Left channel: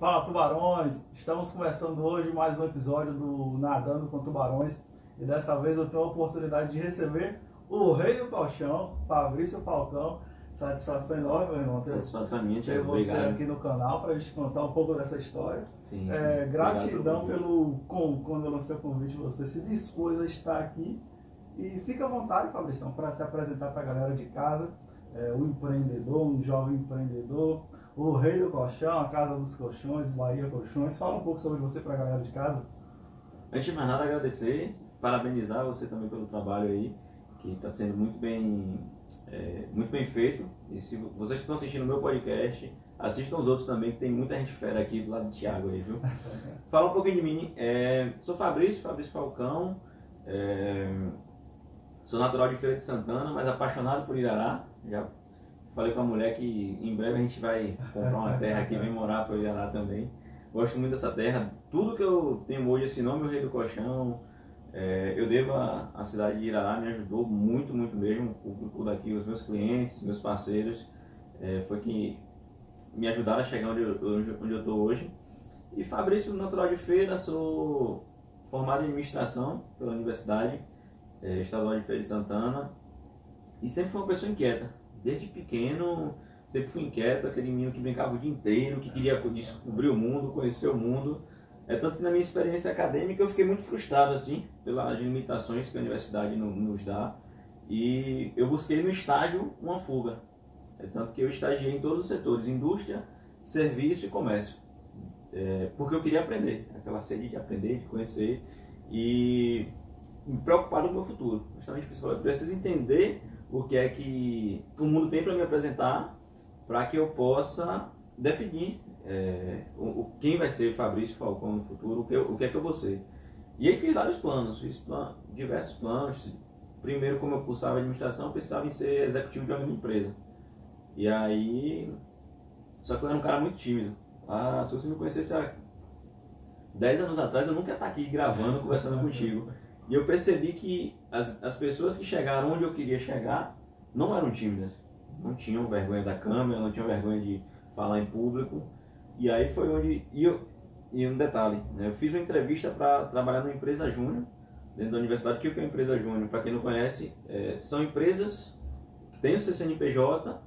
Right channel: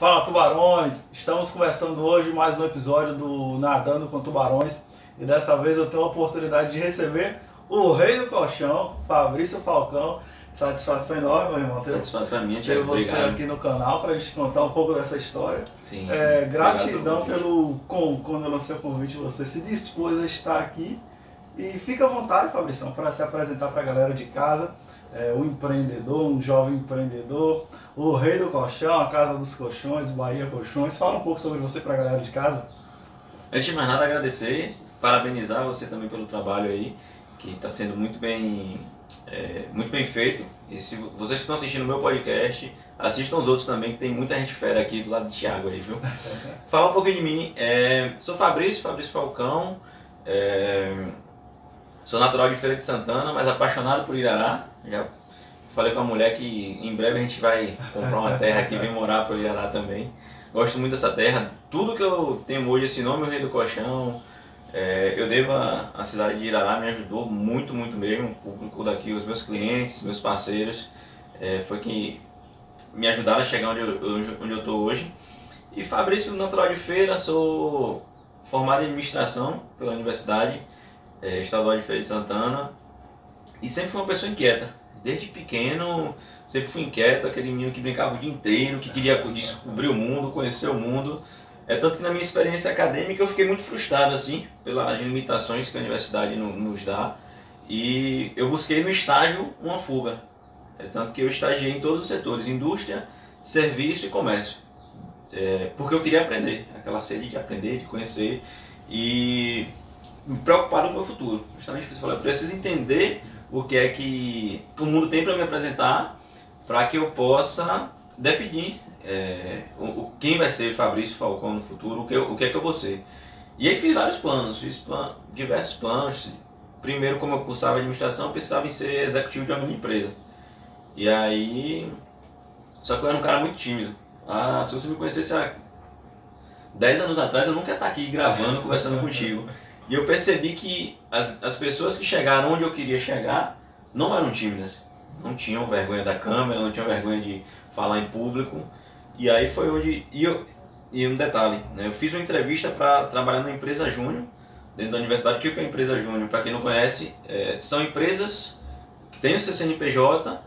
Fala, tubarões! Estamos começando hoje mais um episódio do Nadando com Tubarões e dessa vez eu tenho a oportunidade de receber o rei do colchão, Fabrício Falcão. Satisfação enorme, meu irmão, satisfação minha, ter você obrigado. aqui no canal para a gente contar um pouco dessa história. Sim, Gratidão quando eu lancei o convite, você se dispôs a estar aqui. E fica à vontade, Fabrício, para se apresentar para a galera de casa. O empreendedor, um jovem empreendedor, o rei do colchão, a casa dos colchões, Bahia Colchões. Fala um pouco sobre você para a galera de casa. Antes de mais nada, agradecer, parabenizar você também pelo trabalho aí, que está sendo muito bem feito. E se vocês que estão assistindo o meu podcast, assistam os outros também, que tem muita gente fera aqui do lado de Thiago aí, viu? Fala um pouquinho de mim. Sou Fabrício Falcão. Sou natural de Feira de Santana, mas apaixonado por Irará. Já falei com a mulher que em breve a gente vai comprar uma terra aqui e vir morar para Irará também. Gosto muito dessa terra. Tudo que eu tenho hoje, esse nome, o Rei do Colchão, eu devo à cidade de Irará, me ajudou muito, muito mesmo. O público daqui, os meus clientes, meus parceiros, foi que me ajudaram a chegar onde eu estou hoje. E Fabrício, natural de Feira, sou formado em administração pela Universidade Estadual de Feira de Santana e sempre fui uma pessoa inquieta. Desde pequeno sempre fui inquieto, aquele menino que brincava o dia inteiro, que queria descobrir o mundo, conhecer o mundo. Tanto que na minha experiência acadêmica eu fiquei muito frustrado assim pelas limitações que a universidade nos dá, e eu busquei no estágio uma fuga. Tanto que eu estagiei em todos os setores: indústria, serviço e comércio, porque eu queria aprender, aquela sede de aprender, de conhecer, e preocupado com o meu futuro. Justamente porque você falou, eu preciso entender o que é que o mundo tem para me apresentar, para que eu possa definir quem vai ser Fabrício Falcão no futuro, o que é que eu vou ser. E aí fiz vários planos, diversos planos. Primeiro, como eu cursava administração, eu pensava em ser executivo de alguma empresa. E aí, só que eu era um cara muito tímido. Se você me conhecesse há 10 anos atrás, eu nunca ia estar aqui gravando, conversando contigo. E eu percebi que as pessoas que chegaram onde eu queria chegar não eram tímidas, não tinham vergonha da câmera, não tinham vergonha de falar em público. E aí foi onde... E um detalhe, né? Eu fiz uma entrevista para trabalhar na empresa Júnior, dentro da universidade. O que é a empresa Júnior? Para quem não conhece, são empresas que têm o seu CNPJ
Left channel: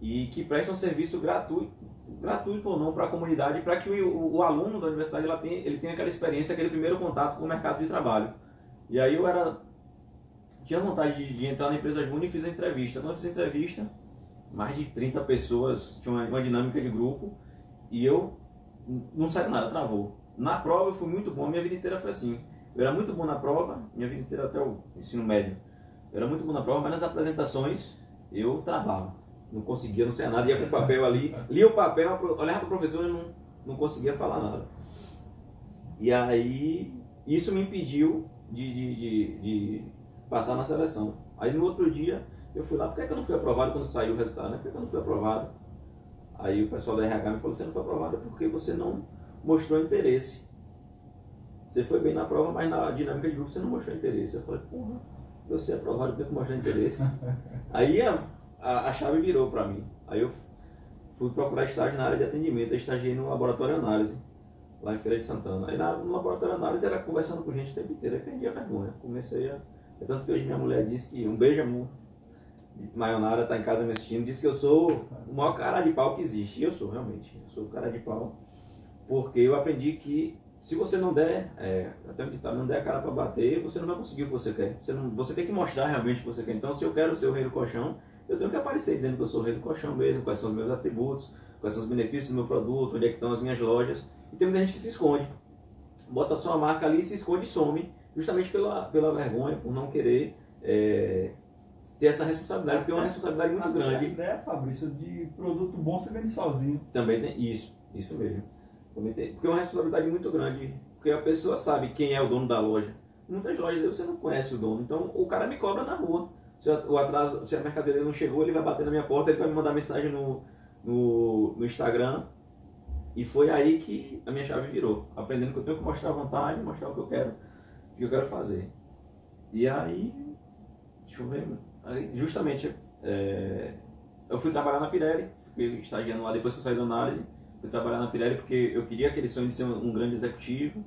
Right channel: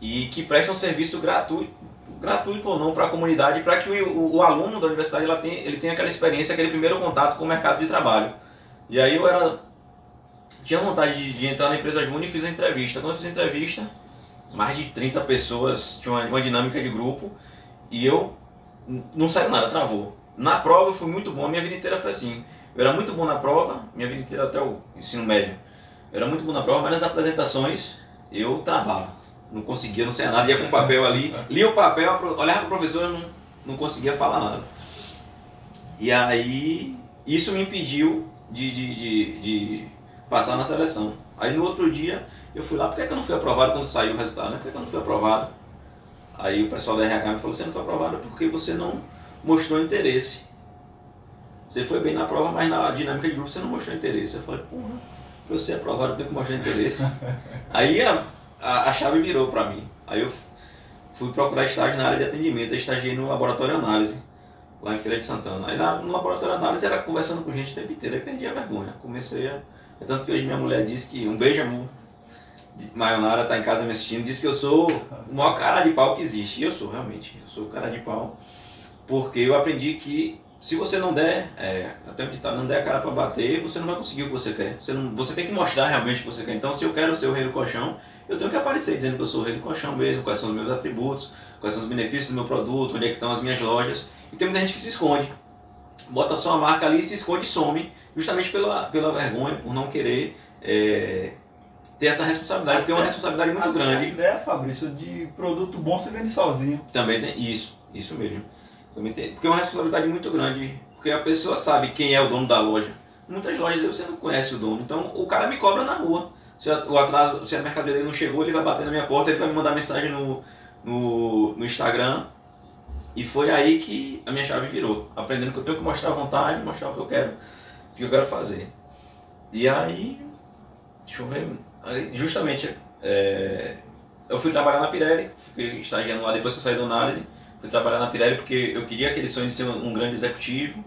e que prestam serviço gratuito ou não para a comunidade, para que o aluno da universidade ele tenha aquela experiência, aquele primeiro contato com o mercado de trabalho. E aí tinha vontade de entrar na empresa Júnior e fiz a entrevista. Quando eu fiz a entrevista, mais de 30 pessoas, tinha uma dinâmica de grupo, e eu não saiu nada, travou. Na prova eu fui muito bom, a minha vida inteira foi assim. Eu era muito bom na prova, minha vida inteira até o ensino médio. Eu era muito bom na prova, mas nas apresentações eu travava. Não conseguia, não saía nada, ia com o papel ali, lia o papel, olhava para o professor e não conseguia falar nada. E aí isso me impediu de passar na seleção. Aí no outro dia eu fui lá: por que eu não fui aprovado quando saiu o resultado? Né? Por que eu não fui aprovado? Aí o pessoal da RH me falou: você não foi aprovado porque você não mostrou interesse. Você foi bem na prova, mas na dinâmica de grupo você não mostrou interesse. Eu falei: porra, para eu ser aprovado eu tenho que mostrar interesse. Aí a chave virou para mim. Aí eu fui procurar estágio na área de atendimento. Eu estagiei no laboratório análise, lá em Feira de Santana. Aí no laboratório análise era conversando com gente o tempo inteiro. Aí perdi a vergonha. Tanto que hoje minha mulher disse que... Um beijo, amor. Mayonara tá em casa me assistindo. Disse que eu sou o maior cara de pau que existe. E eu sou, realmente. Eu sou o cara de pau. Porque eu aprendi que se você não der... até onde tá, não der a cara para bater, você não vai conseguir o que você quer. Você tem que mostrar realmente o que você quer. Então, se eu quero ser o rei do colchão, eu tenho que aparecer dizendo que eu sou o rei do colchão mesmo. Quais são os meus atributos, quais são os benefícios do meu produto, onde é que estão as minhas lojas. E tem muita gente que se esconde, bota só a marca ali, se esconde e some, justamente pela vergonha, por não querer ter essa responsabilidade, porque é uma responsabilidade muito grande. A ideia, Fabrício, de produto bom se vende sozinho. Também tem isso mesmo. Também tem, porque é uma responsabilidade muito grande, porque a pessoa sabe quem é o dono da loja. Muitas lojas você não conhece o dono, então o cara me cobra na rua. Se a mercadoria dele não chegou, ele vai bater na minha porta, ele vai me mandar mensagem no Instagram. E foi aí que a minha chave virou, aprendendo que eu tenho que mostrar a vontade, mostrar o que eu quero fazer. E aí, deixa eu ver, justamente eu fui trabalhar na Pirelli, fiquei estagiando lá depois que eu saí da análise, fui trabalhar na Pirelli porque eu queria aquele sonho de ser um grande executivo,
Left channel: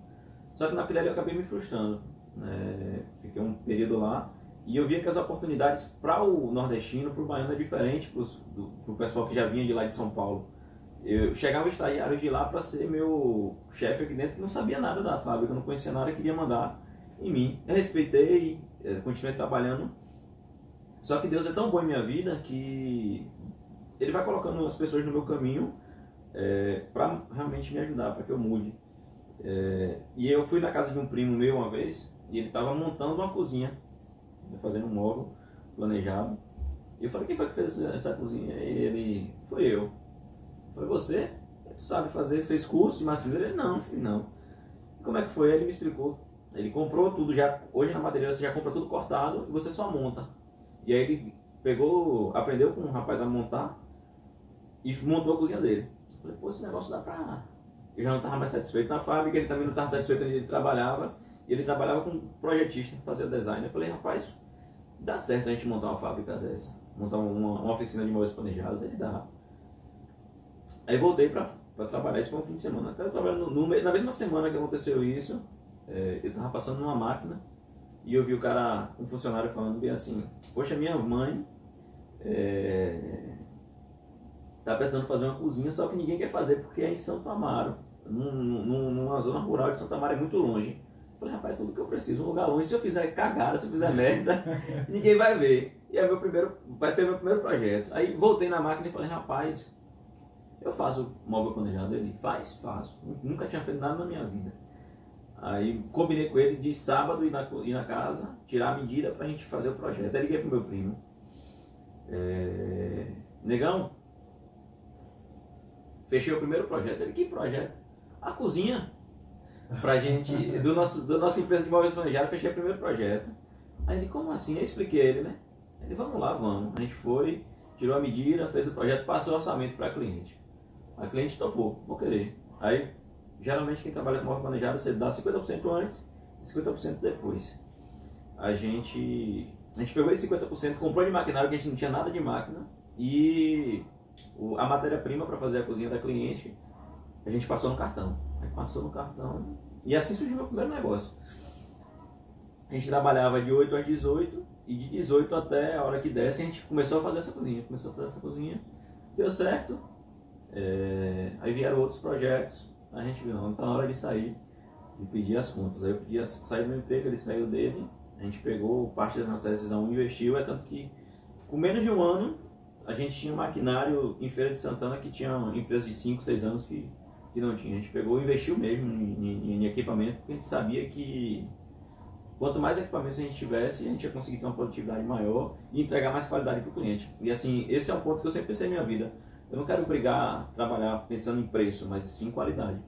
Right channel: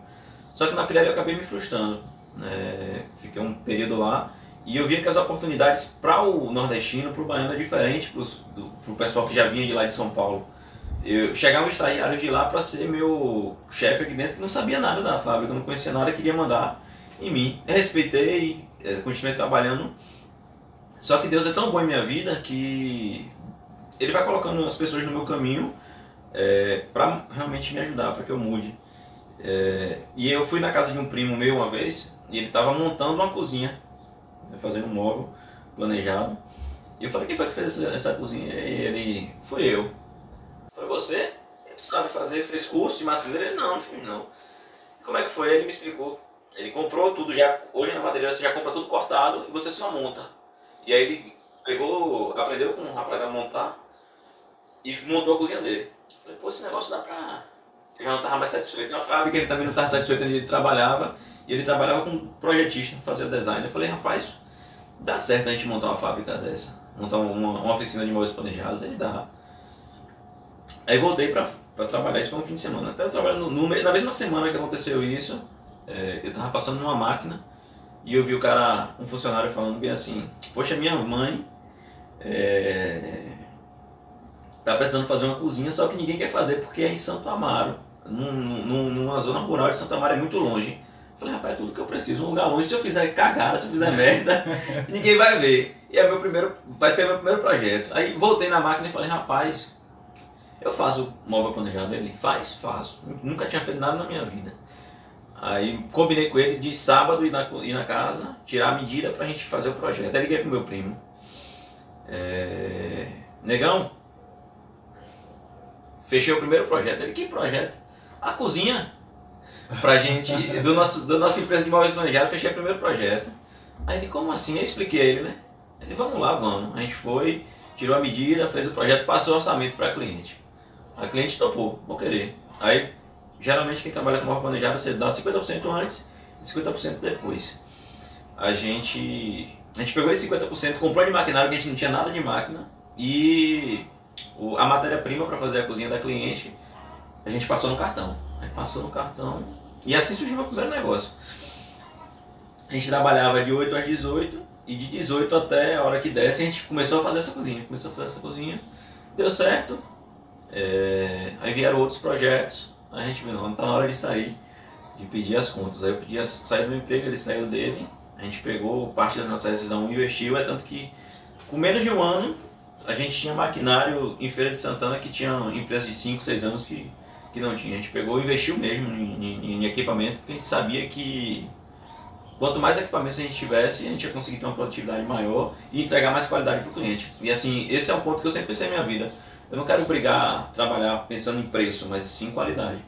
só que na Pirelli eu acabei me frustrando, né? Fiquei um período lá e eu via que as oportunidades para o nordestino, para o baiano é diferente para o pessoal que já vinha de lá de São Paulo. Eu chegava estagiário de lá para ser meu chefe aqui dentro que não sabia nada da fábrica, não conhecia nada, queria mandar em mim. Eu respeitei, continuei trabalhando, só que Deus é tão bom em minha vida que Ele vai colocando as pessoas no meu caminho para realmente me ajudar, para que eu mude. E eu fui na casa de um primo meu uma vez e ele estava montando uma cozinha, fazendo um móvel planejado. E eu falei, quem foi que fez essa cozinha? E ele, foi eu. Falei, você? Tu sabe fazer, fez curso de marceneiro? Ele, não, filho, não. Como é que foi? Ele me explicou. Ele comprou tudo já, hoje na madeireira você já compra tudo cortado e você só monta. E aí ele aprendeu com um rapaz a montar e montou a cozinha dele. Falei, pô, esse negócio dá pra... Eu já não estava mais satisfeito na fábrica, ele também não estava satisfeito onde ele trabalhava. E ele trabalhava com projetista, fazia design. Eu falei, rapaz, dá certo a gente montar uma fábrica dessa, montar uma oficina de móveis planejados, ele dá. Aí voltei para trabalhar, isso foi um fim de semana. Até eu trabalhando na mesma semana que aconteceu isso, eu estava passando numa máquina e eu vi um funcionário falando bem assim, poxa, minha mãe tá precisando fazer uma cozinha, só que ninguém quer fazer porque é em Santo Amaro, numa zona rural de Santo Amaro, é muito longe. Eu falei, rapaz, é tudo que eu preciso, um lugar longe, se eu fizer cagada, se eu fizer merda, ninguém vai ver. E vai ser meu primeiro projeto. Aí voltei na máquina e falei, rapaz, eu faço móvel planejado. Ele, faço. Nunca tinha feito nada na minha vida. Aí combinei com ele de sábado ir na casa, tirar a medida pra gente fazer o projeto. Aí liguei pro meu primo. Negão, fechei o primeiro projeto. Ele, que projeto? A cozinha. Pra gente, da nossa empresa de móveis planejados, fechei o primeiro projeto. Aí ele, como assim? Eu expliquei a ele, né? Ele, vamos lá, vamos. A gente foi, tirou a medida, fez o projeto, passou o orçamento para a cliente. A cliente topou, vou querer. Aí, geralmente quem trabalha com móvel planejado, você dá 50% antes e 50% depois. A gente pegou esse 50%, comprou de maquinário, que a gente não tinha nada de máquina, e a matéria-prima para fazer a cozinha da cliente, a gente passou no cartão. Aí passou no cartão e assim surgiu meu primeiro negócio. A gente trabalhava de 8 às 18 e de 18 até a hora que desse a gente começou a fazer essa cozinha. Deu certo. Aí vieram outros projetos. A gente viu, não tá na hora de sair, de pedir as contas. Aí eu pedi sair do meu emprego, ele saiu dele. A gente pegou parte da nossa decisão e investiu. Tanto que com menos de um ano a gente tinha maquinário em Feira de Santana que tinha empresas de 5, 6 anos que não tinha. A gente pegou e investiu mesmo em equipamento, porque a gente sabia que quanto mais equipamentos a gente tivesse, a gente ia conseguir ter uma produtividade maior e entregar mais qualidade para o cliente. E assim, esse é um ponto que eu sempre pensei na minha vida. Eu não quero trabalhar pensando em preço, mas sim qualidade.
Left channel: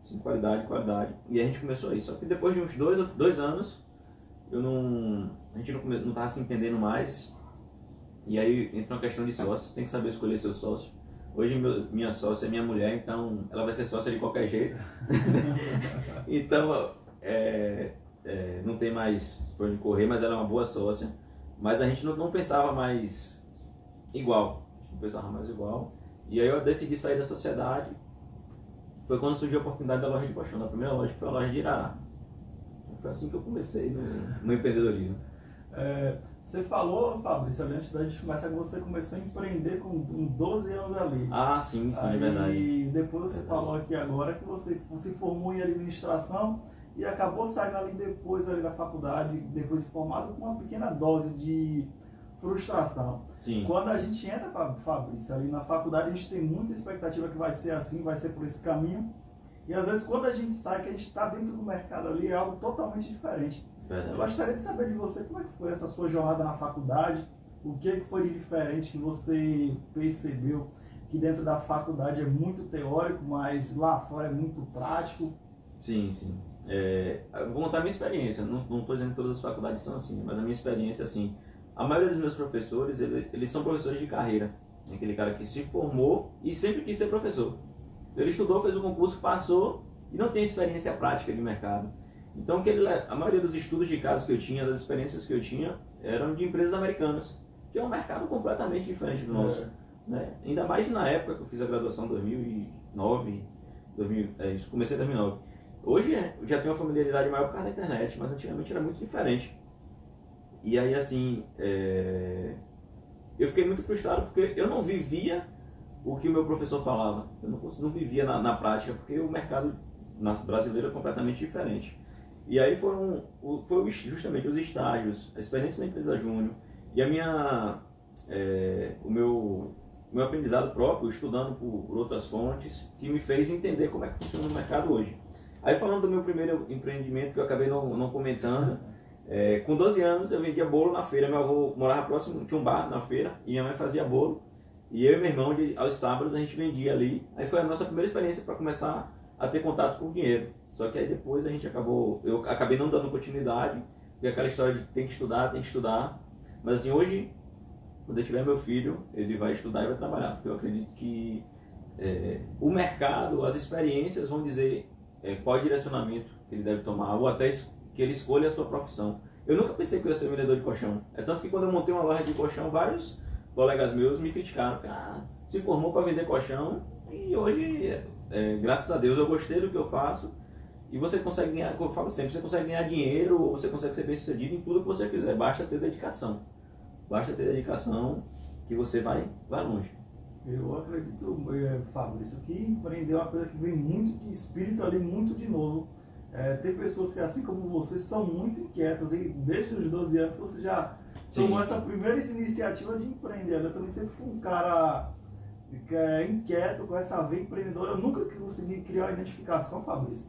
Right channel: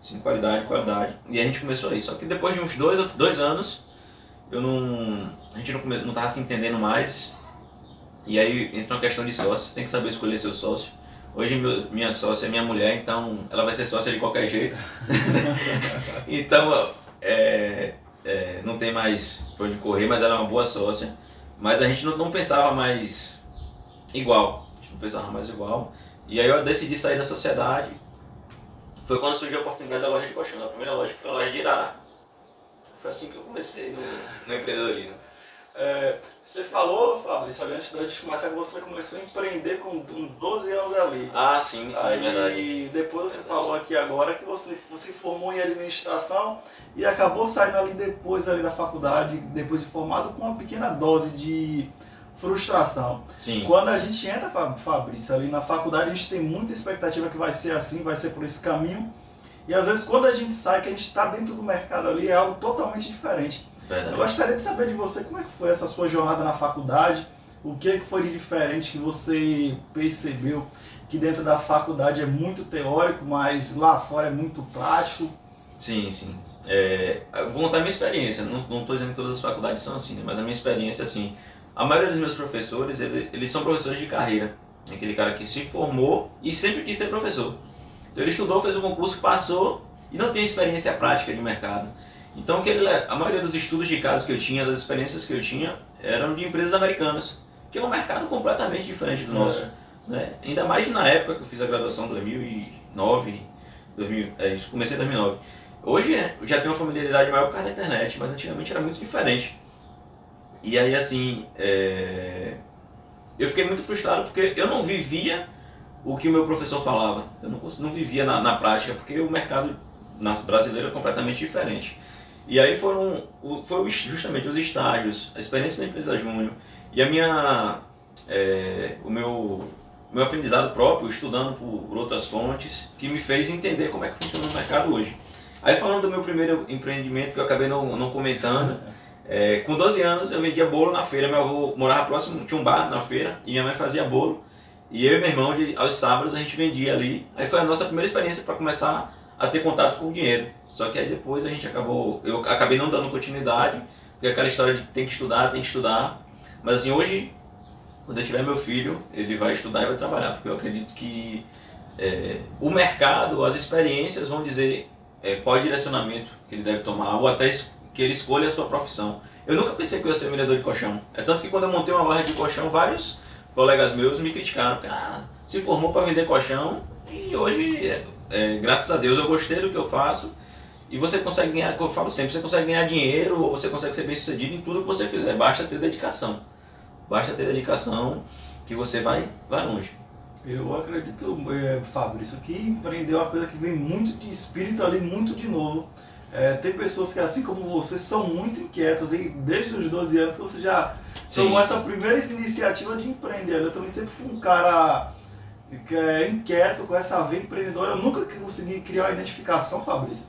Sim, qualidade. E a gente começou aí. Só que depois de uns 2 anos, a gente não estava se entendendo mais. E aí entra uma questão de sócio, você tem que saber escolher seu sócio. Hoje minha sócia é minha mulher, então ela vai ser sócia de qualquer jeito. Então não tem mais por onde correr, mas ela é uma boa sócia. Mas a gente não pensava mais igual. A gente não pensava mais igual. E aí eu decidi sair da sociedade. Foi quando surgiu a oportunidade da loja de colchão. A primeira loja foi a loja de Irará. Foi assim que eu comecei no empreendedorismo. Você falou, Fabrício, antes da gente começar, que você começou a empreender com 12 anos ali. Ah, sim, aí, é verdade. E depois você falou aqui agora que você se formou em administração e acabou saindo ali depois ali da faculdade, depois de formado, com uma pequena dose de frustração. Sim. Quando a gente entra, Fabrício, ali na faculdade, a gente tem muita expectativa que vai ser assim, vai ser por esse caminho. E às vezes quando a gente sai, que a gente está dentro do mercado ali, é algo totalmente diferente. Verdade. Eu gostaria de saber de você como é que foi essa sua jornada na faculdade, o que foi de diferente que você percebeu que dentro da faculdade é muito teórico, mas lá fora é muito prático. Sim. Eu vou contar a minha experiência, não estou dizendo que todas as faculdades são assim, né? Mas a minha experiência, assim, a maioria dos meus professores, eles são professores de carreira. Aquele cara que se formou e sempre quis ser professor. Então ele estudou, fez o concurso, passou e não tem experiência prática de mercado. Então a maioria dos estudos de caso que eu tinha, das experiências que eu tinha, eram de empresas americanas, que é um mercado completamente diferente do nosso. Né? Ainda mais na época que eu fiz a graduação, 2009, isso, comecei em 2009. Hoje eu já tenho uma familiaridade maior por causa da internet, mas antigamente era muito diferente. E aí assim, eu fiquei muito frustrado porque eu não vivia o que o meu professor falava. Eu não vivia na prática, porque o mercado brasileiro é completamente diferente. E aí foi justamente os estágios, a experiência da empresa júnior e o meu aprendizado próprio, estudando por outras fontes, que me fez entender como é que funciona o mercado hoje. Aí falando do meu primeiro empreendimento, que eu acabei não comentando, com 12 anos eu vendia bolo na feira. Meu avô morava próximo, tinha um bar na feira e minha mãe fazia bolo. E eu e meu irmão, aos sábados, a gente vendia ali. Aí foi a nossa primeira experiência para começar a ter contato com o dinheiro. Só que aí depois eu acabei não dando continuidade, porque aquela história de tem que estudar. Mas assim, hoje, quando eu tiver meu filho, ele vai estudar e vai trabalhar, porque eu acredito que o mercado, as experiências vão dizer qual é o direcionamento que ele deve tomar, ou até que ele escolha a sua profissão. Eu nunca pensei que eu ia ser vendedor de colchão. É tanto que quando eu montei uma loja de colchão, vários colegas meus me criticaram. Se formou para vender colchão e hoje, graças a Deus, eu gostei do que eu faço. E você consegue ganhar, como eu falo sempre, você consegue ganhar dinheiro, ou você consegue ser bem sucedido em tudo que você fizer. Basta ter dedicação. Basta ter dedicação que você vai longe. Eu acredito, Fabrício, que empreender é uma coisa que vem muito de espírito ali, muito de novo. Tem pessoas que, assim como você, são muito inquietas, e desde os 12 anos que você já tomou essa primeira iniciativa de empreender. Eu também sempre fui um cara que inquieto, com essa veia empreendedora. Eu nunca consegui criar uma identificação, Fabrício,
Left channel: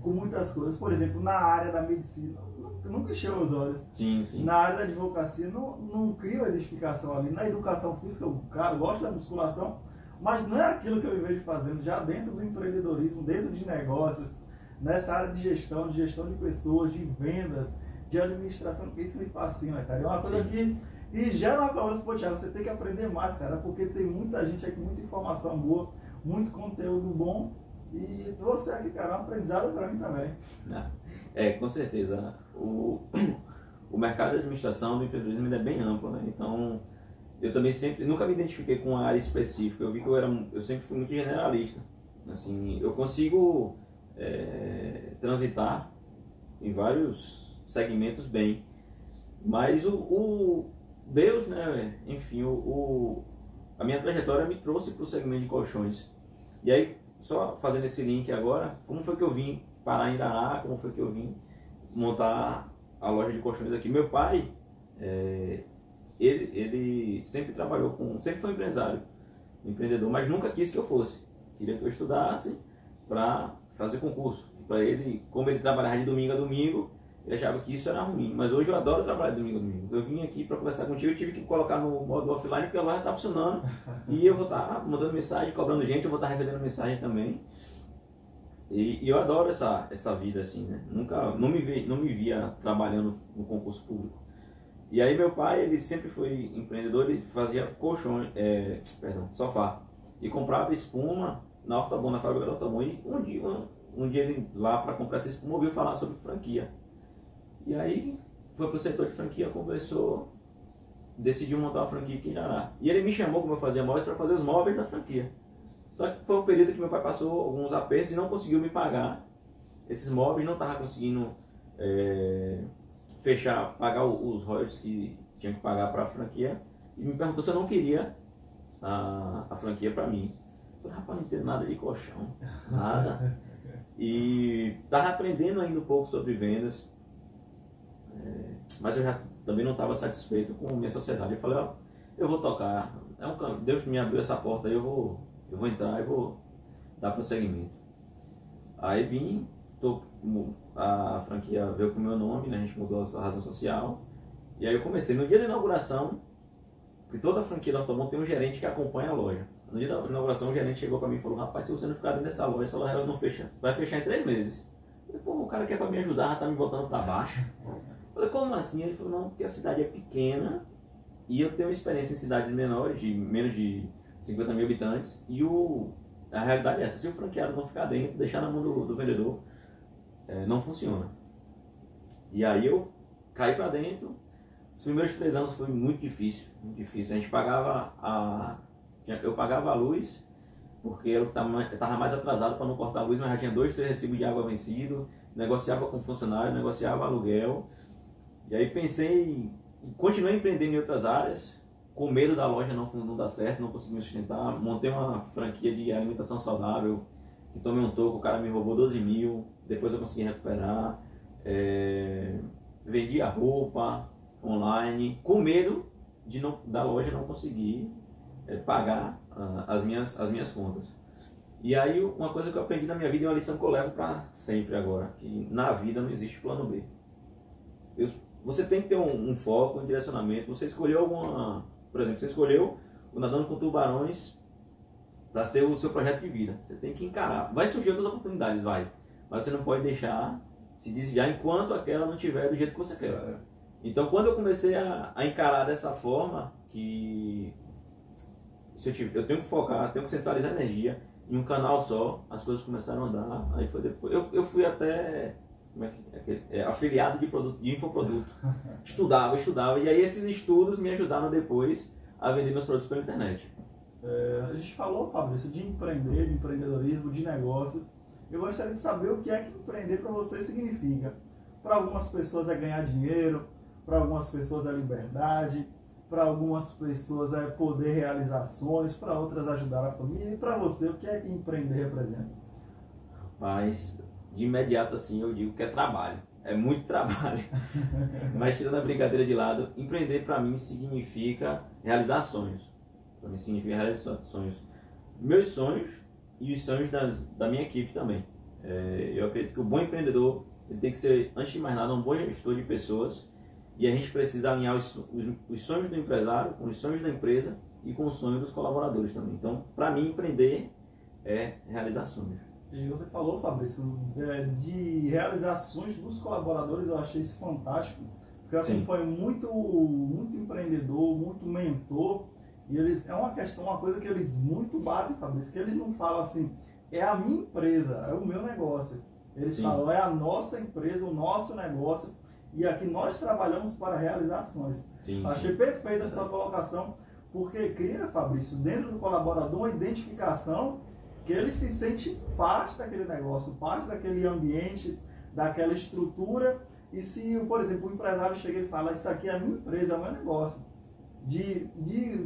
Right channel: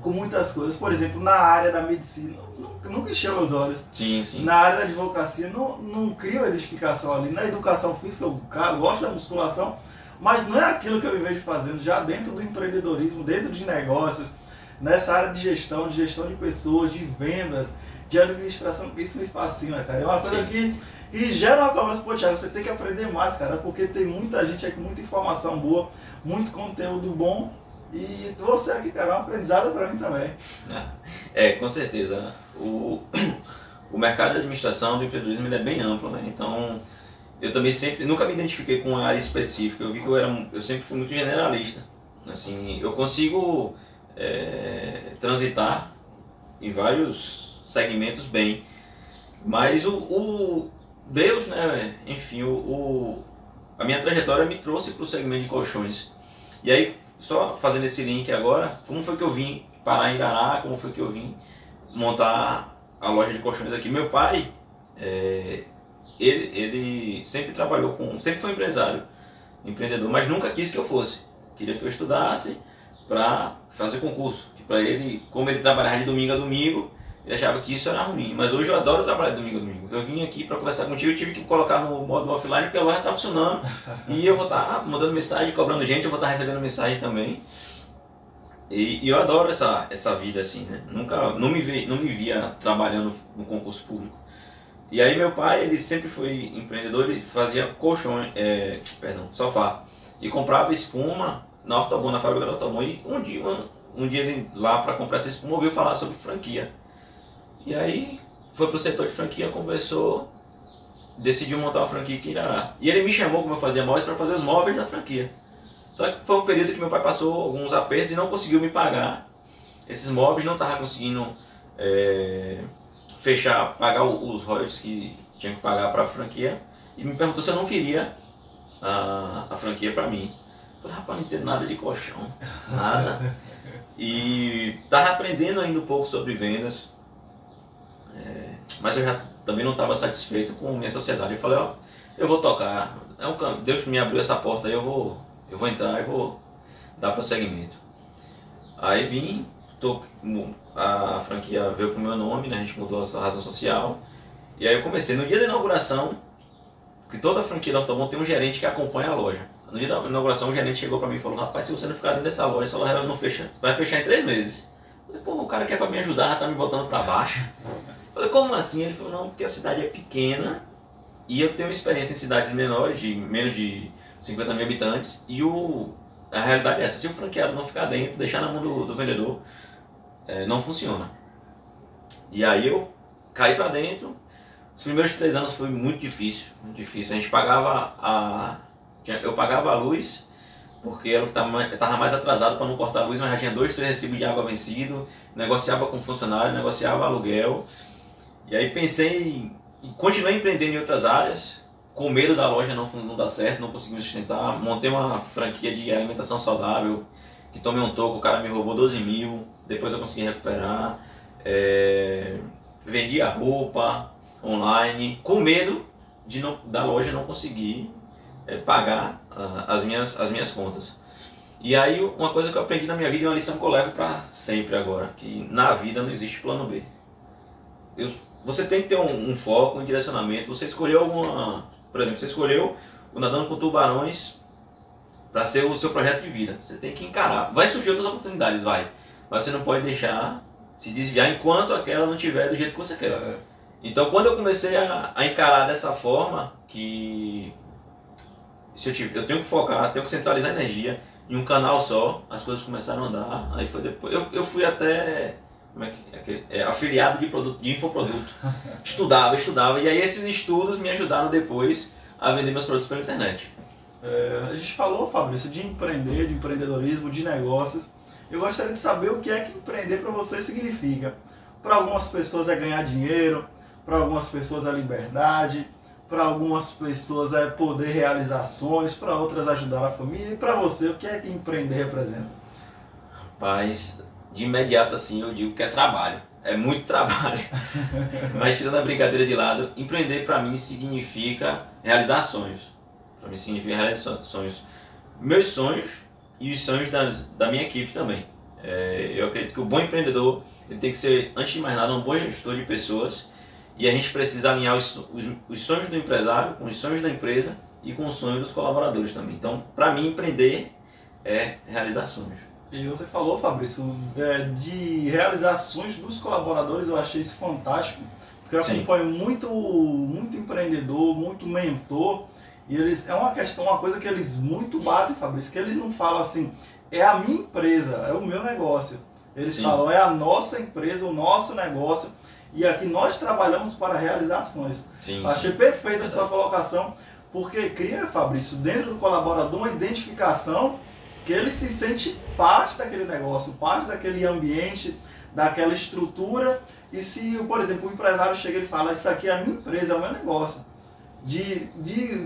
com muitas coisas. Por exemplo, na área da medicina, nunca encheu meus olhos. Sim, sim. Na área da advocacia, não crio a identificação ali. Na educação física, eu gosto da musculação, mas não é aquilo que eu me vejo fazendo já dentro do empreendedorismo, dentro de negócios, nessa área de gestão de pessoas, de vendas, de administração. Isso me fascina, cara. É uma coisa que gera uma cobrança. Pô, Thiago, você tem que aprender mais, cara, porque tem muita gente aqui, muita informação boa, muito conteúdo bom. E você aqui, cara, é um aprendizado para mim também. Com certeza. O mercado de administração do empreendedorismo é bem amplo, né? Então, eu também nunca me identifiquei com uma área específica. Eu vi que eu sempre fui muito generalista. Assim, eu consigo transitar em vários segmentos bem, mas o Deus, né? Enfim, a minha trajetória me trouxe para o segmento de colchões. E aí, só fazendo esse link agora, como foi que eu vim parar em Irará, como foi que eu vim montar a loja de colchões aqui. Meu pai, ele sempre trabalhou sempre foi empreendedor, mas nunca quis que eu fosse. Queria que eu estudasse para fazer concurso. Para ele, como ele trabalhava de domingo a domingo, ele achava que isso era ruim. Mas hoje eu adoro trabalhar de domingo a domingo. Eu vim aqui para conversar contigo, eu tive que colocar no modo offline porque a loja está funcionando. E eu vou estar mandando mensagem, cobrando gente, eu vou estar recebendo mensagem também. E eu adoro essa vida assim, né? Não me via trabalhando no concurso público. E aí meu pai, ele sempre foi empreendedor, ele fazia sofá. E comprava espuma na Ortobon, na fábrica da Ortobon. E um dia ele lá para comprar essa espuma ouviu falar sobre franquia. E aí foi pro setor de franquia, conversou, decidiu montar uma franquia aqui em Irará. E ele me chamou, como eu fazia móveis, para fazer os móveis da franquia. Só que foi um período que meu pai passou alguns apertos e não conseguiu me pagar esses móveis, não estava conseguindo pagar os royalties que tinha que pagar para a franquia. E me perguntou se eu não queria a franquia para mim. Eu falei, rapaz, não entendo nada de colchão, nada. E estava aprendendo ainda um pouco sobre vendas, mas eu já também não estava satisfeito com minha sociedade. Eu falei, eu vou tocar, Deus me abriu essa porta aí, eu vou entrar e vou dar prosseguimento. Aí vim, a franquia veio pro meu nome, né? A gente mudou a razão social. E aí eu comecei, no dia da inauguração, que toda a franquia da Ortobon tem um gerente que acompanha a loja. No dia da inauguração, o gerente chegou para mim e falou, rapaz, se você não ficar dentro dessa loja, essa loja não fecha, vai fechar em 3 meses. Eu falei, pô, o cara que é para me ajudar já tá me botando para baixo. Eu falei, como assim? Ele falou, não, porque a cidade é pequena e eu tenho experiência em cidades menores, de menos de 50 mil habitantes, e a realidade é essa, se o franqueado não ficar dentro, deixar na mão do vendedor, não funciona. E aí eu caí para dentro. Os primeiros 3 anos foi muito difícil, muito difícil. A gente eu pagava a luz porque era o que estava mais atrasado para não cortar a luz, mas já tinha 2, 3 recibos de água vencido, negociava com funcionário, negociava aluguel. E aí pensei e continuei empreendendo em outras áreas, com medo da loja não dar certo, não consegui me sustentar. Montei uma franquia de alimentação saudável, que tomei um toco, o cara me roubou 12 mil, depois eu consegui recuperar. Vendia roupa online, com medo da loja não conseguir pagar as minhas contas. E aí uma coisa que eu aprendi na minha vida, e uma lição que eu levo para sempre agora, que na vida não existe plano B. Você tem que ter um foco, um direcionamento. Você escolheu por exemplo, você escolheu o Nadando com Tubarões para ser o seu projeto de vida. Você tem que encarar. Vai surgir outras oportunidades, vai. Mas você não pode deixar se desviar enquanto aquela não tiver do jeito que você quer. Então, quando eu comecei a encarar dessa forma, que eu tenho que focar, tenho que centralizar a energia em um canal só, as coisas começaram a andar. Aí foi depois. Eu fui até afiliado de infoproduto. Estudava, e aí esses estudos me ajudaram depois a vender meus produtos pela internet. A gente falou, Fabrício, de empreender, de empreendedorismo, de negócios. Eu gostaria de saber o que é que empreender para você significa. Para algumas pessoas é ganhar dinheiro, para algumas pessoas é liberdade, para algumas pessoas é poder realizar sonhos, para outras ajudar a família. E para você, o que é que empreender representa? Rapaz, de imediato assim eu digo que é trabalho. É muito trabalho. Mas tirando a brincadeira de lado, empreender para mim significa realizar sonhos. Para mim significa realizar sonhos. Meus sonhos e os sonhos da minha equipe também. Eu acredito que o bom empreendedor ele tem que ser, antes de mais nada, um bom gestor de pessoas. E a gente precisa alinhar os sonhos do empresário com os sonhos da empresa e com os sonhos dos colaboradores também. Então, para mim, empreender é realizar sonhos. E você falou, Fabrício, de realizações dos colaboradores. Eu achei isso fantástico, porque eu acompanho muito empreendedor, muito mentor, e eles, uma coisa que eles muito batem, Fabrício, que eles não falam assim, é a minha empresa, é o meu negócio. Eles falam, é a nossa empresa, o nosso negócio, e aqui nós trabalhamos para realizações. Achei perfeita a sua colocação, porque cria, Fabrício, dentro do colaborador uma identificação que ele se sente parte daquele negócio, parte daquele ambiente, daquela estrutura. E se, por exemplo, o empresário chega e fala, isso aqui é a minha empresa, é o meu negócio. De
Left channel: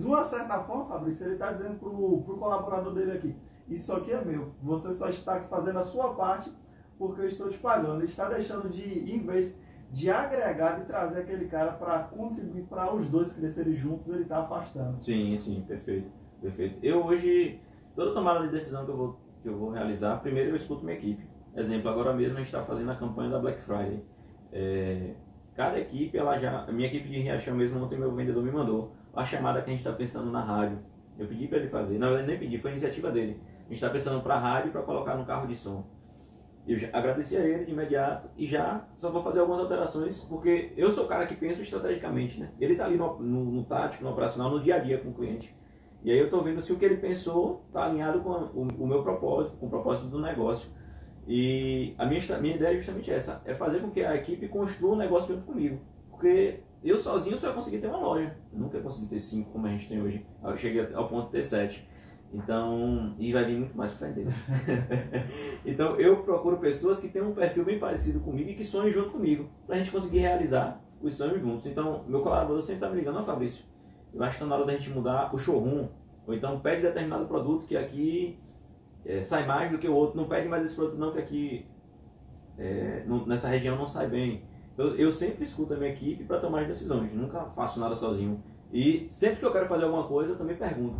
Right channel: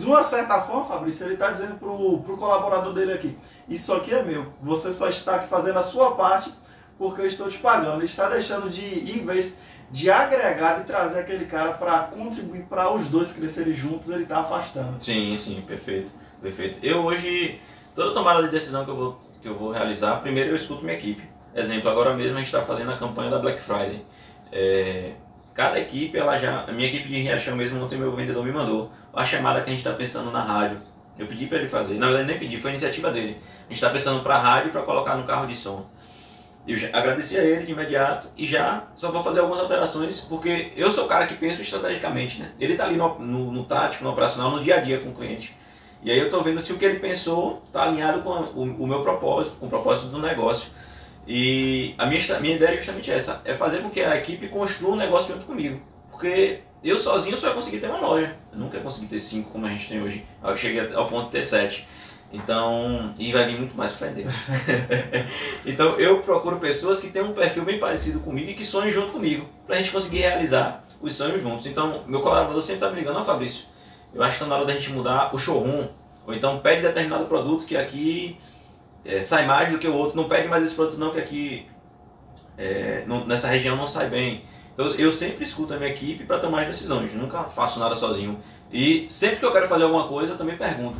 uma certa forma, Fabrício, ele está dizendo para o colaborador dele aqui, isso aqui é meu, você só está aqui fazendo a sua parte porque eu estou te pagando. Ele está deixando em vez de agregar e trazer aquele cara para contribuir para os dois crescerem juntos, ele está afastando. Sim, perfeito. Eu hoje, toda tomada de decisão que eu vou realizar, primeiro eu escuto minha equipe. Exemplo, agora mesmo a gente está fazendo a campanha da Black Friday. Cada equipe, a minha equipe de Riachão mesmo, ontem meu vendedor me mandou a chamada que a gente está pensando na rádio. Eu pedi para ele fazer, na verdade nem pedi, foi iniciativa dele. A gente está pensando para a rádio para colocar no carro de som. Eu já agradeci a ele de imediato e já só vou fazer algumas alterações, porque eu sou o cara que pensa estrategicamente, né? Ele está ali no tático, no operacional, no dia a dia com o cliente. E aí eu estou vendo se o que ele pensou está alinhado com o meu propósito, com o propósito do negócio. E a minha ideia é justamente essa, é fazer com que a equipe construa um negócio junto comigo. Porque eu sozinho só ia conseguir ter uma loja, eu nunca ia conseguir ter 5 como a gente tem hoje. Eu cheguei ao ponto de ter 7. Então, e vai vir muito mais pra frente. Então eu procuro pessoas que têm um perfil bem parecido comigo e que sonhem junto comigo, pra gente conseguir realizar os sonhos juntos. Então, meu colaborador sempre tá me ligando, Fabrício, eu acho que tá na hora da gente mudar o showroom, ou então pede determinado produto que aqui sai mais do que o outro, não pede mais esse produto não, que aqui nessa região não sai bem. Então eu sempre escuto a minha equipe para tomar as decisões, nunca faço nada sozinho. E sempre que eu quero fazer alguma coisa, eu também pergunto.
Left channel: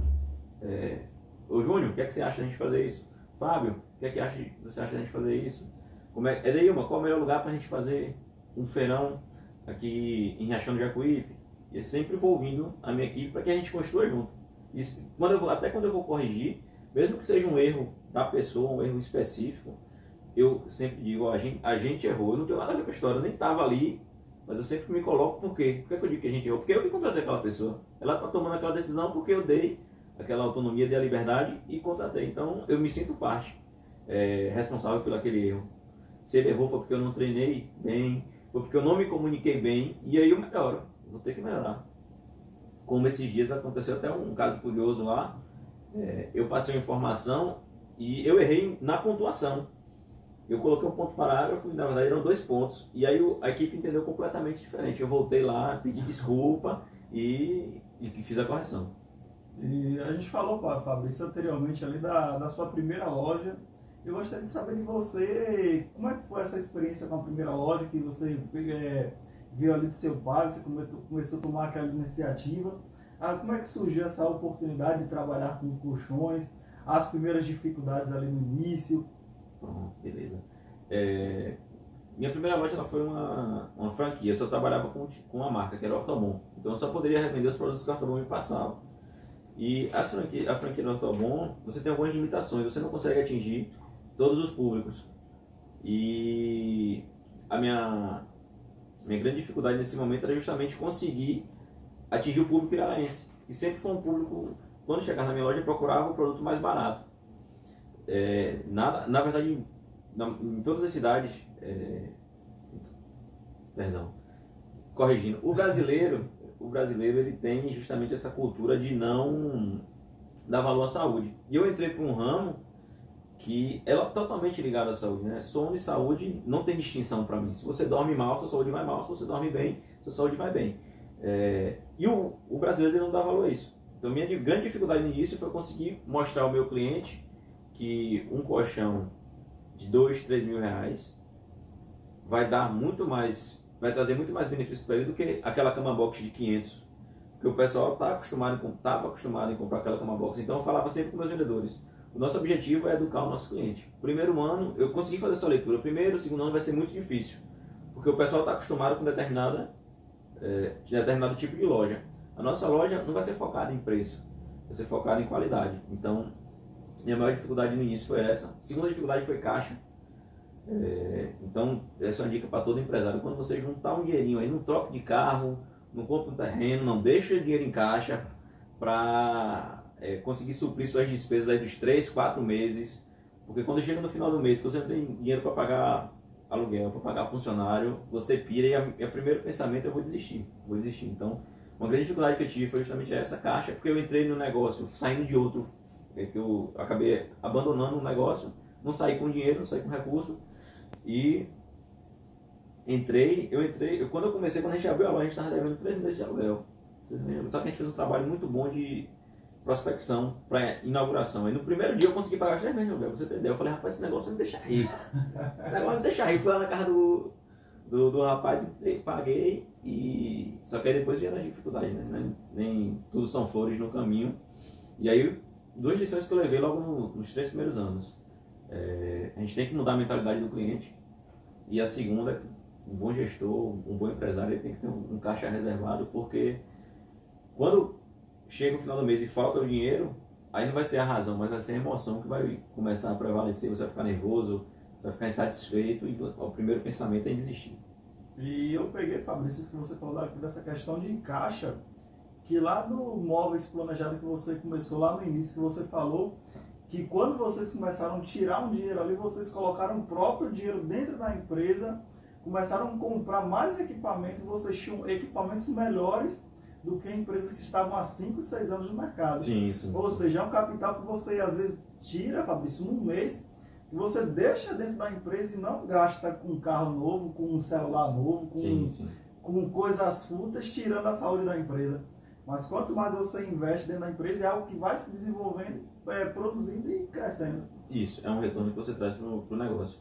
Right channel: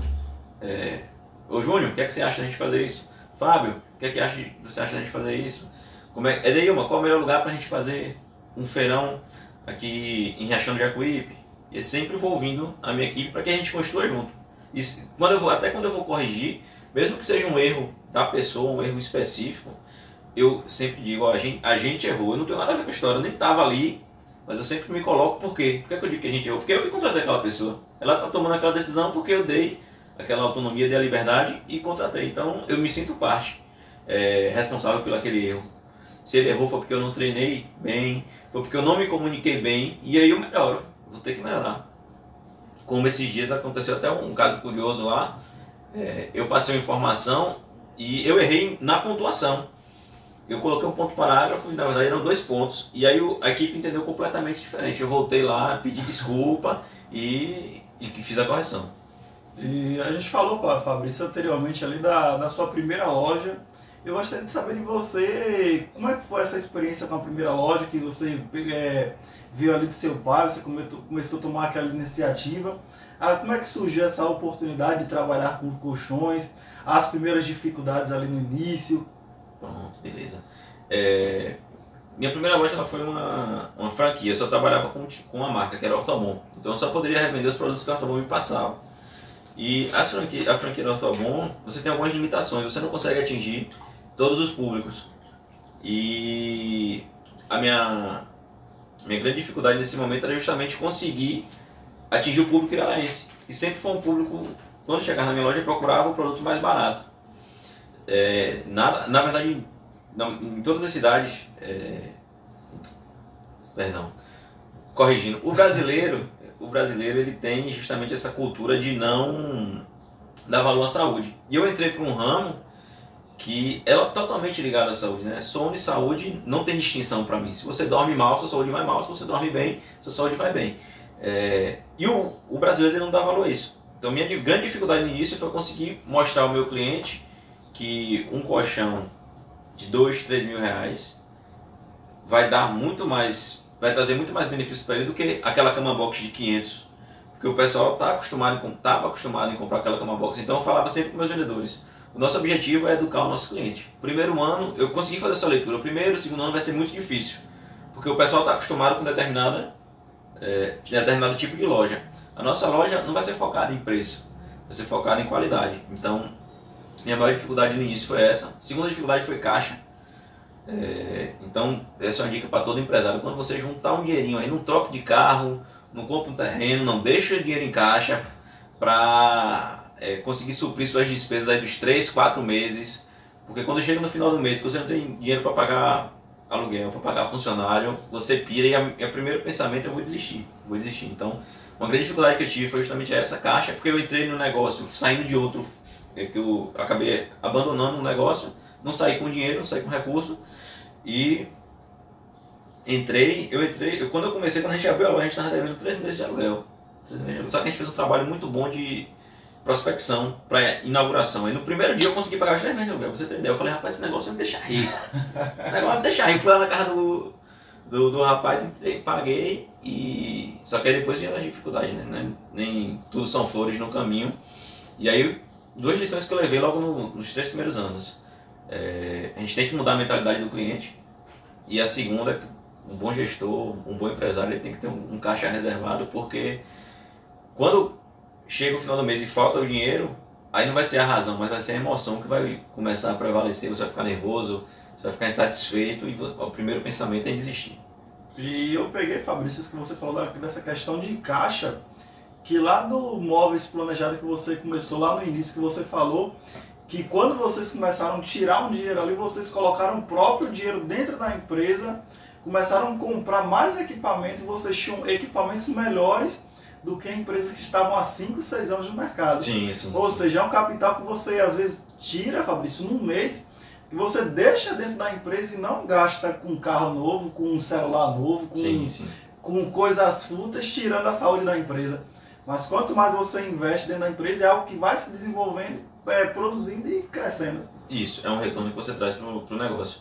Ô Júnior, o que é que você acha da gente fazer isso? Fábio, o que é que você acha da gente fazer isso? Edeilma, qual é o melhor lugar para a gente fazer um feirão aqui em Riachão do Jacuípe? E sempre vou ouvindo a minha equipe para que a gente construa junto. E até quando eu vou corrigir, mesmo que seja um erro da pessoa, um erro específico, eu sempre digo, ó, a gente errou, eu não tenho nada a ver com a história, eu nem estava ali, mas eu sempre me coloco, por quê? Por que eu digo que a gente errou? Porque eu que contratei aquela pessoa, ela está tomando aquela decisão porque eu dei aquela autonomia, dei a liberdade e contratei, então eu me sinto parte, responsável pelo aquele erro. Se ele errou foi porque eu não treinei bem, foi porque eu não me comuniquei bem, e aí eu melhoro, vou ter que melhorar. Como esses dias aconteceu até um caso curioso lá, eu passei uma informação e eu errei na pontuação. Eu coloquei um ponto parágrafo e na verdade eram 2 pontos. E aí a equipe entendeu completamente diferente. Eu voltei lá, pedi desculpa e fiz a correção. E a gente falou, Fabrício, anteriormente ali da sua primeira loja. Eu gostaria de saber de você, como é que foi essa experiência com a primeira loja, que você viu ali de seu pai, você começou a tomar aquela iniciativa. Como é que surgiu essa oportunidade de trabalhar com colchões, as primeiras dificuldades ali no início? Pronto, beleza. Minha primeira loja ela foi uma franquia, eu só trabalhava com uma marca, que era a Ortobon. Então eu só poderia revender os produtos que a Ortobon me passava. E a franquia da Ortobon, você tem algumas limitações, você não consegue atingir todos os públicos. E a minha grande dificuldade nesse momento era justamente conseguir atingir o público iralaense. E sempre foi um público, quando chegava na minha loja, procurava o produto mais barato. Na verdade, em todas as cidades, corrigindo, o brasileiro ele tem justamente essa cultura de não dar valor à saúde. E eu entrei para um ramo que é totalmente ligado à saúde, né? Sono e saúde não tem distinção para mim. Se você dorme mal, sua saúde vai mal. Se você dorme bem, sua saúde vai bem. E o brasileiro ele não dá valor a isso. Então minha grande dificuldade no início foi conseguir mostrar ao meu cliente que um colchão de 2, 3 mil reais vai dar muito mais, vai trazer muito mais benefício para ele do que aquela cama box de 500. Porque o pessoal estava acostumado em comprar aquela cama box. Então eu falava sempre com meus vendedores: o nosso objetivo é educar o nosso cliente. Primeiro ano, eu consegui fazer essa leitura. O primeiro, segundo ano vai ser muito difícil. Porque o pessoal está acostumado com determinado tipo de loja. A nossa loja não vai ser focada em preço, vai ser focada em qualidade. Então, minha maior dificuldade no início foi essa. A segunda dificuldade foi caixa. Então, essa é uma dica para todo empresário. Quando você juntar um dinheirinho aí, não troque de carro, não compra um terreno, não deixa o dinheiro em caixa para conseguir suprir suas despesas aí dos 3, 4 meses. Porque quando chega no final do mês, que você não tem dinheiro para pagar aluguel, para pagar funcionário, você pira e o primeiro pensamento é: eu vou desistir. Então, uma grande dificuldade que eu tive foi justamente essa caixa, porque eu entrei no negócio saindo de outro, que eu acabei abandonando um negócio, não saí com dinheiro, não saí com recurso, e quando a gente abriu a loja, a gente estava devendo 3 meses de aluguel. Só que a gente fez um trabalho muito bom de prospecção para inauguração. Aí no primeiro dia eu consegui pagar os 3 meses de aluguel, pra você entender. Eu falei: rapaz, esse negócio vai me deixar rico. Esse negócio vai me deixar rico. Fui lá na casa do rapaz, entrei, paguei, e só que aí depois vieram as dificuldades, né? Nem tudo são flores no caminho. E aí, 2 lições que eu levei logo nos 3 primeiros anos. A gente tem que mudar a mentalidade do cliente. E a segunda, um bom gestor, um bom empresário, ele tem que ter um caixa reservado, porque quando chega o final do mês e falta o dinheiro, aí não vai ser a razão, mas vai ser a emoção que vai começar a prevalecer. Você vai ficar nervoso, você vai ficar insatisfeito, e o primeiro pensamento é em desistir. E eu peguei, Fabrício, isso que você falou dessa questão de caixa, que lá do Móveis Planejado que você começou lá no início, que você falou que quando vocês começaram a tirar um dinheiro ali, vocês colocaram o próprio dinheiro dentro da empresa, começaram a comprar mais equipamento, e vocês tinham equipamentos melhores do que empresas que estavam há 5, 6 anos no mercado. Sim. Ou seja, é um capital que você às vezes tira, Fabrício, num mês, que você deixa dentro da empresa e não gasta com um carro novo, com um celular novo, com coisas fúteis, tirando a saúde da empresa. Mas quanto mais você investe dentro da empresa, é algo que vai se desenvolvendo, produzindo e crescendo. Isso, é um retorno que você traz para o negócio.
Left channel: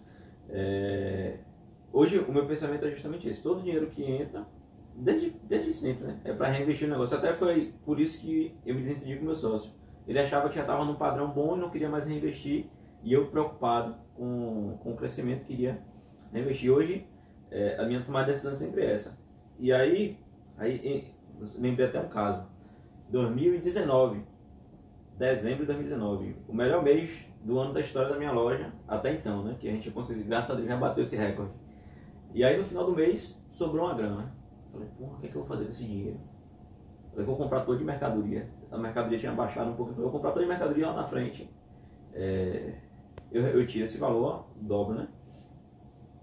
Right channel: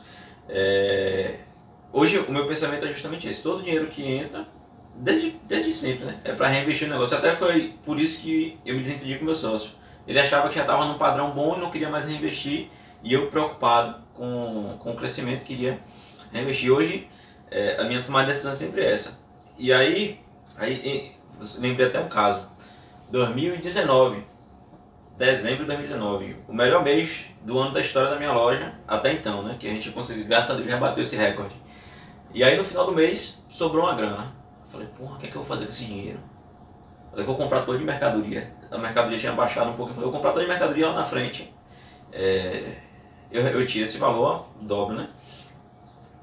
Hoje o meu pensamento é justamente esse: todo dinheiro que entra, desde sempre, né, é para reinvestir no negócio. Até foi por isso que eu me desentendi com o meu sócio. Ele achava que já estava num padrão bom e não queria mais reinvestir, e eu, preocupado com o crescimento, queria reinvestir. Hoje a minha tomada de decisão é sempre essa. E aí lembrei até um caso. 2019, dezembro de 2019, o melhor mês do ano da história da minha loja até então, né? Que a gente conseguiu, graças a Deus, já bateu esse recorde. E aí no final do mês sobrou uma grana. Eu falei: porra, o que é que eu vou fazer com esse dinheiro? Eu falei: vou comprar toda de mercadoria. A mercadoria tinha baixado um pouco. Eu falei: vou comprar toda de mercadoria lá na frente. Eu tiro esse valor, dobro, né?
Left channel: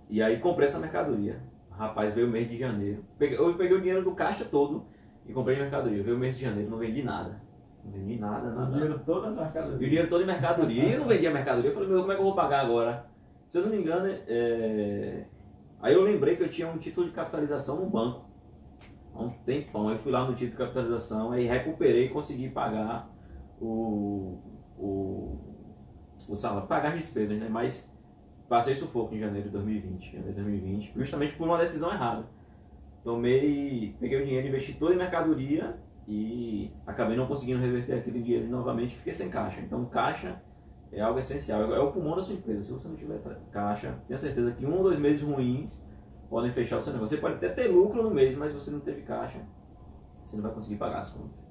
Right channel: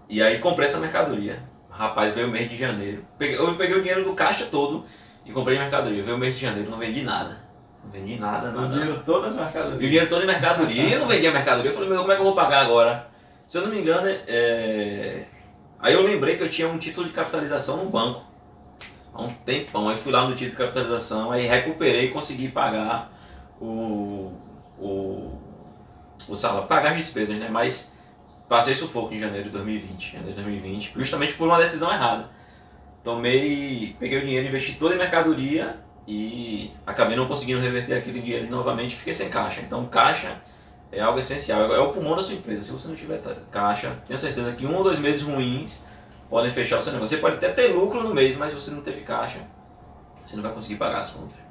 E aí comprei essa mercadoria. Rapaz, veio o mês de janeiro. Eu peguei o dinheiro do caixa todo e comprei mercadoria. Veio o mês de janeiro, não vendi nada. Não vendi nada, O nada. dinheiro todo nas E o mercadorias. dinheiro todo em mercadoria. E eu não vendia mercadoria. Eu falei, meu, como é que eu vou pagar agora? Se eu não me engano, aí eu lembrei que eu tinha um título de capitalização no banco. Há um tempão. Aí fui lá no título de capitalização, aí recuperei e consegui pagar o salário, pagar as despesas, né? Mas passei sufoco em janeiro de 2020, justamente por uma decisão errada. Peguei o dinheiro, investi todo em mercadoria e acabei não conseguindo reverter aquele dinheiro novamente e fiquei sem caixa. Então caixa é algo essencial, é o pulmão da sua empresa. Se você não tiver caixa, tenha certeza que 1 ou 2 meses ruins podem fechar o seu negócio. Você pode até ter lucro no mês, mas se você não teve caixa, você não vai conseguir pagar as contas.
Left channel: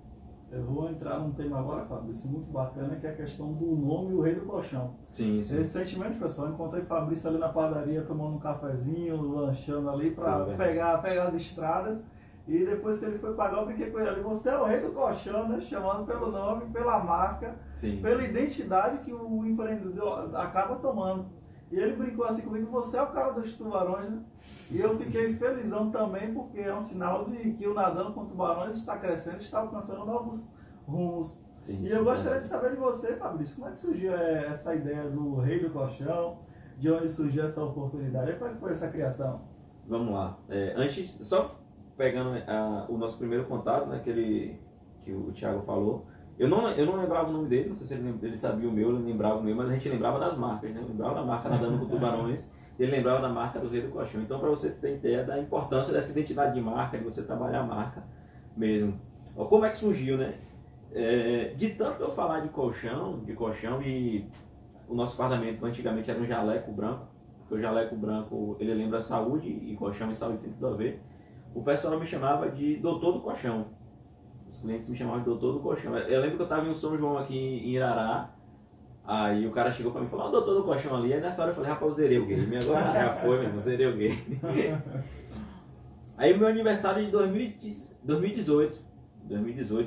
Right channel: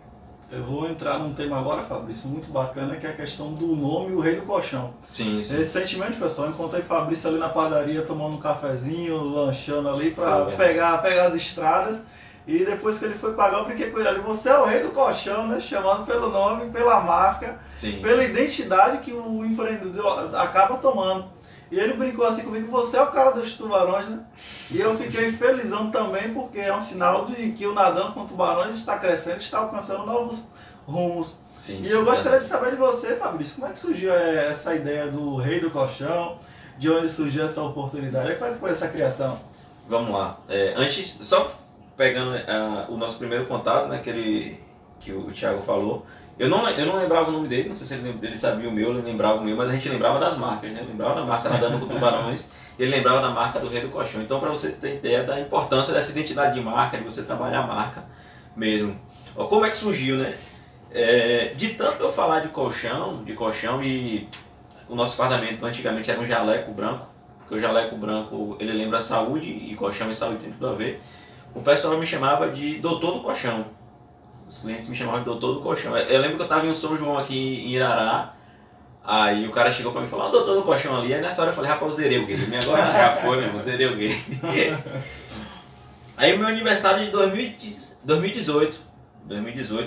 Eu vou entrar num tema agora, Fabrício, muito bacana, que é a questão do nome, o Rei do Colchão. Sim, sim. Recentemente, pessoal, eu encontrei Fabrício ali na padaria tomando um cafezinho, lanchando ali para Foi, pegar as estradas. E depois que ele foi pagar, eu brinquei com ele ali. Você é o Rei do Colchão, né? Chamando pelo nome, pela marca, Sim, pela sim. identidade que o empreendedor acaba tomando. E ele brincou assim comigo, você é o cara dos tubarões, né? E eu fiquei felizão também, porque é um sinal de que o Nadando com Tubarões está crescendo, está alcançando novos rumos. Sim, E sim, eu gostaria de verdade. saber de você, Fabrício, como é que surgiu essa ideia do Rei do Colchão? De onde surgiu essa oportunidade? Como é que foi essa criação? Vamos lá. Antes, só pegando o nosso primeiro contato, né, que o Thiago falou, eu não lembrava o nome dele, não sei se ele sabia o meu, ele lembrava o meu, mas a gente lembrava das marcas, né? Lembrava da marca Nadando com Tubarões, ele lembrava da marca do Rei do Colchão. Então, para você ter ideia da importância dessa identidade de marca, de você trabalhar a marca mesmo. Ó, como é que surgiu, né? De tanto eu falar de colchão, e o nosso fardamento antigamente era um jaleco branco, porque o jaleco branco ele lembra saúde e colchão e saúde tem tudo a ver. O pessoal me chamava de Doutor do Colchão. Os clientes me chamavam de Doutor do Colchão. Eu lembro que eu estava em um São João aqui em Irará, aí o cara chegou para mim e falou, Doutor do Colchão ali, aí nessa hora eu falei, rapaz, eu zerei o game, agora já foi mesmo, zerei o game. Aí o meu aniversário de 2018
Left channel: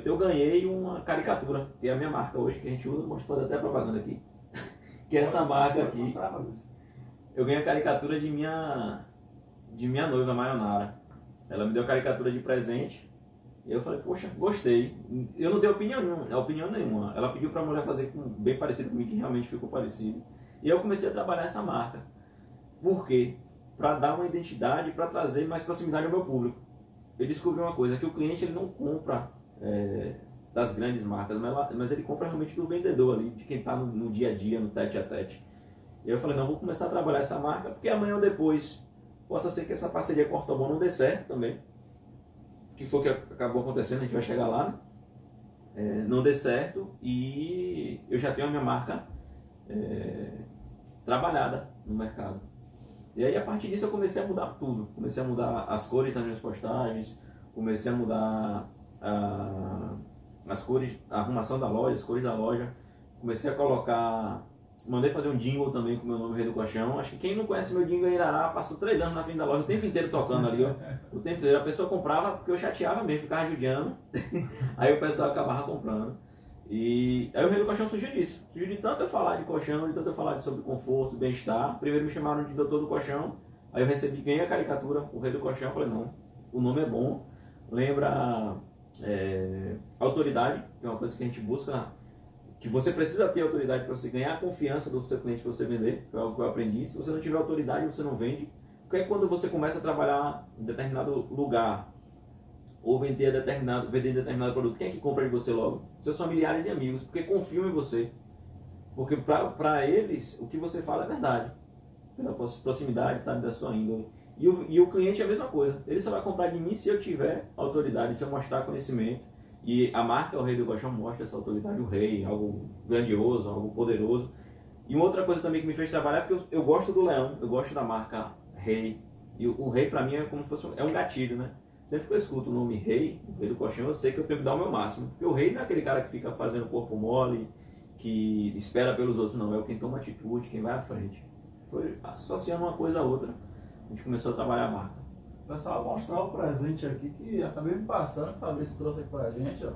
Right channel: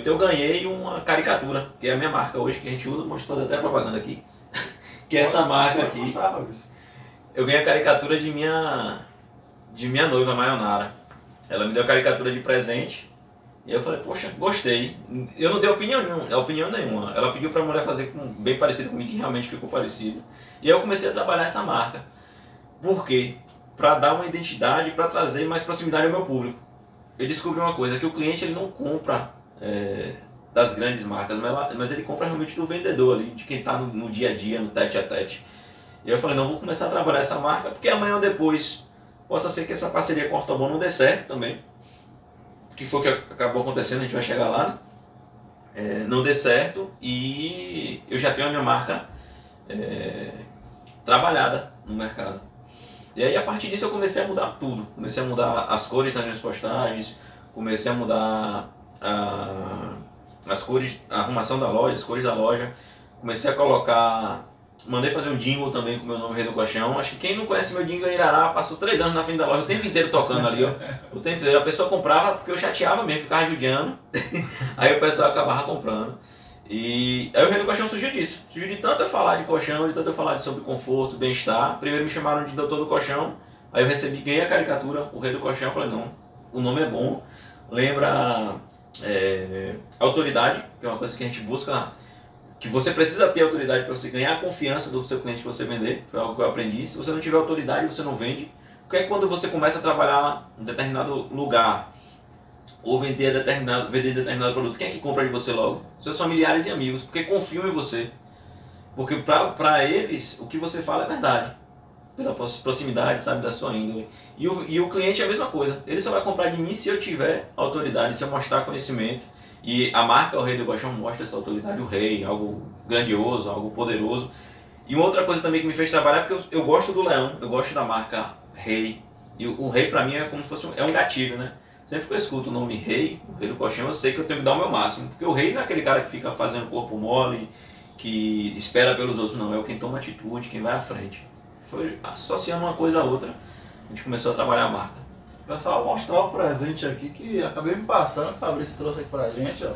eu ganhei uma caricatura, que é a minha marca hoje, que a gente usa, vou fazer até propaganda aqui, que é essa marca aqui. Mostrar, Fabrício. Eu ganhei a caricatura de minha noiva, Mayonara. Ela me deu a caricatura de presente. E eu falei, poxa, gostei. Eu não dei opinião nenhuma. Ela pediu pra mulher fazer bem parecido comigo, que realmente ficou parecido. E eu comecei a trabalhar essa marca. Por quê? Para dar uma identidade, para trazer mais proximidade ao meu público. Eu descobri uma coisa, que o cliente ele não compra das grandes marcas, mas ele compra realmente do vendedor ali, de quem está no dia a dia, no tete a tete. E eu falei, não, vou começar a trabalhar essa marca, porque amanhã ou depois possa ser que essa parceria com a Ortobon não dê certo também. Que foi o que acabou acontecendo, a gente vai chegar lá, né? Não dê certo e eu já tenho a minha marca trabalhada no mercado. E aí a partir disso eu comecei a mudar tudo, comecei a mudar as cores das minhas postagens, comecei a mudar as cores, a arrumação da loja, as cores da loja, comecei a colocar, mandei fazer um jingle também com o meu nome Rei do Colchão. Acho que quem não conhece meu jingle em Irará passou 3 anos na frente da loja, o tempo inteiro tocando ali, ó. O tempo inteiro, a pessoa comprava porque eu chateava mesmo, ficava judiando, aí o pessoal acabava comprando. E aí o Rei do Colchão surgiu disso, surgiu de tanto eu falar de colchão, de tanto eu falar sobre conforto, bem-estar. Primeiro me chamaram de Doutor do Colchão, aí eu ganhei a caricatura, o Rei do Colchão. Eu falei, não, o nome é bom, lembra autoridade, que é uma coisa que a gente busca, que você precisa ter autoridade para você ganhar a confiança do seu cliente para você vender. Foi algo que eu aprendi. Se você não tiver autoridade, você não vende. Porque quando você começa a trabalhar em determinado lugar ou vender determinado produto, quem é que compra de você logo? Seus familiares e amigos, porque confiam em você. Porque para eles, o que você fala é verdade. Pela proximidade, sabe, da sua índole. E o cliente é a mesma coisa. Ele só vai comprar de mim se eu tiver autoridade, se eu mostrar conhecimento. E a marca O Rei do Colchão mostra essa autoridade, o rei, algo grandioso, algo poderoso. E uma outra coisa também que me fez trabalhar, porque eu gosto do leão, eu gosto da marca Rei. E o rei pra mim é como se fosse um gatilho, né? Sempre que eu escuto o nome Rei, o Rei do Colchão, eu sei que eu tenho que dar o meu máximo. Porque o rei não é aquele cara que fica fazendo corpo mole, que espera pelos outros, não. É o quem toma atitude, quem vai à frente. Foi associando uma coisa a outra, a gente começou a trabalhar a marca. Pessoal, vou mostrar o presente aqui que acabei me passando, o Fabrício trouxe aqui pra gente, ó.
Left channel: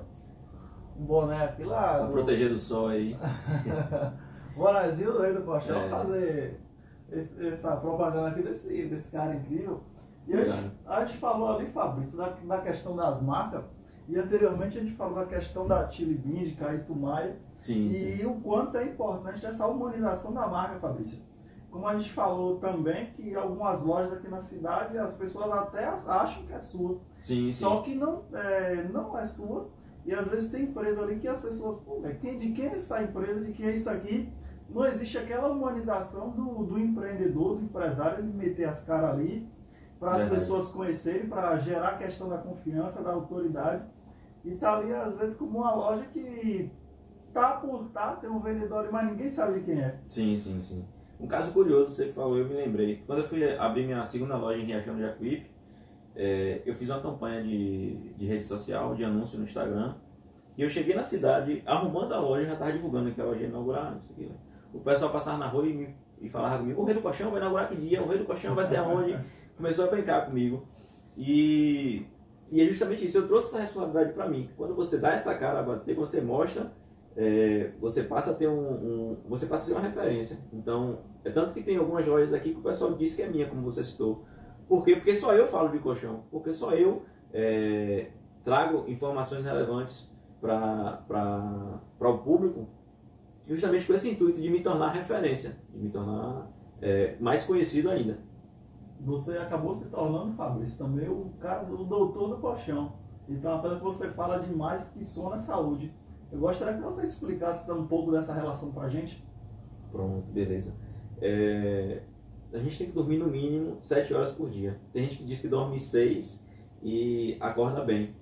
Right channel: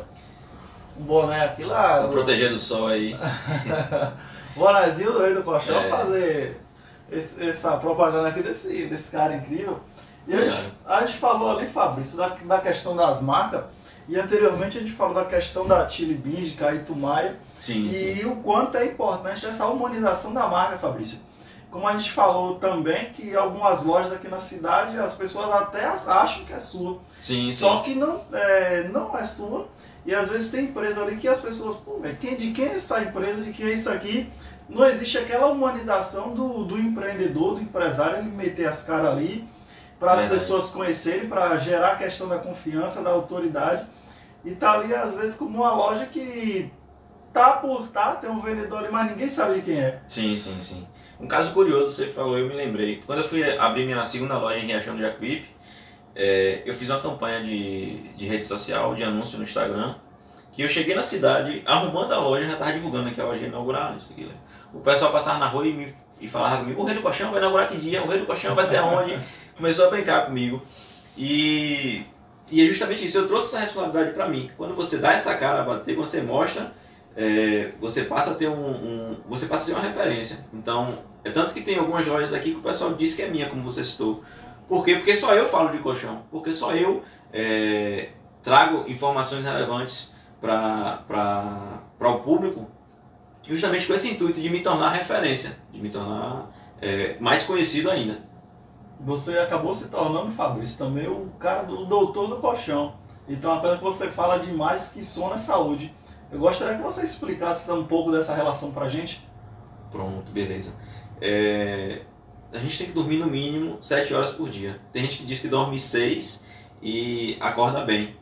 Um boné aqui lá. Pra proteger do sol aí. Bonézinho do Rei do Colchão, É. fazer essa propaganda aqui desse cara incrível. E Legal. a gente falou ali, Fabrício, da questão das marcas. E anteriormente a gente falou da questão da Chili Beans, de Caíto Maia, Sim, e sim. o quanto é importante essa humanização da marca, Fabrício. Como a gente falou também, que algumas lojas aqui na cidade, as pessoas até acham que é sua, Sim, só sim. que não é sua. E às vezes tem empresa ali que as pessoas, pô, velho, de quem é essa empresa, de quem é isso aqui? Não existe aquela humanização do empreendedor, do empresário, ele meter as caras ali, para as Verdade. pessoas conhecerem, para gerar a questão da confiança, da autoridade. E tá ali, às vezes, como uma loja que tem um vendedor ali, mas ninguém sabe de quem é. Sim, sim, sim. Um caso curioso, você falou, eu me lembrei. Quando eu fui abrir minha segunda loja em Riachão do Jacuípe, eu fiz uma campanha de rede social, de anúncio no Instagram, que eu cheguei na cidade, arrumando a loja, já estava divulgando que a loja ia inaugurar, isso aqui. O pessoal passava na rua e falava comigo, o Rei do Colchão vai inaugurar que dia? O Rei do Colchão vai ser aonde? Começou a brincar comigo. E é justamente isso, eu trouxe essa responsabilidade para mim. Quando você dá essa cara a bater, você mostra, você passa a ter você passa a ser uma referência. Então, é tanto que tem algumas lojas aqui que o pessoal diz que é minha, como você citou. Por quê? Porque só eu falo de colchão. Porque só eu trago informações relevantes para o público, justamente com esse intuito de me tornar referência, de me tornar mais conhecido ainda. Você acabou se tornando, Fabrício, também o cara do doutor do colchão. Então, a coisa que você fala demais que sono é saúde. Eu gostaria que você explicasse um pouco dessa relação pra gente. Pronto, beleza. A gente tem que dormir no mínimo 7 horas por dia. Tem gente que diz que dorme 6 e acorda bem.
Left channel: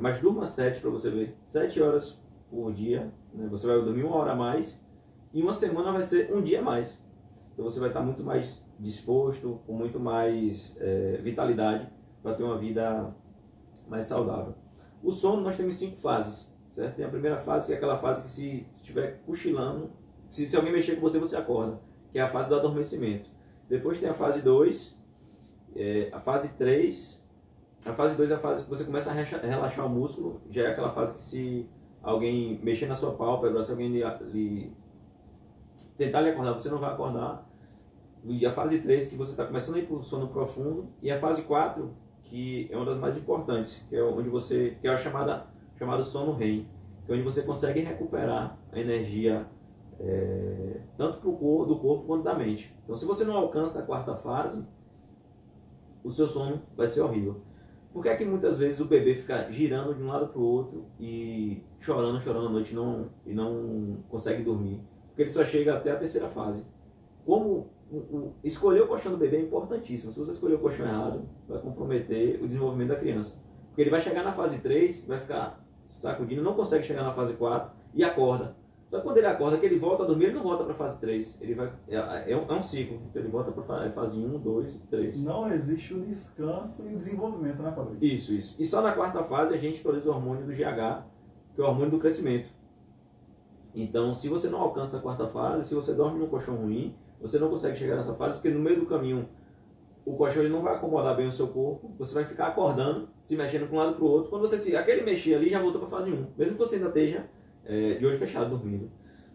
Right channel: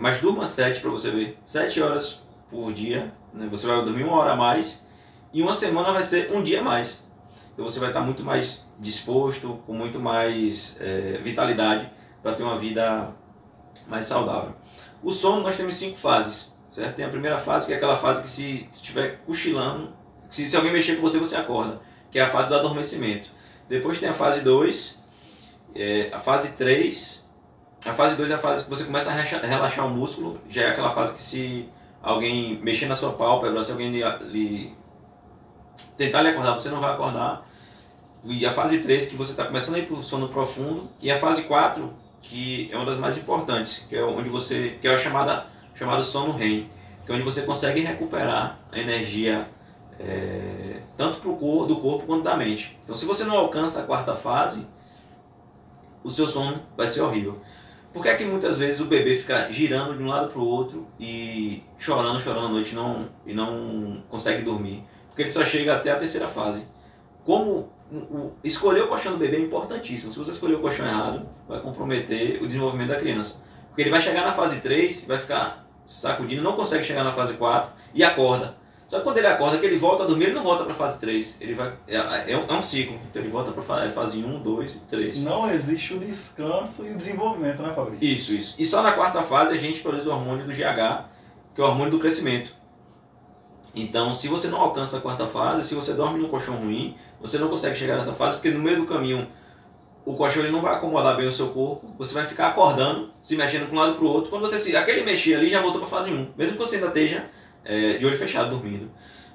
Mas durma 7 para você ver. 7 horas por dia, né? Você vai dormir 1 hora a mais e uma semana vai ser um dia a mais. Então você vai estar muito mais disposto, com muito mais vitalidade para ter uma vida mais saudável. O sono nós temos 5 fases, certo? Tem a primeira fase, que é aquela fase que se estiver cochilando, se alguém mexer com você, você acorda, que é a fase do adormecimento. Depois tem a fase 2, a fase 3, a fase 2 é a fase que você começa a relaxar o músculo, já é aquela fase que se alguém mexer na sua pálpebra, se alguém tentar lhe acordar, você não vai acordar. E a fase 3, que você está começando a ir para o sono profundo. E a fase 4, que é uma das mais importantes, que é onde que é a chamado sono REM, que é onde você consegue recuperar a energia tanto do corpo quanto da mente. Então, se você não alcança a quarta fase, o seu sono vai ser horrível. Por que é que muitas vezes o bebê fica girando de um lado para o outro e chorando à noite e não consegue dormir? Porque ele só chega até a terceira fase. Como escolher o colchão do bebê é importantíssimo. Se você escolher o colchão errado, vai comprometer o desenvolvimento da criança. Porque ele vai chegar na fase 3, vai ficar sacudindo, não consegue chegar na fase 4 e acorda. Só que quando ele acorda, que ele volta a dormir, ele não volta para a fase 3. Ele vai, é um ciclo. Então ele volta para a fase 1, 2 e 3. Não existe o descanso e o desenvolvimento, né, Fabrício? Isso. E só na quarta fase a gente produz o hormônio do GH, que é o hormônio do crescimento. Então, se você não alcança a quarta fase, se você dorme num colchão ruim, você não consegue chegar nessa fase, porque no meio do caminho o colchão ele não vai acomodar bem o seu corpo, você vai ficar acordando, se mexendo para um lado para o outro. Quando aquele mexer ali já voltou para a fase 1, mesmo que você ainda esteja de olho fechado dormindo.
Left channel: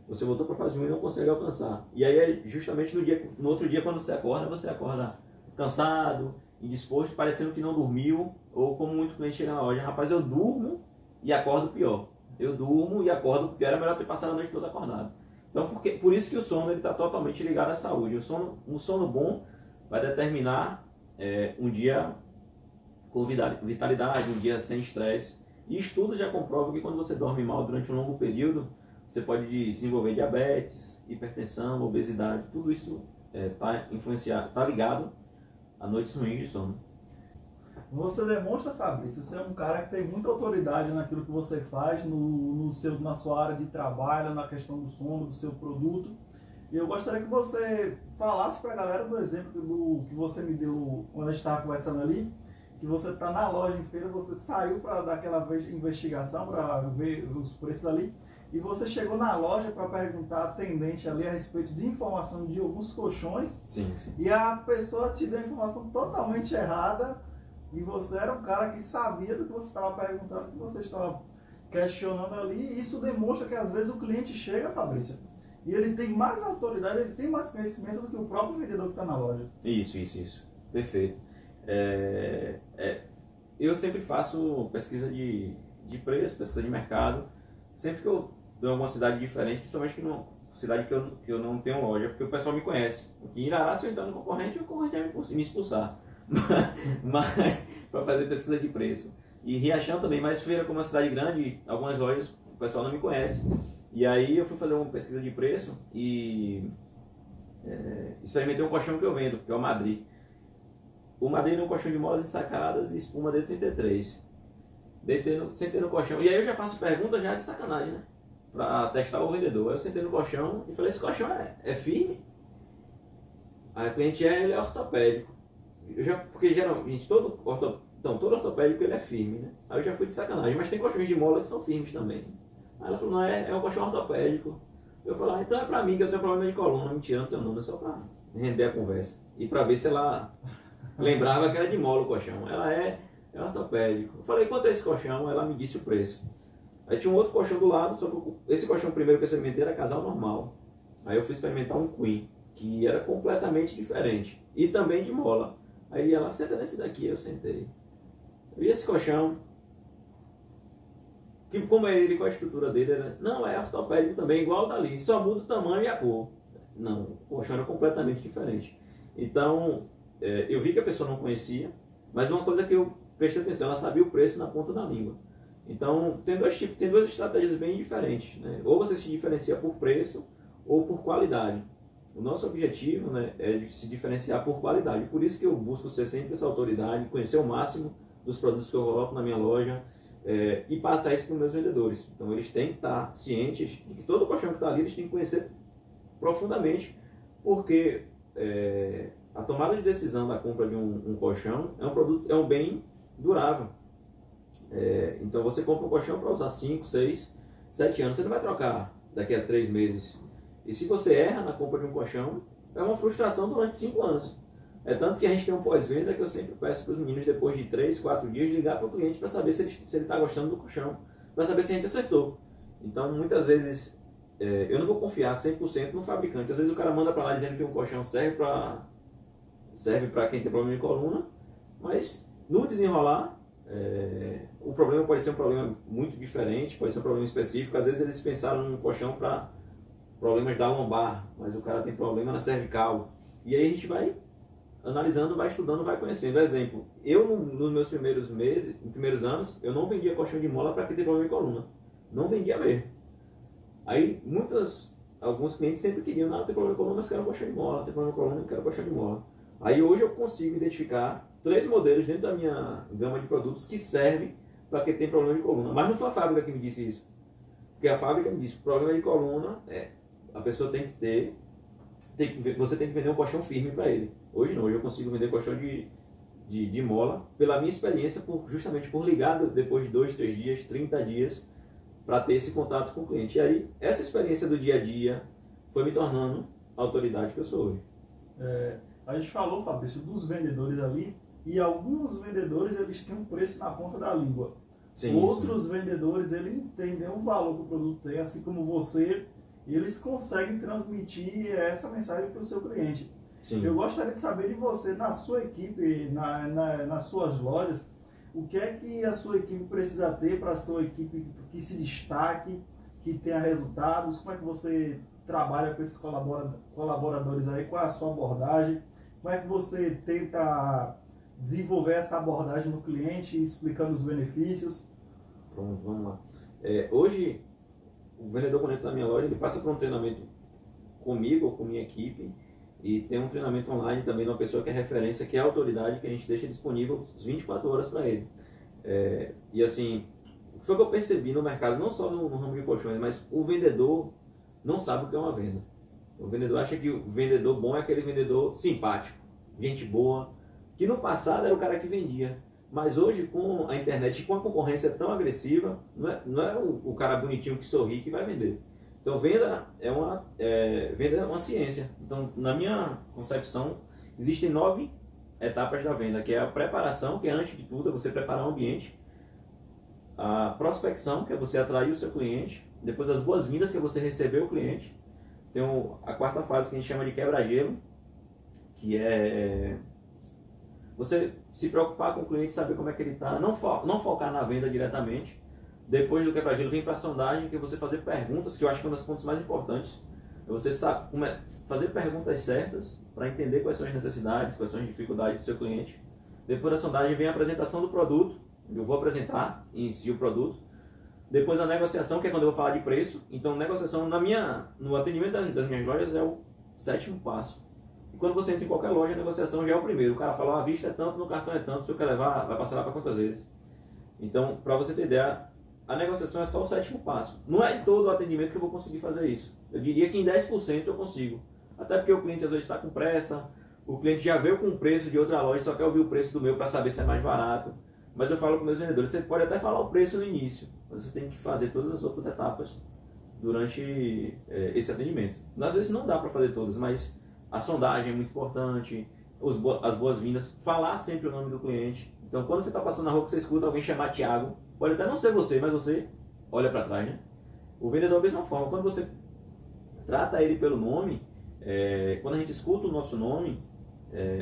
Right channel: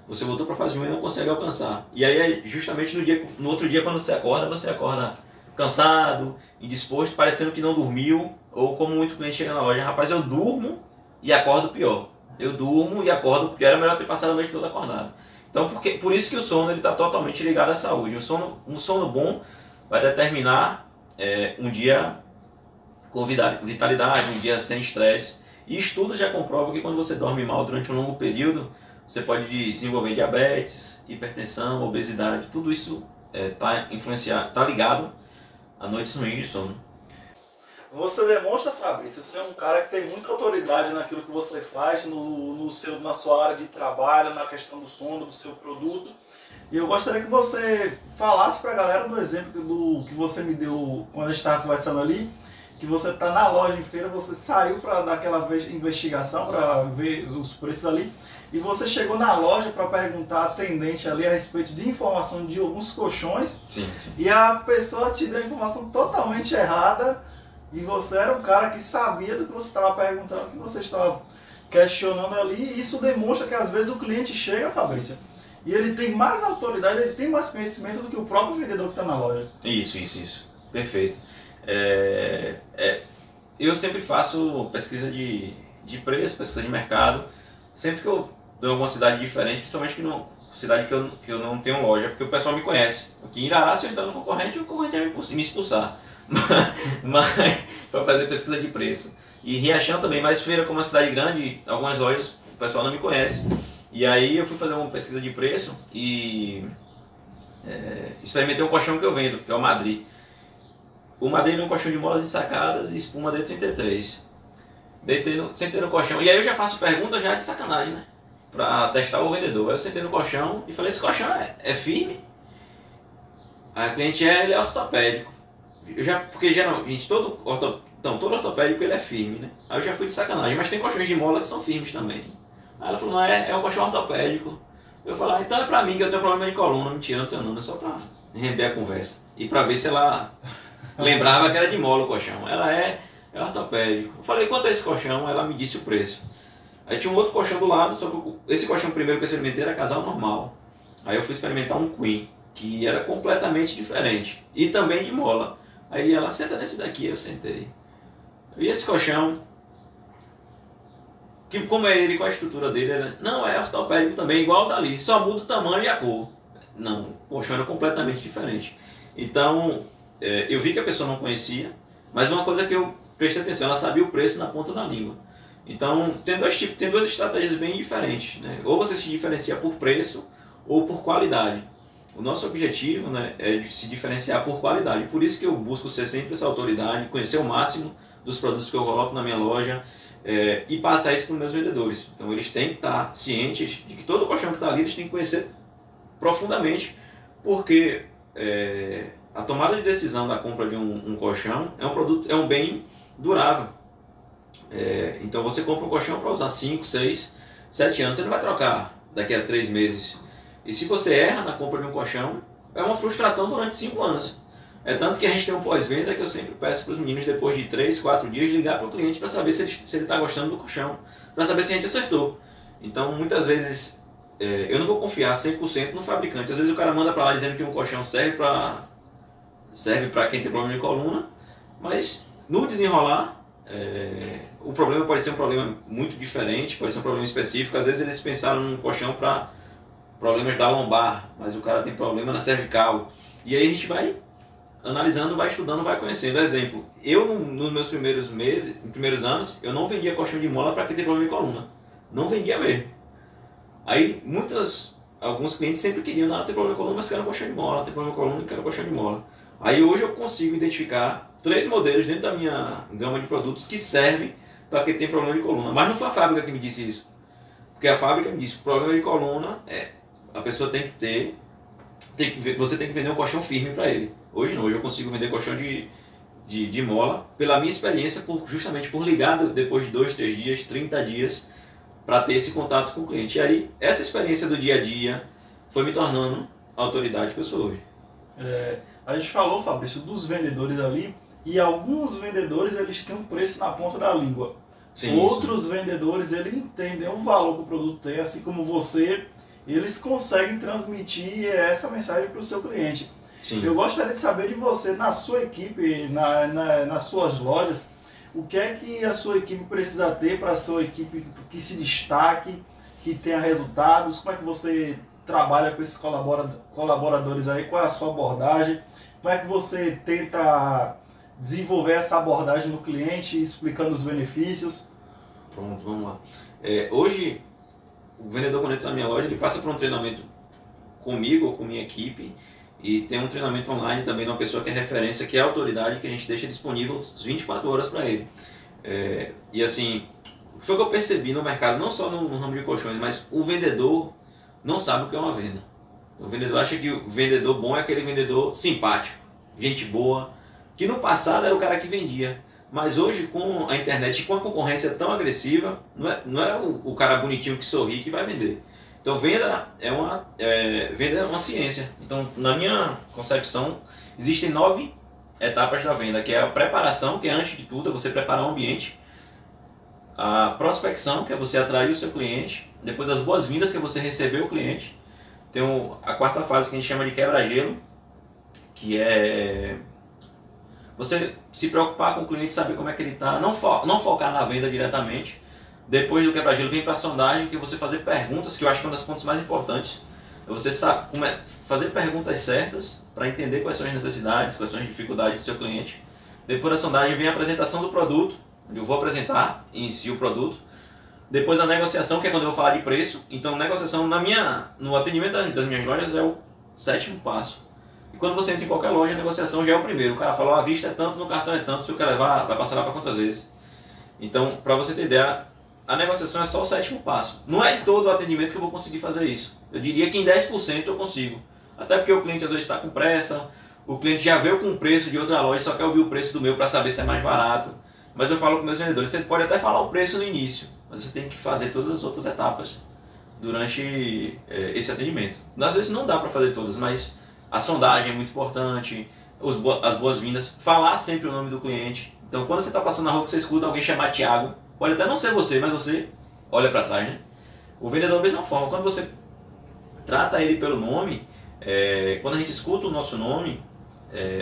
Você voltou para a fase 1 e não consegue alcançar. E aí, justamente no outro dia, quando você acorda cansado, indisposto, parecendo que não dormiu, ou como muito cliente chega na loja, rapaz, eu durmo e acordo pior. Eu durmo e acordo pior, era melhor ter passado a noite toda acordado. Então, por isso que o sono está totalmente ligado à saúde. Um sono bom vai determinar um dia com vitalidade, um dia sem estresse. E estudos já comprovam que quando você dorme mal durante um longo período, você pode desenvolver diabetes, hipertensão, obesidade. Tudo isso está ligado a noites ruins de sono. Você demonstra, Fabrício, você é um cara que tem muita autoridade naquilo que você faz, na sua área de trabalho, na questão do sono, do seu produto. E eu gostaria que você falasse para a galera do exemplo que você me deu quando a gente estava conversando ali, que você está na loja em feira, você saiu para dar aquela investigação, para ver os preços ali, e você chegou na loja para perguntar à atendente ali a respeito de informação de alguns colchões, sim. E a pessoa te deu a informação totalmente errada, e você era um cara que sabia do que você estava perguntando, o que você estava questionando ali, e isso demonstra que às vezes o cliente chega, Fabrício, e ele tem mais autoridade, ele tem mais conhecimento do que o próprio vendedor que está na loja. Isso. Perfeito. eu sempre faço pesquisa de preço, pesquisa de mercado. Sempre que eu estou em alguma cidade diferente, principalmente cidade que eu não tenho loja, porque o pessoal me conhece. Aqui em Irará, se eu entrar no concorrente, o concorrente vai me expulsar. Mas para fazer pesquisa de preço. E Riachão também, mas Feira, como uma cidade grande, algumas lojas o pessoal não me conhece. E aí eu fui fazer uma pesquisa de preço e experimentei um colchão que eu vendo, que é o Madrid. O Madrid é um colchão de molas ensacadas e espuma D33. Sentei no colchão, e aí eu já faço pergunta já de sacanagem, né? Pra testar o vendedor. Aí eu sentei no colchão e falei, esse colchão é firme? Aí a cliente ele é ortopédico. Porque geralmente todo ortopédico ele é firme, né? Aí eu já fui de sacanagem, mas tem colchões de mola que são firmes também. Aí ela falou, não, é um colchão ortopédico. Eu falei, então é pra mim que eu tenho problema de coluna. Mentira, não tenho não, é só pra render a conversa. E pra ver se ela lembrava que era de mola o colchão. Ela é ortopédico. Eu falei, quanto é esse colchão? Ela me disse o preço. Aí tinha um outro colchão do lado, só que esse colchão primeiro que eu experimentei era casal normal. Aí eu fui experimentar um Queen, que era completamente diferente. E também de mola. Aí ela, senta nesse daqui, eu sentei. E esse colchão, como é ele, qual a estrutura dele, não, é ortopédico também, igual o dali, só muda o tamanho e a cor. Não, o colchão era completamente diferente. Então, eu vi que a pessoa não conhecia, mas uma coisa que eu prestei atenção, ela sabia o preço na ponta da língua. Então, tem duas estratégias bem diferentes, né? Ou você se diferencia por preço ou por qualidade. O nosso objetivo, né, é se diferenciar por qualidade. Por isso que eu busco ser sempre essa autoridade, conhecer o máximo dos produtos que eu coloco na minha loja e passar isso para os meus vendedores. Então, eles têm que estar cientes de que todo colchão que está ali, eles têm que conhecer profundamente, porque a tomada de decisão da compra de um colchão é um produto, é um bem durável. Então você compra um colchão para usar 5, 6, 7 anos, você não vai trocar daqui a 3 meses. E se você erra na compra de um colchão, é uma frustração durante 5 anos. É tanto que a gente tem um pós-venda que eu sempre peço para os meninos, depois de 3, 4 dias, ligar para o cliente para saber se ele está gostando do colchão, para saber se a gente acertou. Então muitas vezes eu não vou confiar 100% no fabricante. Às vezes o cara manda para lá dizendo que um colchão serve para quem tem problema de coluna, mas no desenrolar o problema pode ser um problema muito diferente, pode ser um problema específico. Às vezes eles pensaram num colchão para problemas da lombar, mas o cara tem problema na cervical. E aí a gente vai analisando, vai estudando, vai conhecendo. Exemplo, eu nos meus primeiros anos, eu não vendia colchão de mola para quem tem problema de coluna. Não vendia mesmo. Aí alguns clientes sempre queriam, não, tem problema de coluna, mas quero colchão de mola, tem problema de coluna e quero colchão de mola. Aí hoje eu consigo identificar 3 modelos dentro da minha gama de produtos que servem para quem tem problema de coluna. Mas não foi a fábrica que me disse isso. Porque a fábrica me disse, problema de coluna, a pessoa tem que ter, você tem que vender um colchão firme para ele. Hoje não, hoje eu consigo vender colchão de mola, pela minha experiência, justamente por ligar depois de 2, 3 dias, 30 dias, para ter esse contato com o cliente. E aí, essa experiência do dia a dia foi me tornando a autoridade que eu sou hoje. A gente falou, Fabrício, dos vendedores ali, e alguns vendedores eles têm um preço na ponta da língua. Sim, Outros vendedores eles entendem o valor que o produto tem, assim como você, eles conseguem transmitir essa mensagem para o seu cliente. Sim. Eu gostaria de saber de você, na sua equipe, nas suas lojas, o que é que a sua equipe precisa ter para a sua equipe que se destaque, que tenha resultados, como é que você trabalha com esses colaboradores aí, qual é a sua abordagem, como é que você tenta desenvolver essa abordagem no cliente, explicando os benefícios. Pronto, vamos lá. Hoje, o vendedor, quando entra na minha loja, ele passa por um treinamento comigo ou com minha equipe, e tem um treinamento online também de uma pessoa que é referência, que é a autoridade, que a gente deixa disponível 24 horas para ele. E assim, o que foi que eu percebi no mercado, não só no ramo de colchões, mas o vendedor não sabe o que é uma venda. O vendedor acha que o vendedor bom é aquele vendedor simpático, gente boa, que no passado era o cara que vendia. Mas hoje, com a internet e com a concorrência tão agressiva, não é o cara bonitinho que sorri que vai vender. Então, venda é uma ciência. Então, na minha concepção, existem 9 etapas da venda, que é a preparação, que é antes de tudo, é você preparar o ambiente. A prospecção, que é você atrair o seu cliente. Depois, as boas-vindas, que é você receber o cliente. Tem a 4ª fase, que a gente chama de quebra-gelo, que é Você se preocupar com o cliente, saber como é que ele está, não focar na venda diretamente. Depois do quebra-gelo, vem para a sondagem, que é você fazer perguntas, que eu acho que é um dos pontos mais importantes. É você fazer perguntas certas para entender quais são as necessidades, quais são as dificuldades do seu cliente. Depois da sondagem vem a apresentação do produto, onde eu vou apresentar em si o produto. Depois a negociação, que é quando eu vou falar de preço. Então, negociação no atendimento das minhas lojas é o 7º passo. E quando você entra em qualquer loja, a negociação já é o primeiro. O cara fala, a vista é tanto, no cartão é tanto, se eu quer levar, vai passar lá para quantas vezes. Então, para você ter ideia, a negociação é só o 7º passo. Não é em todo o atendimento que eu vou conseguir fazer isso. Eu diria que em 10% eu consigo. Até porque o cliente às vezes está com pressa, o cliente já veio com o preço de outra loja, só quer ouvir o preço do meu para saber se é mais barato. Mas eu falo com meus vendedores, você pode até falar o preço no início, mas você tem que fazer todas as outras etapas durante esse atendimento. Às vezes não dá para fazer todas, mas a sondagem é muito importante, as boas-vindas, falar sempre o nome do cliente. Então quando você está passando na rua que você escuta alguém chamar Thiago, pode até não ser você, mas você olha para trás, né? O vendedor da mesma forma, quando você trata ele pelo nome, quando a gente escuta o nosso nome,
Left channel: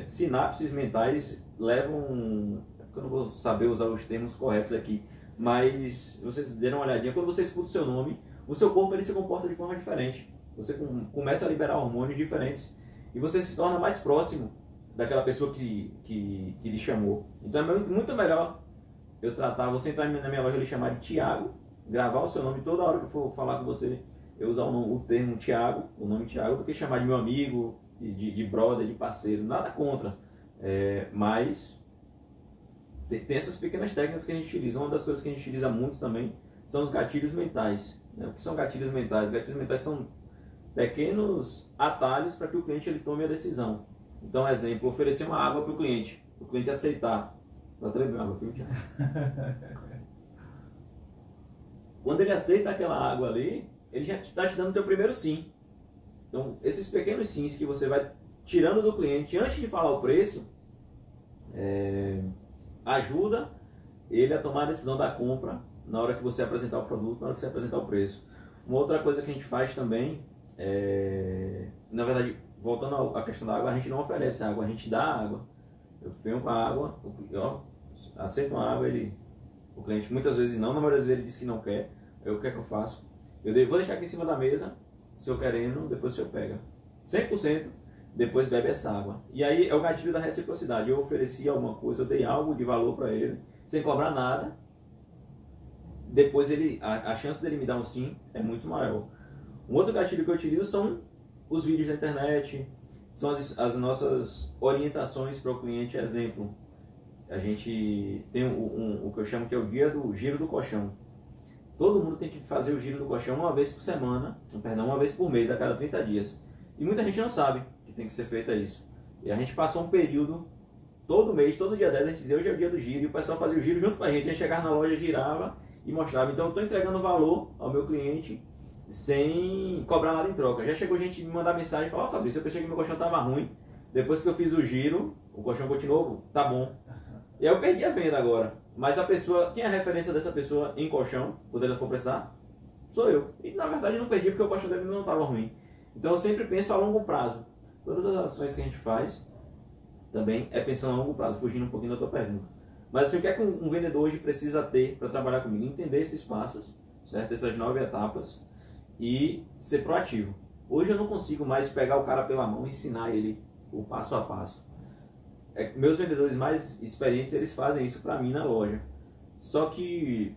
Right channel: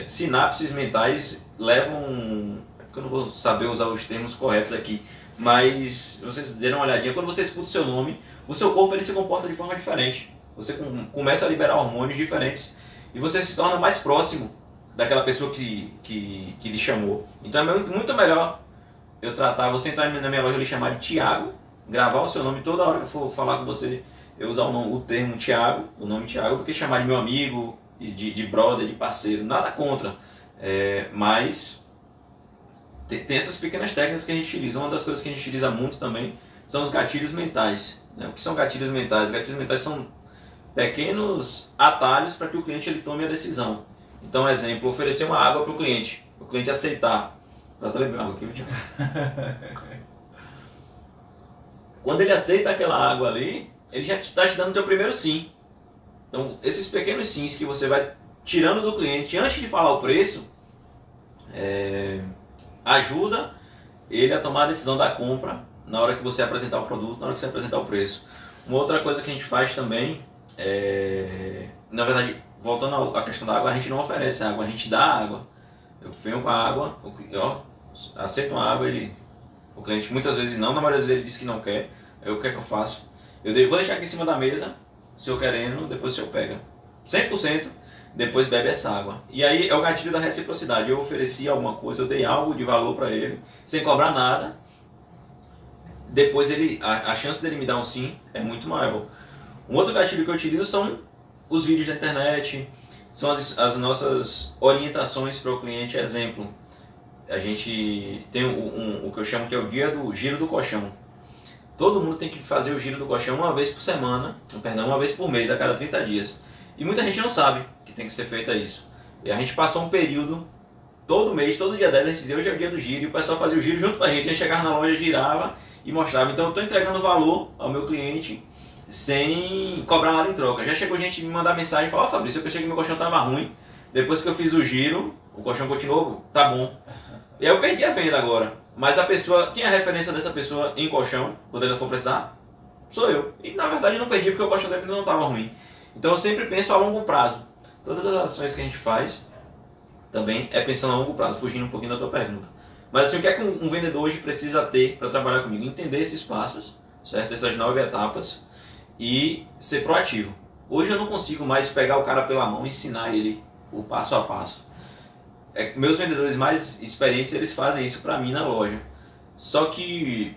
sinapses mentais levam... Eu não vou saber usar os termos corretos aqui, mas vocês deram uma olhadinha, quando você escuta o seu nome, o seu corpo ele se comporta de forma diferente. Você começa a liberar hormônios diferentes e você se torna mais próximo daquela pessoa que lhe chamou. Então é muito melhor eu tratar, você entrar na minha loja e lhe chamar de Thiago, gravar o seu nome toda hora que eu for falar com você, eu usar o termo Thiago, o nome Thiago, do que chamar de meu amigo, de brother, de parceiro, nada contra, mas... Tem essas pequenas técnicas que a gente utiliza. Uma das coisas que a gente utiliza muito também são os gatilhos mentais. O que são gatilhos mentais? Gatilhos mentais são pequenos atalhos para que o cliente ele tome a decisão. Então, exemplo, oferecer uma água para o cliente aceitar. Já estou lembrando água aqui, Thiago. Quando ele aceita aquela água ali, ele já está te dando o teu primeiro sim. Então, esses pequenos sims que você vai tirando do cliente antes de falar o preço, ajuda ele a tomar a decisão da compra na hora que você apresentar o produto, na hora que você apresentar o preço. Uma outra coisa que a gente faz também na verdade, voltando à questão da água, a gente não oferece água, a gente dá água. Eu venho com a água, aceito uma água, o cliente muitas vezes não, na maioria das vezes ele diz que não quer. O que é que eu faço? Vou deixar aqui em cima da mesa, se eu querendo, depois o senhor pega. 100%. Depois bebe essa água. E aí é o gatilho da reciprocidade. Eu ofereci alguma coisa, eu dei algo de valor para ele, sem cobrar nada. Depois a chance dele me dar um sim é muito maior. Um outro gatilho que eu utilizo são os vídeos da internet, são as nossas orientações para o cliente. Exemplo, a gente tem o que eu chamo que é o dia do giro do colchão. Todo mundo tem que fazer o giro do colchão uma vez por semana, uma vez por mês, a cada 30 dias. E muita gente não sabe que tem que ser feito isso. E a gente passou um período, todo mês, todo dia 10, a gente dizia hoje é o dia do giro, e o pessoal fazia o giro junto com a gente chegava na loja, girava e mostrava. Então eu estou entregando valor ao meu cliente sem cobrar nada em troca. Já chegou gente me mandar mensagem e falar, Fabrício, eu pensei que meu colchão estava ruim, depois que eu fiz o giro, o colchão continuou, tá bom. E aí eu perdi a venda agora. Mas a pessoa, quem é a referência dessa pessoa em colchão, quando ele for precisar? Sou eu. E na verdade eu não perdi porque o colchão dele não estava ruim. Então eu sempre penso a longo prazo. Todas as ações que a gente faz também é pensando a longo prazo, fugindo um pouquinho da tua pergunta. Mas assim, o que é que um vendedor hoje precisa ter para trabalhar comigo? Entender esses passos, certo? Essas 9 etapas e ser proativo. Hoje eu não consigo mais pegar o cara pela mão e ensinar ele o passo a passo. Meus vendedores mais experientes, eles fazem isso para mim na loja. Só que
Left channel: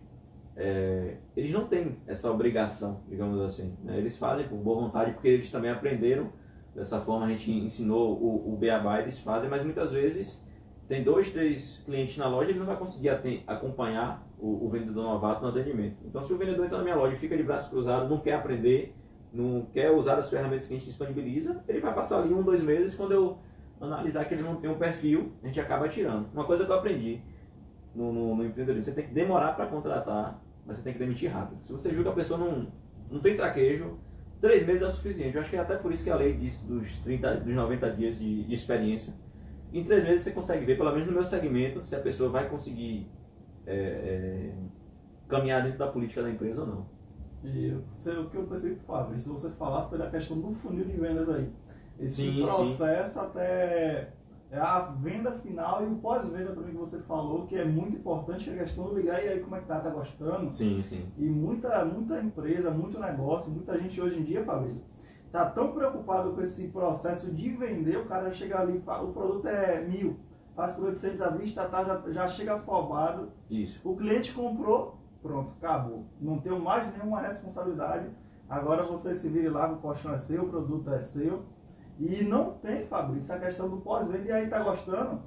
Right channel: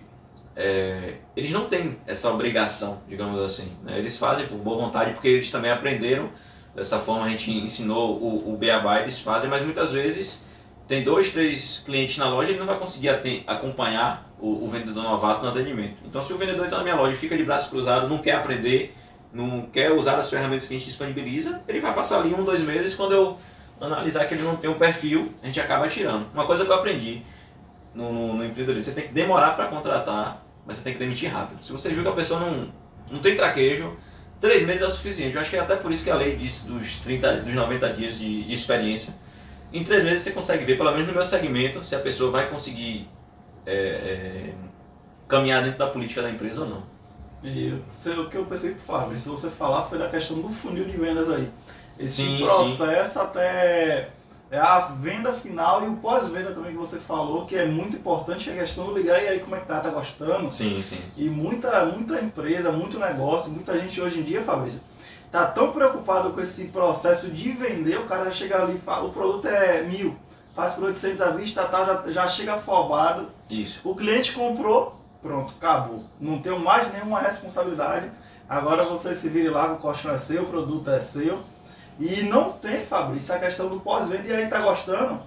eles não têm essa obrigação, digamos assim, né? Eles fazem por boa vontade, porque eles também aprenderam. Dessa forma a gente ensinou o beabá, eles fazem, mas muitas vezes tem 2, 3 clientes na loja, ele não vai conseguir acompanhar o vendedor novato no atendimento. Então se o vendedor entra na minha loja e fica de braço cruzado, não quer aprender, não quer usar as ferramentas que a gente disponibiliza, ele vai passar ali 1, 2 meses, quando eu analisar que ele não tem um perfil, a gente acaba tirando. Uma coisa que eu aprendi no empreendedorismo, você tem que demorar para contratar, mas você tem que demitir rápido. Se você viu que a pessoa não tem traquejo, 3 meses é o suficiente. Eu acho que é até por isso que a lei diz dos 90 dias de experiência. Em 3 meses você consegue ver, pelo menos no meu segmento, se a pessoa vai conseguir caminhar dentro da política da empresa ou não. E o que eu pensei que Fábio, se você falar, foi da questão do funil de vendas aí. Esse Sim, processo sim. é a venda final e o pós-venda também que você falou, que é muito importante, que é a questão de ligar e aí como é que tá gostando? Sim, sim. E muita empresa, muito negócio, muita gente hoje em dia, Fabrício, tá tão preocupado com esse processo de vender, o cara chega ali e fala, o produto é 1.000, faz por 800 à vista, tá, já chega afobado. Isso. O cliente comprou, pronto, acabou. Não tenho mais nenhuma responsabilidade. Agora você se vire lá, o colchão é seu, o produto é seu. E não tem, Fabrício, a questão do pós-venda, e aí tá gostando.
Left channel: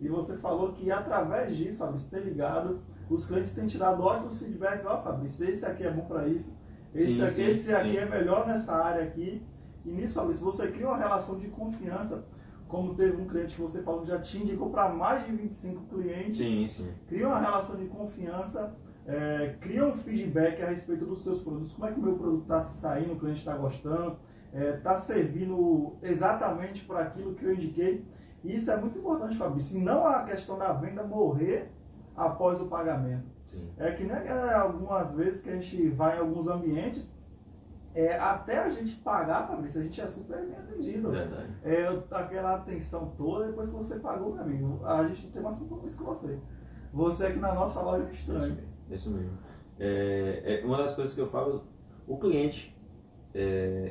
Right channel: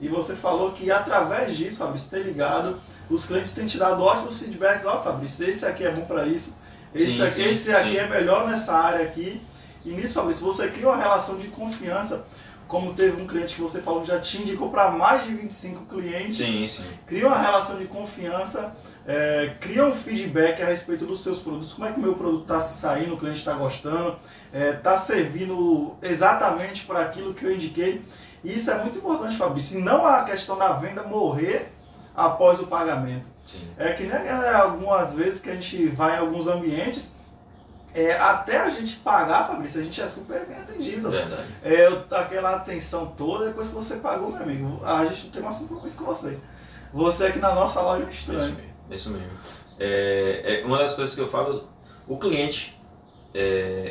E você falou que através disso, Fabrício, ter ligado, os clientes têm te dado ótimos feedbacks. Ó, Fabrício, esse aqui é bom para isso, esse aqui é melhor nessa área aqui. E nisso, Fabrício, você cria uma relação de confiança, como teve um cliente que você falou que já te indicou para mais de 25 clientes. Sim. Cria uma relação de confiança, cria um feedback a respeito dos seus produtos, como é que o meu produto está se saindo, o cliente está gostando, está servindo exatamente para aquilo que eu indiquei. E isso é muito importante, Fabrício. E não a questão da venda morrer após o pagamento. Sim. É que nem algumas vezes que a gente vai em alguns ambientes, até a gente pagar, Fabrício, a gente é super bem atendido. Verdade. Aquela atenção toda, depois que você pagou, meu amigo, a gente não tem mais compromisso com você. Você aqui na nossa loja é estranho. Isso mesmo. Uma das coisas que eu falo, o cliente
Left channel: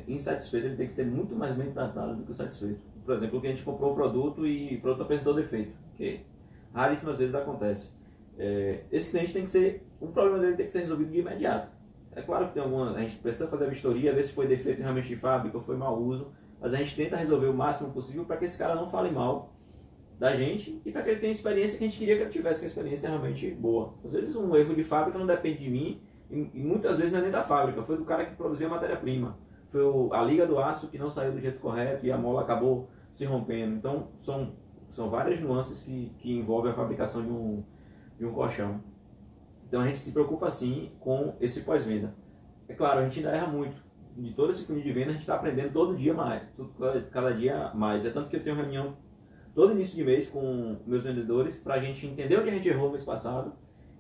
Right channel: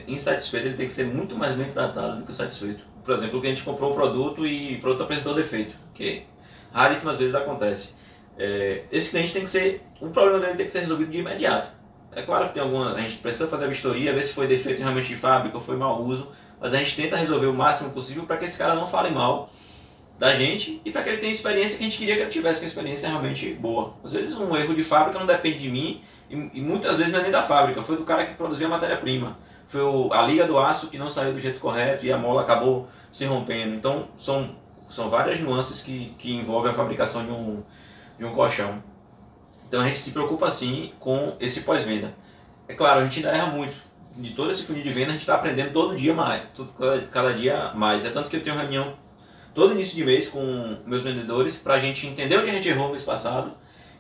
insatisfeito, ele tem que ser muito mais bem tratado do que o satisfeito. Por exemplo, o cliente comprou o produto e o produto apresentou defeito, que raríssimas vezes acontece. Esse cliente tem que ser, o problema dele tem que ser resolvido de imediato. É claro que a gente precisa fazer a vistoria, ver se foi defeito realmente de fábrica ou foi mau uso, mas a gente tenta resolver o máximo possível para que esse cara não fale mal da gente e para que ele tenha a experiência que a gente queria que ele tivesse, que a experiência realmente boa. Às vezes um erro de fábrica não depende de mim e muitas vezes não é nem da fábrica, foi do cara que produziu a matéria-prima. Foi a liga do aço que não saiu do jeito correto e a mola acabou se rompendo. Então são várias nuances que envolvem a fabricação de um colchão. Então a gente se preocupa sim com esse pós-venda. É claro, a gente ainda erra muito. De todo esse funil de venda a gente está aprendendo todo dia mais, cada dia mais. É tanto que eu tenho reunião todo início de mês com meus vendedores para a gente entender onde a gente errou no mês passado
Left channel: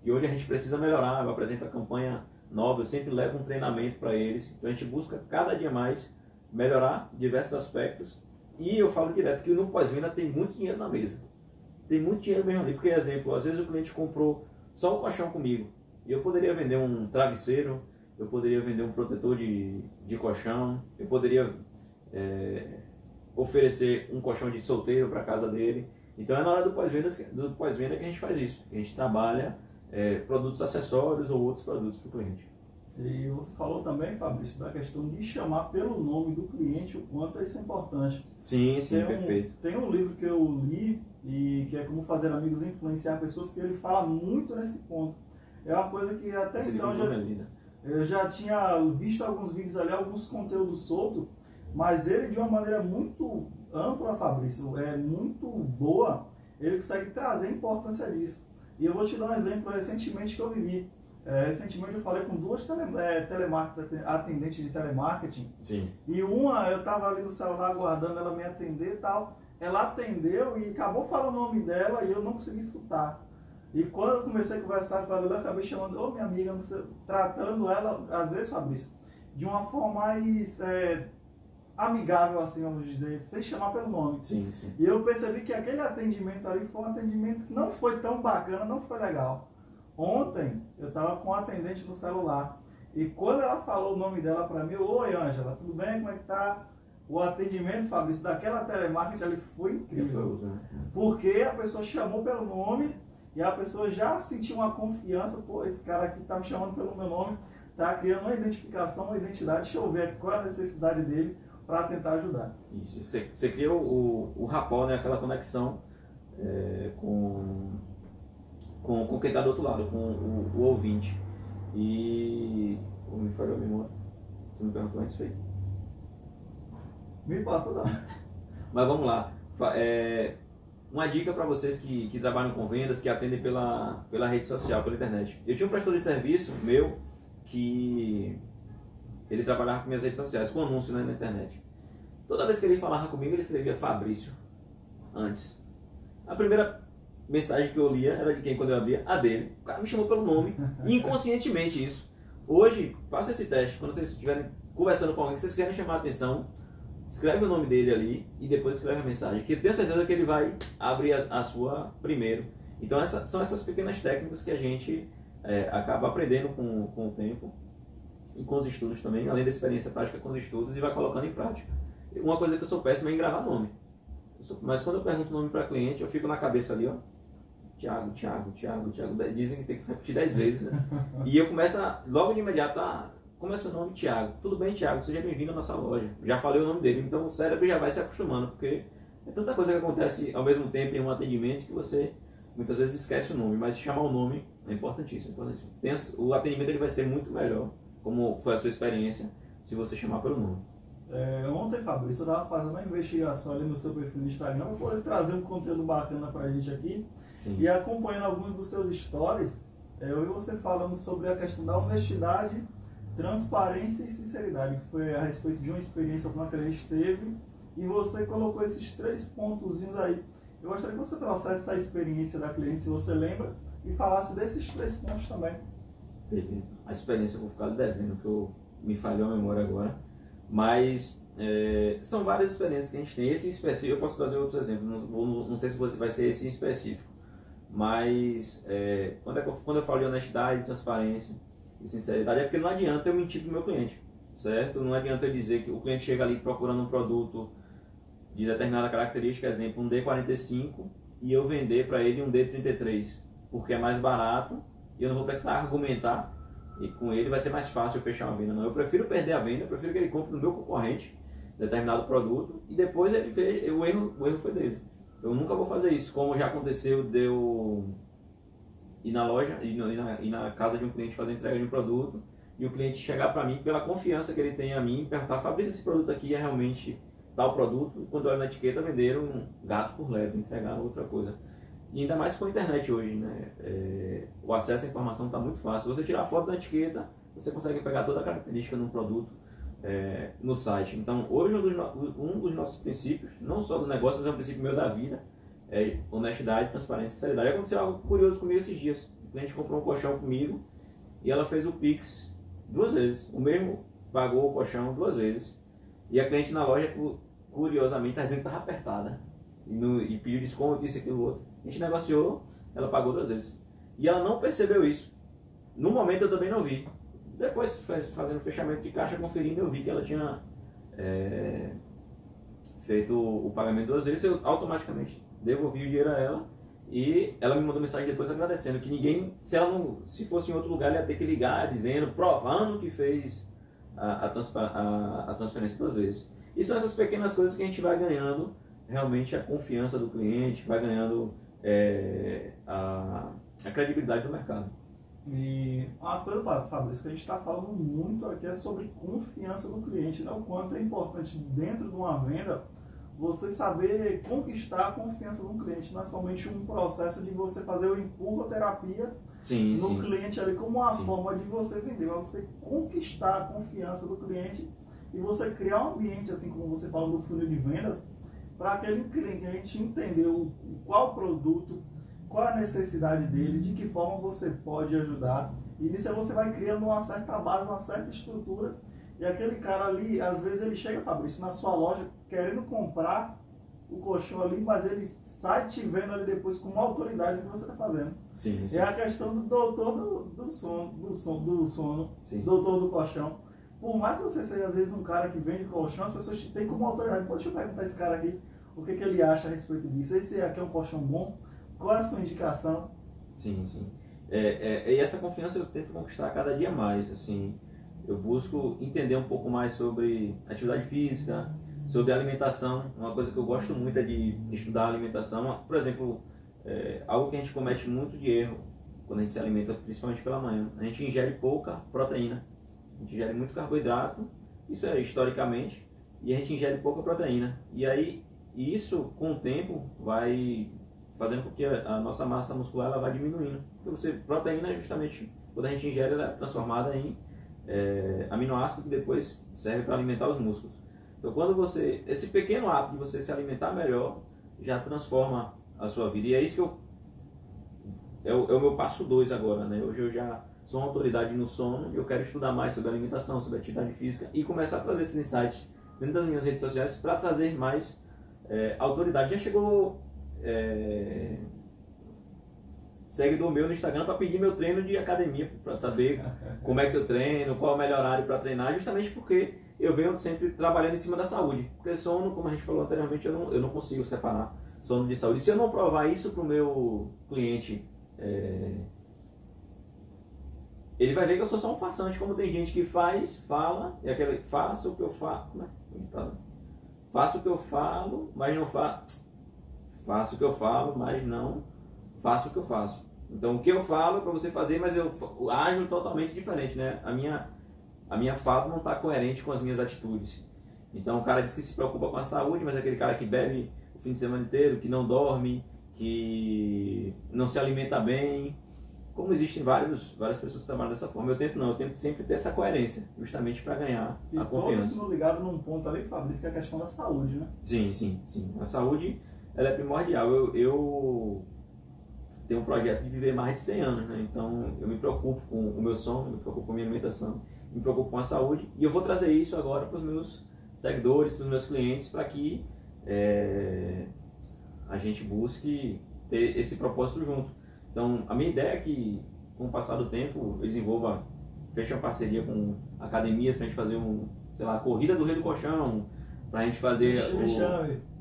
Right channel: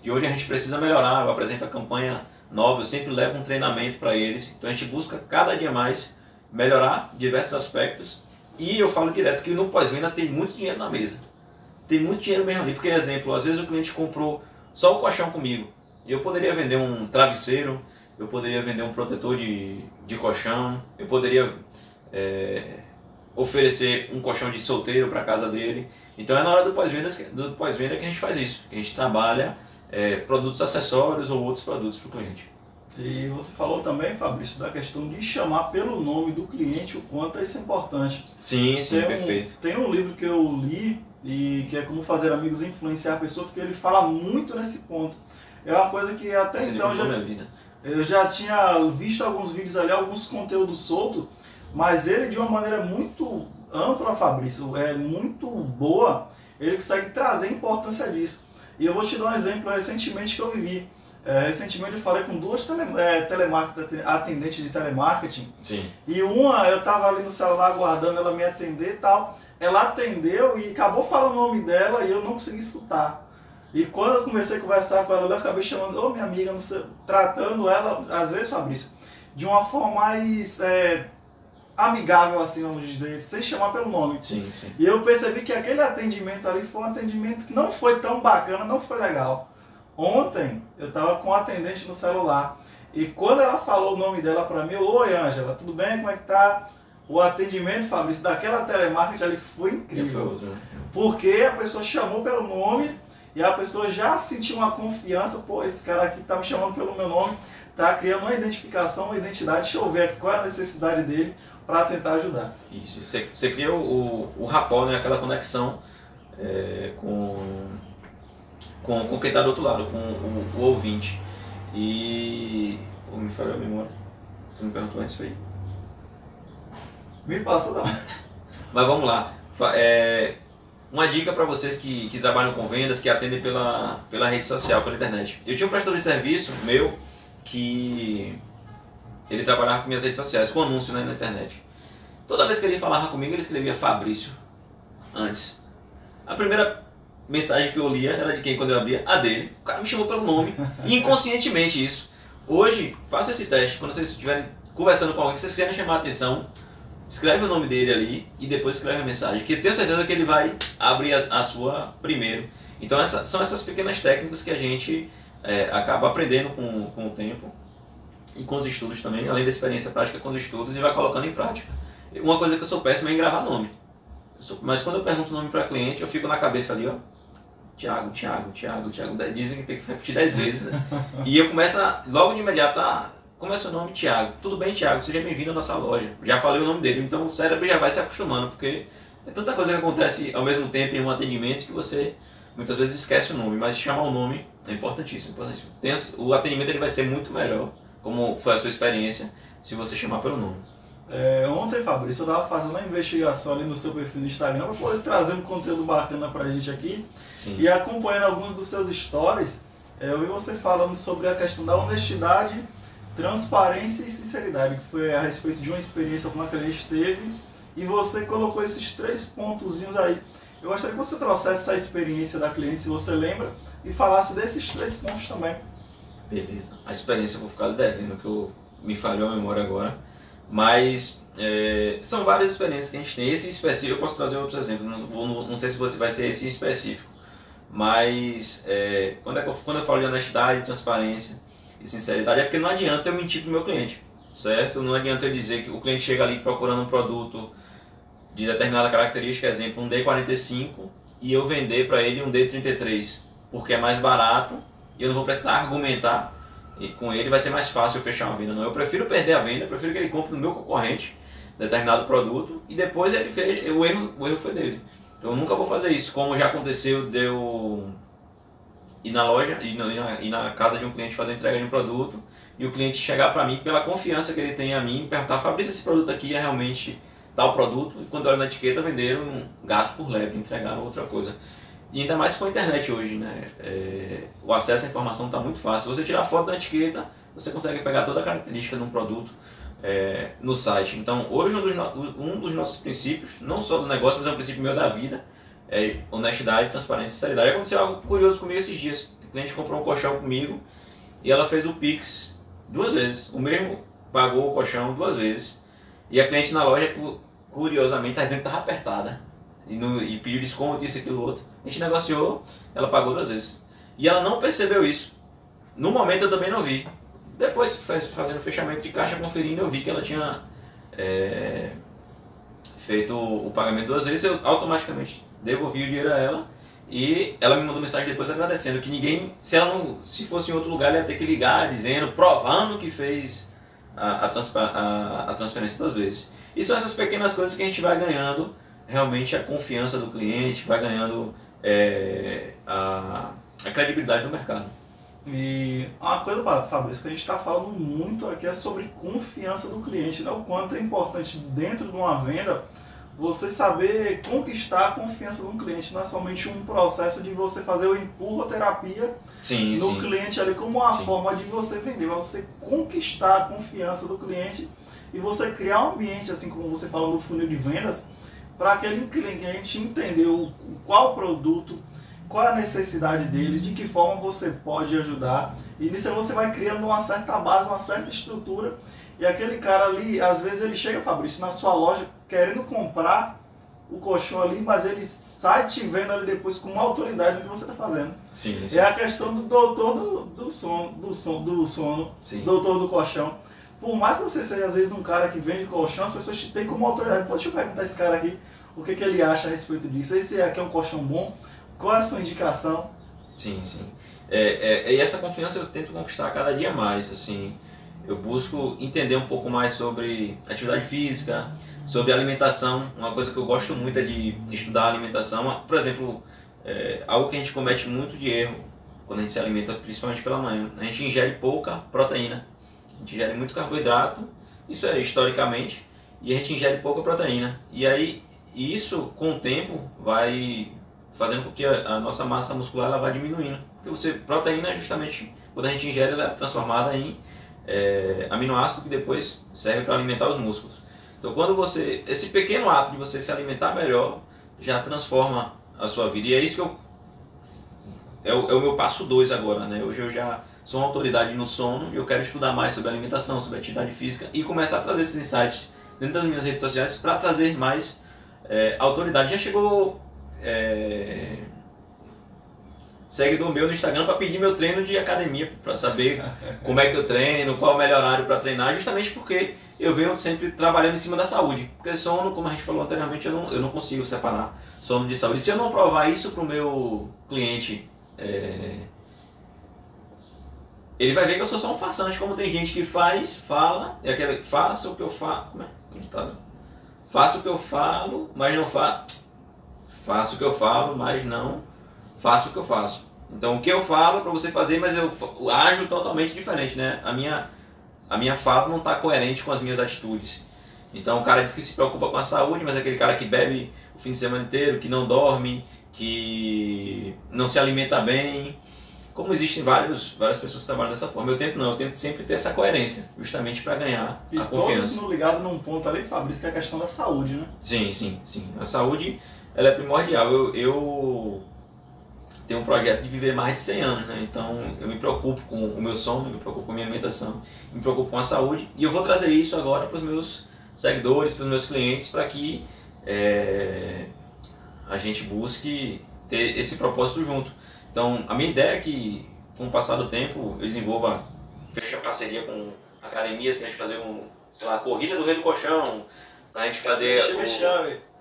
e onde a gente precisa melhorar. Eu apresento a campanha nova, eu sempre levo um treinamento para eles. Então a gente busca cada dia mais melhorar diversos aspectos. E eu falo direto que no pós-venda tem muito dinheiro na mesa. Tem muito dinheiro mesmo ali. Porque, exemplo, às vezes o cliente comprou só o colchão comigo. E eu poderia vender um travesseiro, eu poderia vender um protetor de colchão, eu poderia oferecer um colchão de solteiro para casa dele. Então é na hora do pós-venda que a gente faz isso. A gente trabalha produtos acessórios ou outros produtos para o cliente. E você falou também, Fabrício, da questão de chamar pelo nome do cliente, o quanto isso é importante. Sim, perfeito. Tem um livro que eu li, e que é Como Fazer Amigos e Influenciar Pessoas, que ele fala muito nesse ponto. É uma coisa que até Esse então eu já tinha visto alguns vídeos ali, alguns conteúdos soltos, mas ele de uma maneira muito ampla, Fabrício, muito boa, ele consegue trazer a importância disso. E eu vou te dar um exemplo recentemente que eu vivi. Recentemente eu falei com duas atendentes de telemarketing. Sim. E uma, eu estava ali no celular aguardando ela me atender e tal. Ela atendeu e acabou falando o nome dela e eu não consegui escutar. E quando eu comecei a conversar com ela, eu acabei chamando, minha amiga, não sei, tratando ela, às vezes, Fabrício, de uma forma mais amigável, assim, vamos dizer, sem chamar pelo nome. Sim, sim. E eu percebi que aquele atendimento ali foi um atendimento que não foi tão bacana, não foi legal. Ontem eu estava com um atendente no celular e quando ela falou o nome dela para mim, oi Ângela, tudo bem? Como é que tá? O atendimento, Fabrício, daquela telemarketing ali foi incrível. Foi outro, né? Porque a pessoa chamou pelo nome e a pessoa já sentiu uma confiança, pô, esse cara aqui tá me chamando pelo meu nome, tá criando uma identificação, uma identidade, deixa eu ver aqui qual é a necessidade dele para tentar ajudar. Isso, você cria o rapport, né? Aquela conexão com quem está do outro lado, com o ouvinte. E me falhou a memória. Você me perguntou antes, foi? Me passa não. Mas vamos lá. Uma dica para vocês que trabalham com vendas, que atendem pela rede social, pela internet. Eu tinha um prestador de serviço meu que ele trabalhava com minhas redes sociais, com anúncio, né, na internet. Toda vez que ele falava comigo, ele escrevia Fabrício antes. A primeira mensagem que eu lia era de quem quando eu abria? A dele. O cara me chamou pelo nome, inconscientemente isso. Hoje, faça esse teste. Quando vocês estiverem conversando com alguém que vocês querem chamar a atenção, escreve o nome dele ali e depois escreve a mensagem, que eu tenho certeza que ele vai abrir a sua primeiro. Então são essas pequenas técnicas que a gente acaba aprendendo com o tempo e com os estudos também, além da experiência prática com os estudos, e vai colocando em prática. Uma coisa que eu sou péssimo é em gravar nome. Mas quando eu pergunto o nome para cliente, eu fico na cabeça ali, ó, Thiago. Dizem que tem que repetir 10 vezes, né? E eu começo logo de imediato, como é seu nome? Thiago. Tudo bem, Thiago, seja bem-vindo à nossa loja. Já falei o nome dele, então o cérebro já vai se acostumando, porque é tanta coisa que acontece ao mesmo tempo em um atendimento que você muitas vezes esquece o nome, mas chamar o nome é importantíssimo. O atendimento ele vai ser muito melhor, como foi a sua experiência, se você chamar pelo nome. Ontem, Fabrício, eu estava fazendo uma investigação ali no seu perfil no Instagram para poder trazer um conteúdo bacana para a gente aqui. Sim. E acompanhando alguns dos seus stories, eu vi você falando sobre a questão da honestidade, transparência e sinceridade, que foi a respeito de uma experiência que uma cliente teve, e você colocou esses 3 pontozinhos aí. Eu gostaria que você trouxesse essa experiência da cliente, se você lembra, e falasse desses 3 pontos também. Beleza. A experiência eu vou ficar devendo, que me falhou a memória agora. Mas são várias experiências que a gente tem. Esse específico, eu posso trazer outros exemplos, não sei se vai ser esse específico. Mas quando eu falo de honestidade, transparência e sinceridade, é porque não adianta eu mentir para o meu cliente, certo? Não adianta eu dizer que o cliente chega ali procurando um produto de determinada característica, exemplo, um D45, e eu vender para ele um D33, porque é mais barato e eu não vou precisar argumentar. E com ele vai ser mais fácil eu fechar uma venda. Não, eu prefiro perder a venda, eu prefiro que ele compre no meu concorrente determinado produto e depois ele fez, o erro foi dele. Então eu nunca vou fazer isso, como já aconteceu de eu ir na loja, ir na casa de um cliente fazer a entrega de um produto e o cliente chegar para mim pela confiança que ele tem a mim e perguntar: Fabrício, esse produto aqui é realmente tal produto? E quando eu olho na etiqueta, venderam um gato por lebre, entregaram outra coisa. E ainda mais com a internet hoje, né? O acesso à informação está muito fácil. Se você tirar a foto da etiqueta, você consegue pegar toda a característica de um produto no site. Então, hoje um dos nossos princípios, não só do negócio, mas é um princípio meu da vida, é honestidade, transparência e sinceridade. Aconteceu algo curioso comigo esses dias. O cliente comprou um colchão comigo e ela fez o Pix 2 vezes. O mesmo pagou o colchão 2 vezes. E a cliente na loja, curiosamente, está dizendo que estava apertada. E pediu desconto, isso, aquilo, outro. A gente negociou, ela pagou 2 vezes. E ela não percebeu isso. No momento eu também não vi. Depois, fazendo o fechamento de caixa, conferindo, eu vi que ela tinha feito o pagamento 2 vezes. Eu automaticamente devolvi o dinheiro a ela. E ela me mandou mensagem depois agradecendo que ninguém, se fosse em outro lugar, ela ia ter que ligar dizendo, provando que fez a transferência 2 vezes. E são essas pequenas coisas que a gente vai ganhando realmente a confiança do cliente, vai ganhando a credibilidade do mercado. E uma coisa, Fabrício, que a gente está falando muito aqui é sobre confiança do cliente, né? O quanto é importante dentro de uma venda você saber conquistar a confiança de um cliente. Não é somente um processo de você fazer o empurroterapia no cliente ali como uma forma de você vender, mas você conquistar a confiança do cliente e você criar um ambiente, assim como você falou no funil de vendas, para aquele cliente entender qual produto, qual é a necessidade dele, de que forma você pode ajudar. E nisso você vai criando uma certa base, uma certa estrutura. E aquele cara ali, às vezes ele chega, Fabrício, na sua loja querendo comprar o colchão ali, mas ele sai te vendo ali depois com uma autoridade do que você está fazendo. Sim. É a questão do doutor do sono, doutor do colchão. Por mais que você seja, às vezes, um cara que vende colchão, as pessoas te têm como autoridade. Pô, deixa eu perguntar a esse cara aqui o que ele acha a respeito disso. Esse aqui é um colchão bom? Qual é a sua indicação? Sim. E essa confiança eu tento conquistar cada dia mais. Assim, eu busco entender um pouco mais sobre atividade física, sobre alimentação. Uma coisa que eu gosto muito é de estudar a alimentação. Por exemplo, algo que a gente comete muito de erro quando a gente se alimenta, principalmente pela manhã. A gente ingere pouca proteína. A gente ingere muito carboidrato, isso é historicamente, e a gente ingere pouca proteína. E aí, isso com o tempo vai fazendo com que a nossa massa muscular ela vá diminuindo. Porque proteína, justamente, quando a gente ingere, ela é transformada em aminoácido que depois serve para alimentar os músculos. Então, esse pequeno ato de você se alimentar melhor já transforma a sua vida. E é isso que é o meu passo 2 agora, né? Hoje eu já sou uma autoridade no sono e eu quero estudar mais sobre alimentação, sobre atividade física e começar a trazer esses insights dentro das minhas redes sociais para trazer mais autoridade. Já chegou seguidor meu no Instagram para pedir meu treino de academia, para saber como é que eu treino, qual é o melhor horário para treinar, justamente porque eu venho sempre trabalhando em cima da saúde. Porque sono, como a gente falou anteriormente, eu não consigo separar sono de saúde. Se eu não provar isso para o meu cliente, ele vai ver que eu sou só um farsante, como tem gente que fala, é aquele, faça o que eu falo, como é? Faça o que eu falo, mas não faço o que eu falo, mas não faço o que eu faço. Então o que eu falo é para você fazer, mas eu ajo totalmente diferente, né? A minha fala não está coerente com as minhas atitudes. Então o cara diz que se preocupa com a saúde, mas é aquele cara que bebe o fim de semana inteiro, que não dorme, que não se alimenta bem. Como existem várias pessoas que trabalham dessa forma, eu tento sempre ter essa coerência, justamente para ganhar a confiança. E todos ligados num ponto ali, Fabrício, que é a questão da saúde, né? Sim. A saúde, ela é primordial. Eu tenho um projeto de viver mais de 100 anos, né? Então eu me preocupo com o meu sono, me preocupo com a minha alimentação, me preocupo com a saúde, e eu vou trazer isso agora para os meus seguidores, para os meus clientes, para que a gente busque ter esse propósito junto. Então, a minha ideia é que, com o passar do tempo, eu desenvolva, feche a parceria com academias para a gente fazer a corrida do Rei do Colchão, para a gente fazer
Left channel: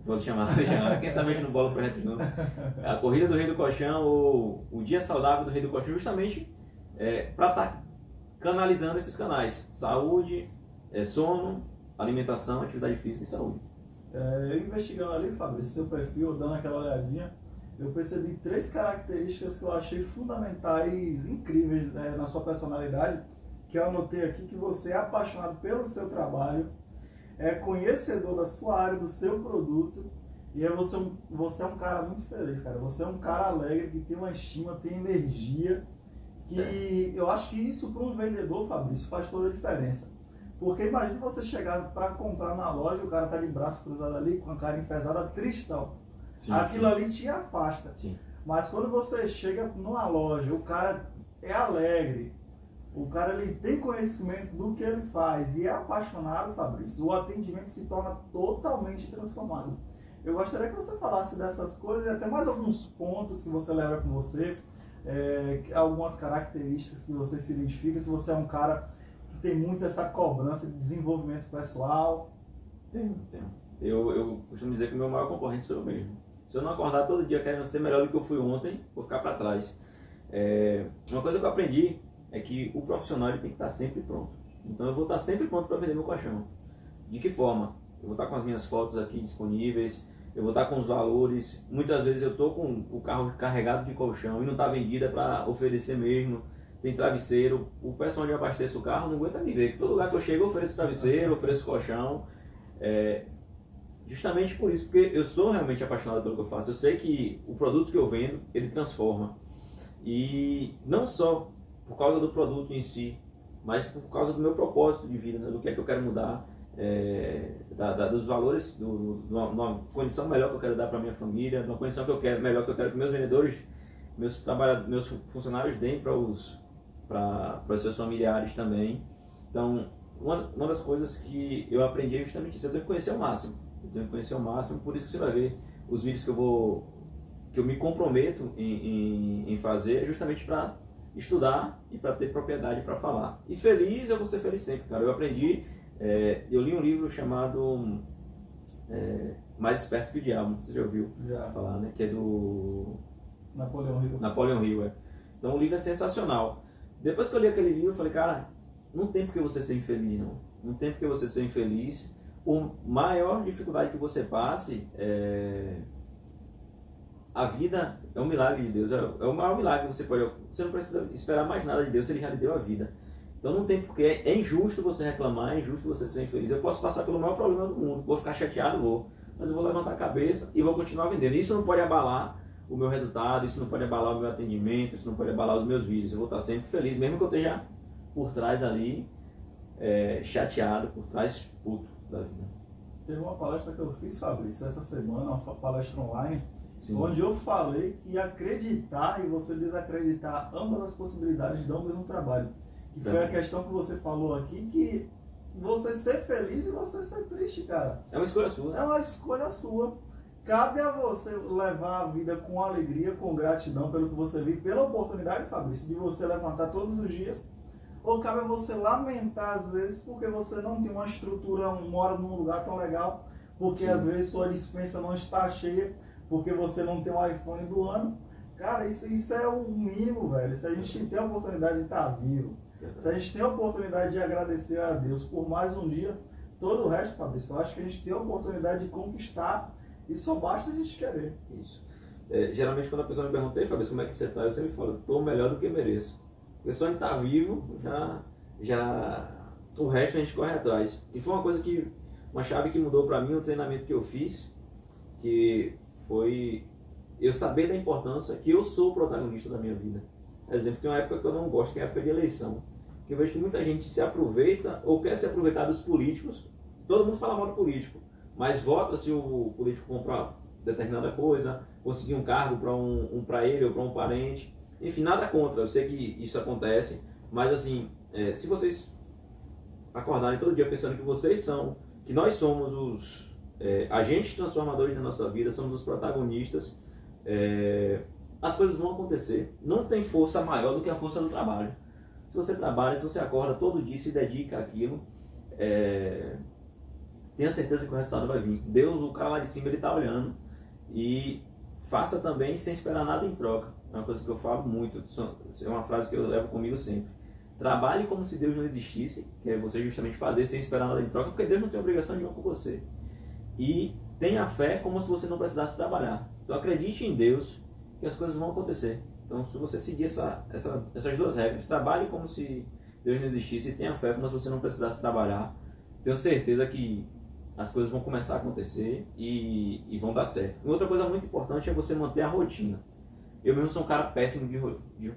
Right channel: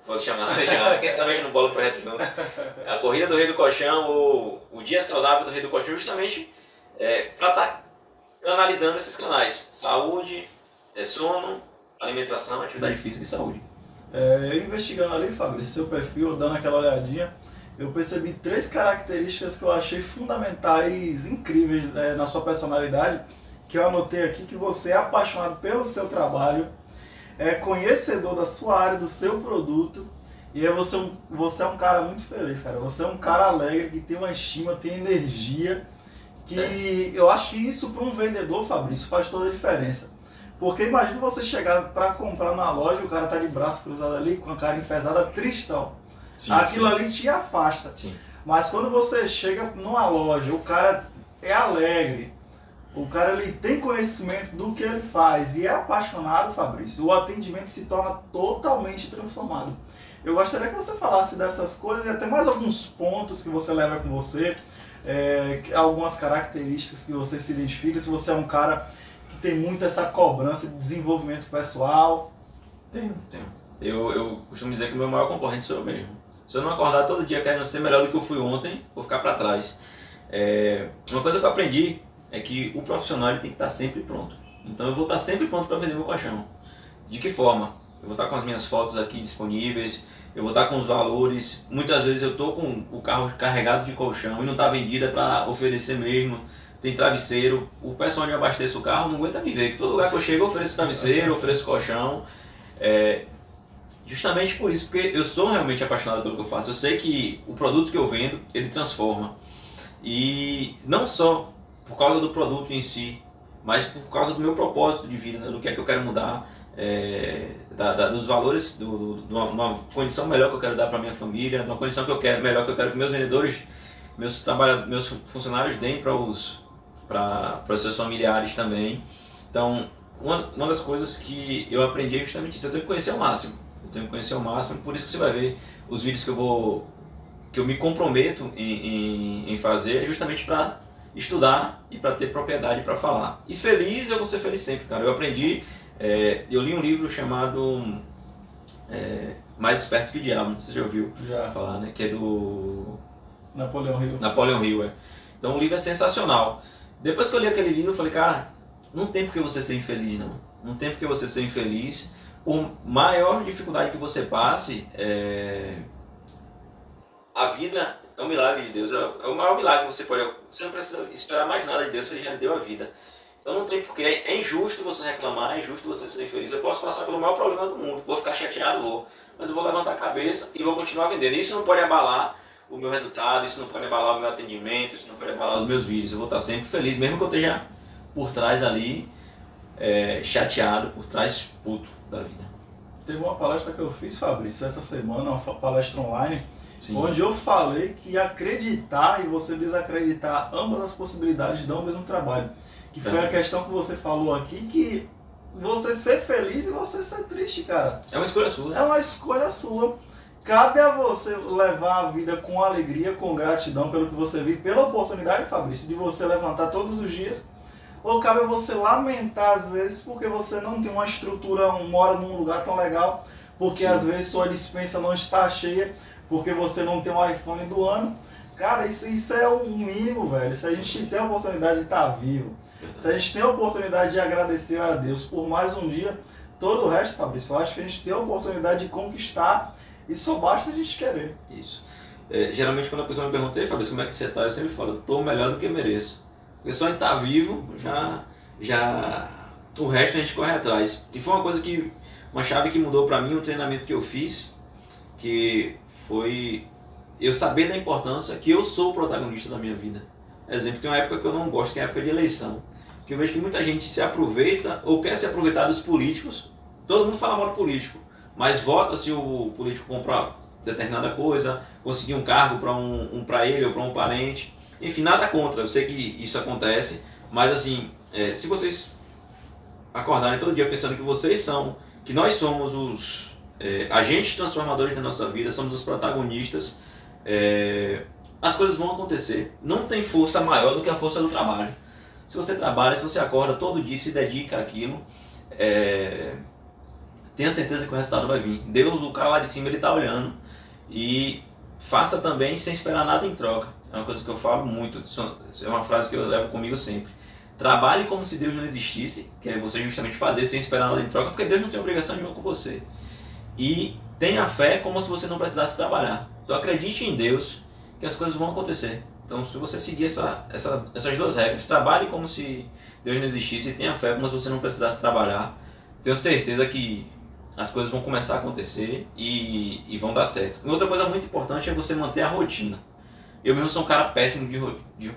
Vou te chamar, quem sabe a gente não bola o projeto junto. A corrida do Rei do Colchão, o dia saudável do Rei do Colchão, justamente para estar canalizando esses canais: saúde, sono, alimentação, atividade física e saúde. Eu investigando ali, Fabrício, seu perfil, dando aquela olhadinha, eu percebi 3 características que eu achei fundamentais, incríveis na sua personalidade, que eu anotei aqui: que você é apaixonado pelo seu trabalho, é conhecedor da sua área, do seu produto, e você é um cara muito feliz, cara. Você é um cara alegre, que tem uma estima, tem energia, que eu acho que isso para um vendedor, Fabrício, faz toda a diferença. Porque imagina você chegar para comprar na loja, o cara tá de braço cruzado ali, com a cara enfesada, tristão. Aquilo ali te afasta. Sim. Mas quando você chega numa loja, o cara é alegre, o cara ele tem conhecimento do que ele faz e é apaixonado, Fabrício, o atendimento se torna totalmente transformado. Eu gostaria que você falasse dessas coisas e até mais alguns pontos que você leva com você, algumas características que você se identifica, se você é um cara que tem muito essa cobrança de desenvolvimento pessoal. Tenho. Eu costumo dizer que o meu maior concorrente sou eu mesmo. Se eu não acordar todo dia querendo ser melhor do que eu fui ontem, vou ficar para trás. Uma coisa que eu aprendi é que o profissional ele tem que estar sempre pronto. Então eu vou estar sempre pronto para vender meu colchão. De que forma? Eu vou estar com as minhas fotos aqui disponíveis, eu vou estar com os valores. Muitas vezes eu estou com o carro carregado de colchão e não está vendida para oferecer mesmo. Tem travesseiro, o pessoal onde eu abasteço o carro não aguenta me ver, que todo lugar que eu chego eu ofereço travesseiro, ofereço colchão. Justamente por isso, porque eu sou realmente apaixonado pelo que eu faço. Eu sei que o produto que eu vendo, ele transforma. E não só por causa do produto em si, mas por causa do meu propósito de vida, né? Do que é que eu quero mudar, dos valores, de uma condição melhor que eu quero dar para minha família, de uma condição melhor que eu quero que meus vendedores, meus funcionários deem para os seus familiares também. Então, uma das coisas que eu aprendi é justamente isso: eu tenho que conhecer ao máximo. Por isso que você vai ver os vídeos que eu me comprometo em fazer, justamente para estudar e para ter propriedade para falar. E feliz, eu vou ser feliz sempre, cara. Eu aprendi, eu li um livro chamado Mais Esperto que o Diabo, não sei se você já ouviu falar, né? Que é do Napoleon Hill. Então o livro é sensacional. Depois que eu li aquele livro, eu falei, cara, não tem por que você ser infeliz, não. Não tem por que você ser infeliz. Por maior dificuldade que você passe, a vida é um milagre de Deus. É o maior milagre que você pode. Você não precisa esperar mais nada de Deus, Ele já lhe deu a vida. Então não tem porquê. É injusto você reclamar, é injusto você ser infeliz. Eu posso passar pelo maior problema do mundo, vou ficar chateado, mas eu vou levantar a cabeça e vou continuar vendendo. Isso não pode abalar o meu resultado, isso não pode abalar o meu atendimento, isso não pode abalar os meus vídeos. Eu vou estar sempre feliz, mesmo que eu esteja por trás ali, chateado, por trás puto da vida. Teve uma palestra que eu fiz, Fabrício, essa semana, uma palestra online, Sim. Onde eu falei que acreditar e você desacreditar, ambas as possibilidades dão o mesmo trabalho. Que foi a questão que você falou aqui, que você ser feliz e você ser triste, cara. É uma escolha sua. É uma escolha sua. Cabe a você levar a vida com alegria, com gratidão pelo que você vive, pela oportunidade, Fabrício, de você levantar todos os dias. Ou cabe a você lamentar às vezes porque você não tem uma estrutura, mora num lugar tão legal, porque Sim. às vezes sua despensa não está cheia, porque você não tem um iPhone do ano. Cara, isso é o mínimo, velho. Se a gente tem a oportunidade de estar vivo, se a gente tem a oportunidade de agradecer a Deus por mais um dia, todo o resto, Fabrício, eu acho que a gente tem a oportunidade de conquistar e só basta a gente querer. Isso. Geralmente quando a pessoa me pergunta, "Ei, Fabrício, como é que você está?", eu sempre falo, estou melhor do que mereço. Porque só em estar vivo, já o resto a gente corre atrás. E foi uma chave que mudou para mim, um treinamento que eu fiz, que foi eu saber da importância que eu sou o protagonista da minha vida. Exemplo, tem uma época que eu não gosto, que é a época de eleição. Que eu vejo que muita gente se aproveita ou quer se aproveitar dos políticos. Todo mundo fala mal do político, mas vota se o político comprar determinada coisa, conseguir um cargo para ele ou para um parente. Enfim, nada contra, eu sei que isso acontece, mas assim, se vocês acordarem todo dia pensando que nós somos os agentes transformadores da nossa vida, somos os protagonistas, as coisas vão acontecer. Não tem força maior do que a força do trabalho. Se você trabalha, se você acorda todo dia e se dedica àquilo, tenha certeza que o resultado vai vir. Deus, o cara lá de cima, ele está olhando. E faça também sem esperar nada em troca. É uma coisa que eu falo muito, é uma frase que eu levo comigo sempre. Trabalhe como se Deus não existisse, que é você justamente fazer sem esperar nada em troca, porque Deus não tem obrigação nenhuma com você. E tenha fé como se você não precisasse trabalhar. Então acredite em Deus que as coisas vão acontecer. Então se você seguir essas duas regras, trabalhe como se Deus não existisse e tenha fé como se você não precisasse trabalhar, tenho certeza que as coisas vão começar a acontecer e vão dar certo. E outra coisa muito importante é você manter a rotina. Eu mesmo sou um cara péssimo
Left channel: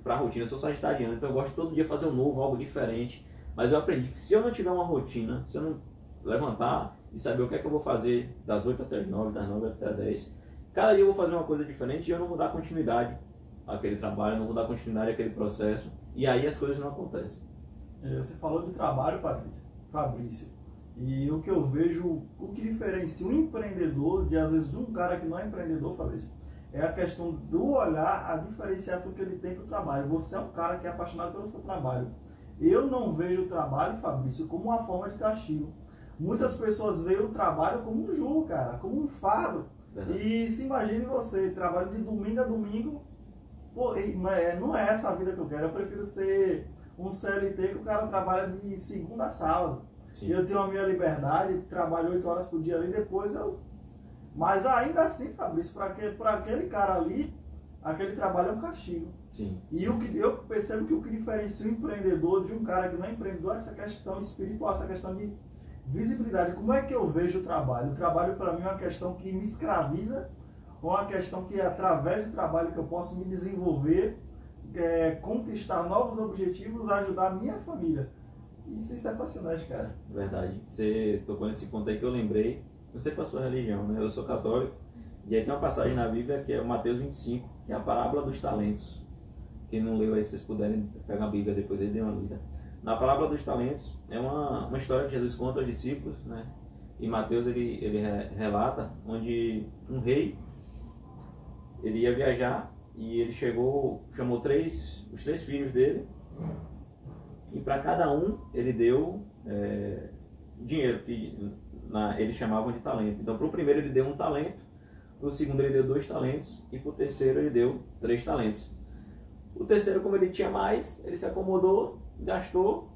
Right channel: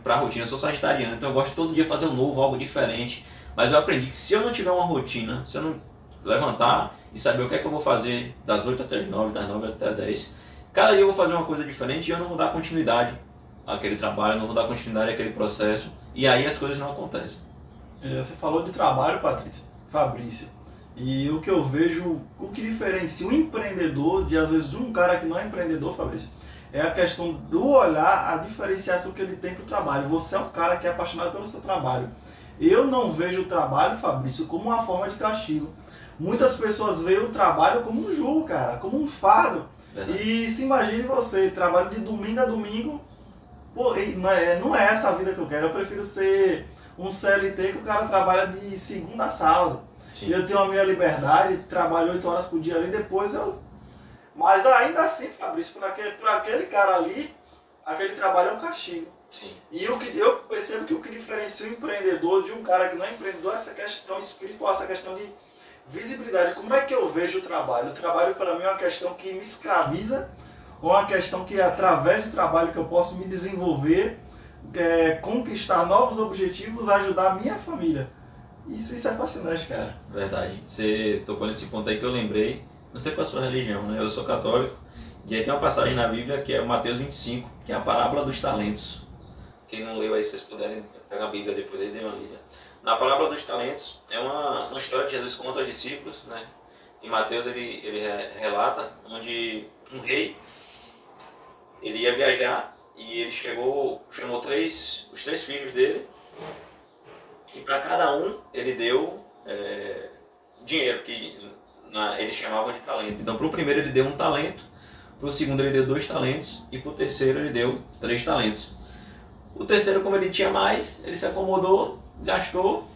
para rotina, eu sou sagitariano, então eu gosto de todo dia fazer um novo, algo diferente. Mas eu aprendi que se eu não tiver uma rotina, se eu não levantar e saber o que é que eu vou fazer das 8 até as 9, das 9 até as 10, cada dia eu vou fazer uma coisa diferente e eu não vou dar continuidade àquele trabalho, eu não vou dar continuidade àquele processo, e aí as coisas não acontecem. Você falou de trabalho, Fabrício, e o que eu vejo, o que diferencia um empreendedor às vezes de um cara que não é empreendedor, Fabrício, é a questão do olhar, a diferenciação que ele tem para o trabalho. Você é um cara que é apaixonado pelo seu trabalho. Eu não vejo o trabalho, Fabrício, como uma forma de castigo. Muitas pessoas veem o trabalho como um jugo, cara, como um fardo. Verdade. E se imagine você, trabalho de domingo a domingo. Pô, não é essa a vida que eu quero. Eu prefiro ser um CLT que o cara trabalha de segunda a sábado. Sim. Eu tenho a minha liberdade, trabalho 8 horas por dia ali, depois eu... Mas ainda assim, Fabrício, para aquele cara ali, aquele trabalho é um castigo. Sim. E eu percebo que o que diferencia o empreendedor de um cara que não é empreendedor é essa questão espiritual, essa questão de visibilidade. Como é que eu vejo o trabalho? O trabalho para mim é uma questão que me escraviza, ou uma questão que através do trabalho que eu posso me desenvolver, conquistar novos objetivos, ajudar a minha família. Isso é fascinante, cara. Verdade. Você tocou nesse ponto aí que eu lembrei. Não sei qual é a sua religião, né? Eu sou católico. E aí tem uma passagem na Bíblia que é Mateus 25, que é a parábola dos talentos. Quem não leu aí, se vocês puderem pegar a Bíblia depois aí, dê uma lida. Na parábola dos talentos, é uma história que Jesus conta aos discípulos, né? E Mateus ele relata onde um rei, ele ia viajar e ele chamou os 3 filhos dele, e para cada um ele deu dinheiro, que eles chamavam de talento. Então para o primeiro ele deu 1 talento, para o segundo ele deu 2 talentos e para o terceiro ele deu 3 talentos. O terceiro, como ele tinha mais, ele se acomodou, gastou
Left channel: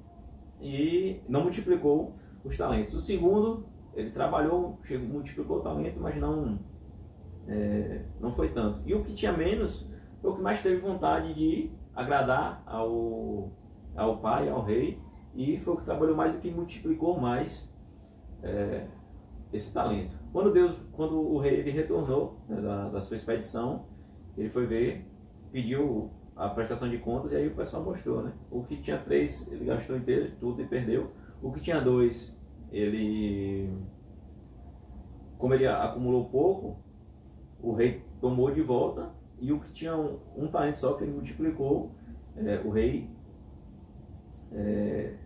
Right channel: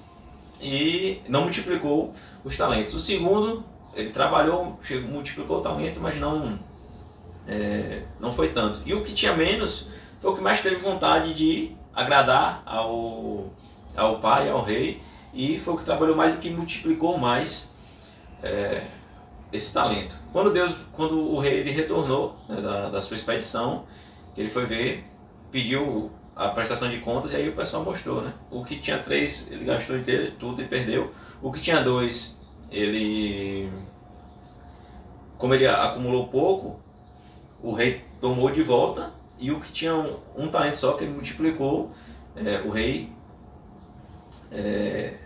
e não multiplicou os talentos. O segundo, ele trabalhou, multiplicou o talento, mas não foi tanto. E o que tinha menos foi o que mais teve vontade de agradar ao pai, ao rei, e foi o que trabalhou mais, o que multiplicou mais esse talento. Quando o rei ele retornou, né, da sua expedição, ele foi ver, pediu a prestação de contas, e aí o pessoal mostrou, né? O que tinha 3, ele gastou inteiro, tudo e perdeu. O que tinha 2, como ele acumulou pouco, o rei tomou de volta, e o que tinha um talento só, que ele multiplicou, o rei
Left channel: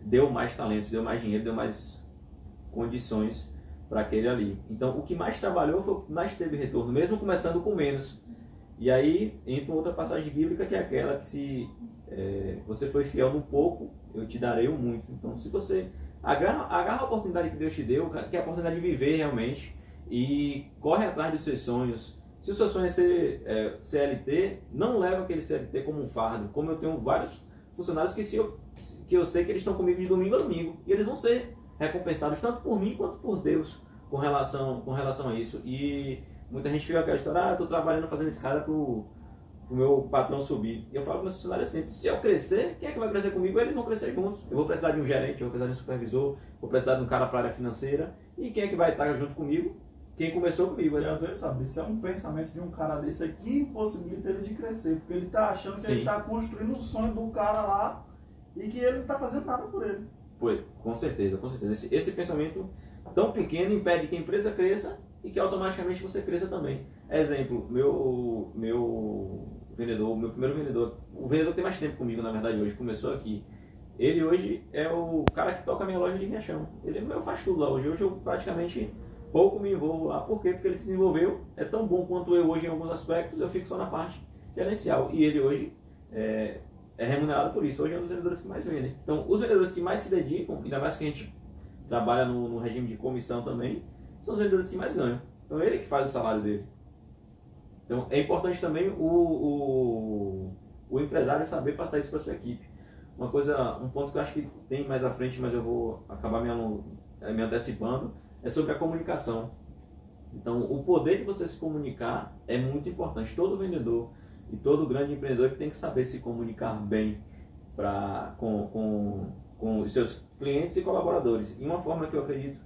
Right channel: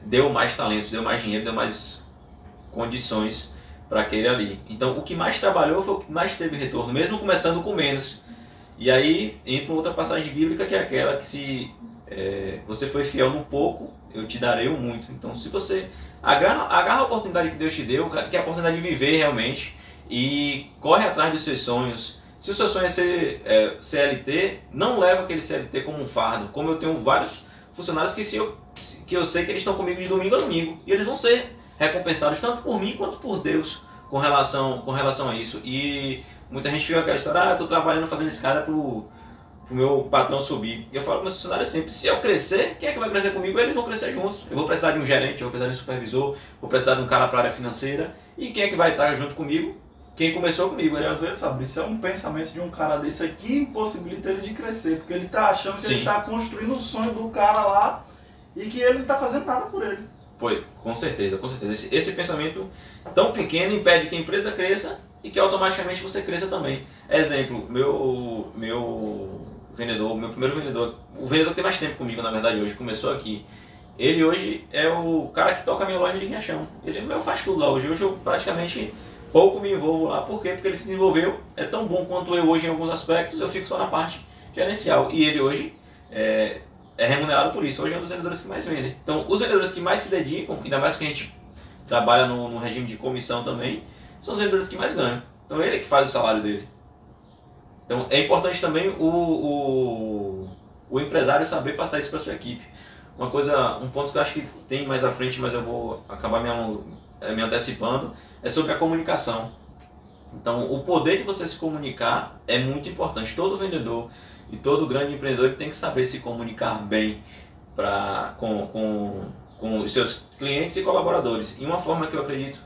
deu mais talentos, deu mais dinheiro, deu mais condições para aquele ali. Então, o que mais trabalhou foi o que mais teve retorno, mesmo começando com menos. E aí entra outra passagem bíblica, que é aquela que se você foi fiel no pouco, eu te darei o muito. Então, se você agarra a oportunidade que Deus te deu, que é a oportunidade de viver realmente, e corre atrás dos seus sonhos. Se o seu sonho é ser CLT, não leva aquele CLT como um fardo. Como eu tenho vários funcionários que eu sei que eles estão comigo de domingo a domingo, e eles vão ser recompensados tanto por mim quanto por Deus com relação a isso. E muita gente fica com aquela história, eu estou trabalhando fazendo escada pro meu patrão subir. E eu falo para meus funcionários sempre, se eu crescer, quem é que vai crescer comigo? Eles vão crescer juntos. Eu vou precisar de um gerente, eu vou precisar de um supervisor, vou precisar de um cara para a área financeira. E quem é que vai estar junto comigo? Quem começou comigo. E às vezes, Fabrício, é um pensamento de um cara desse aqui que impossibilita ele de crescer, porque ele tá achando que ele tá construindo o sonho do cara lá e que ele não tá fazendo nada por ele. Foi, com certeza, com certeza. Esse pensamento tão pequeno impede que a empresa cresça e que automaticamente você cresça também. Exemplo, meu vendedor, meu primeiro vendedor, o vendedor que tem mais tempo comigo, na verdade, hoje, começou aqui. Ele hoje é o cara que toca a minha loja de Riachão. Ele faz tudo lá hoje. Hoje eu praticamente pouco me envolvo lá. Por quê? Porque ele se desenvolveu, é tão bom quanto eu hoje em alguns aspectos, eu fico só na parte gerencial. E ele hoje é remunerado por isso. Hoje é um dos vendedores que mais vendem. Então, os vendedores que mais se dedicam, ainda mais que a gente trabalha no regime de comissão também, são os vendedores que mais ganham. Então, ele é que faz o salário dele. Então, é importante também o empresário saber passar isso para sua equipe. Um ponto que eu acho que tem mais à frente, mas eu vou acabar me antecipando, é sobre a comunicação. Então, o poder de você se comunicar é muito importante. Todo vendedor e todo grande empreendedor tem que saber se comunicar bem com os seus clientes e colaboradores. E uma forma que eu acredito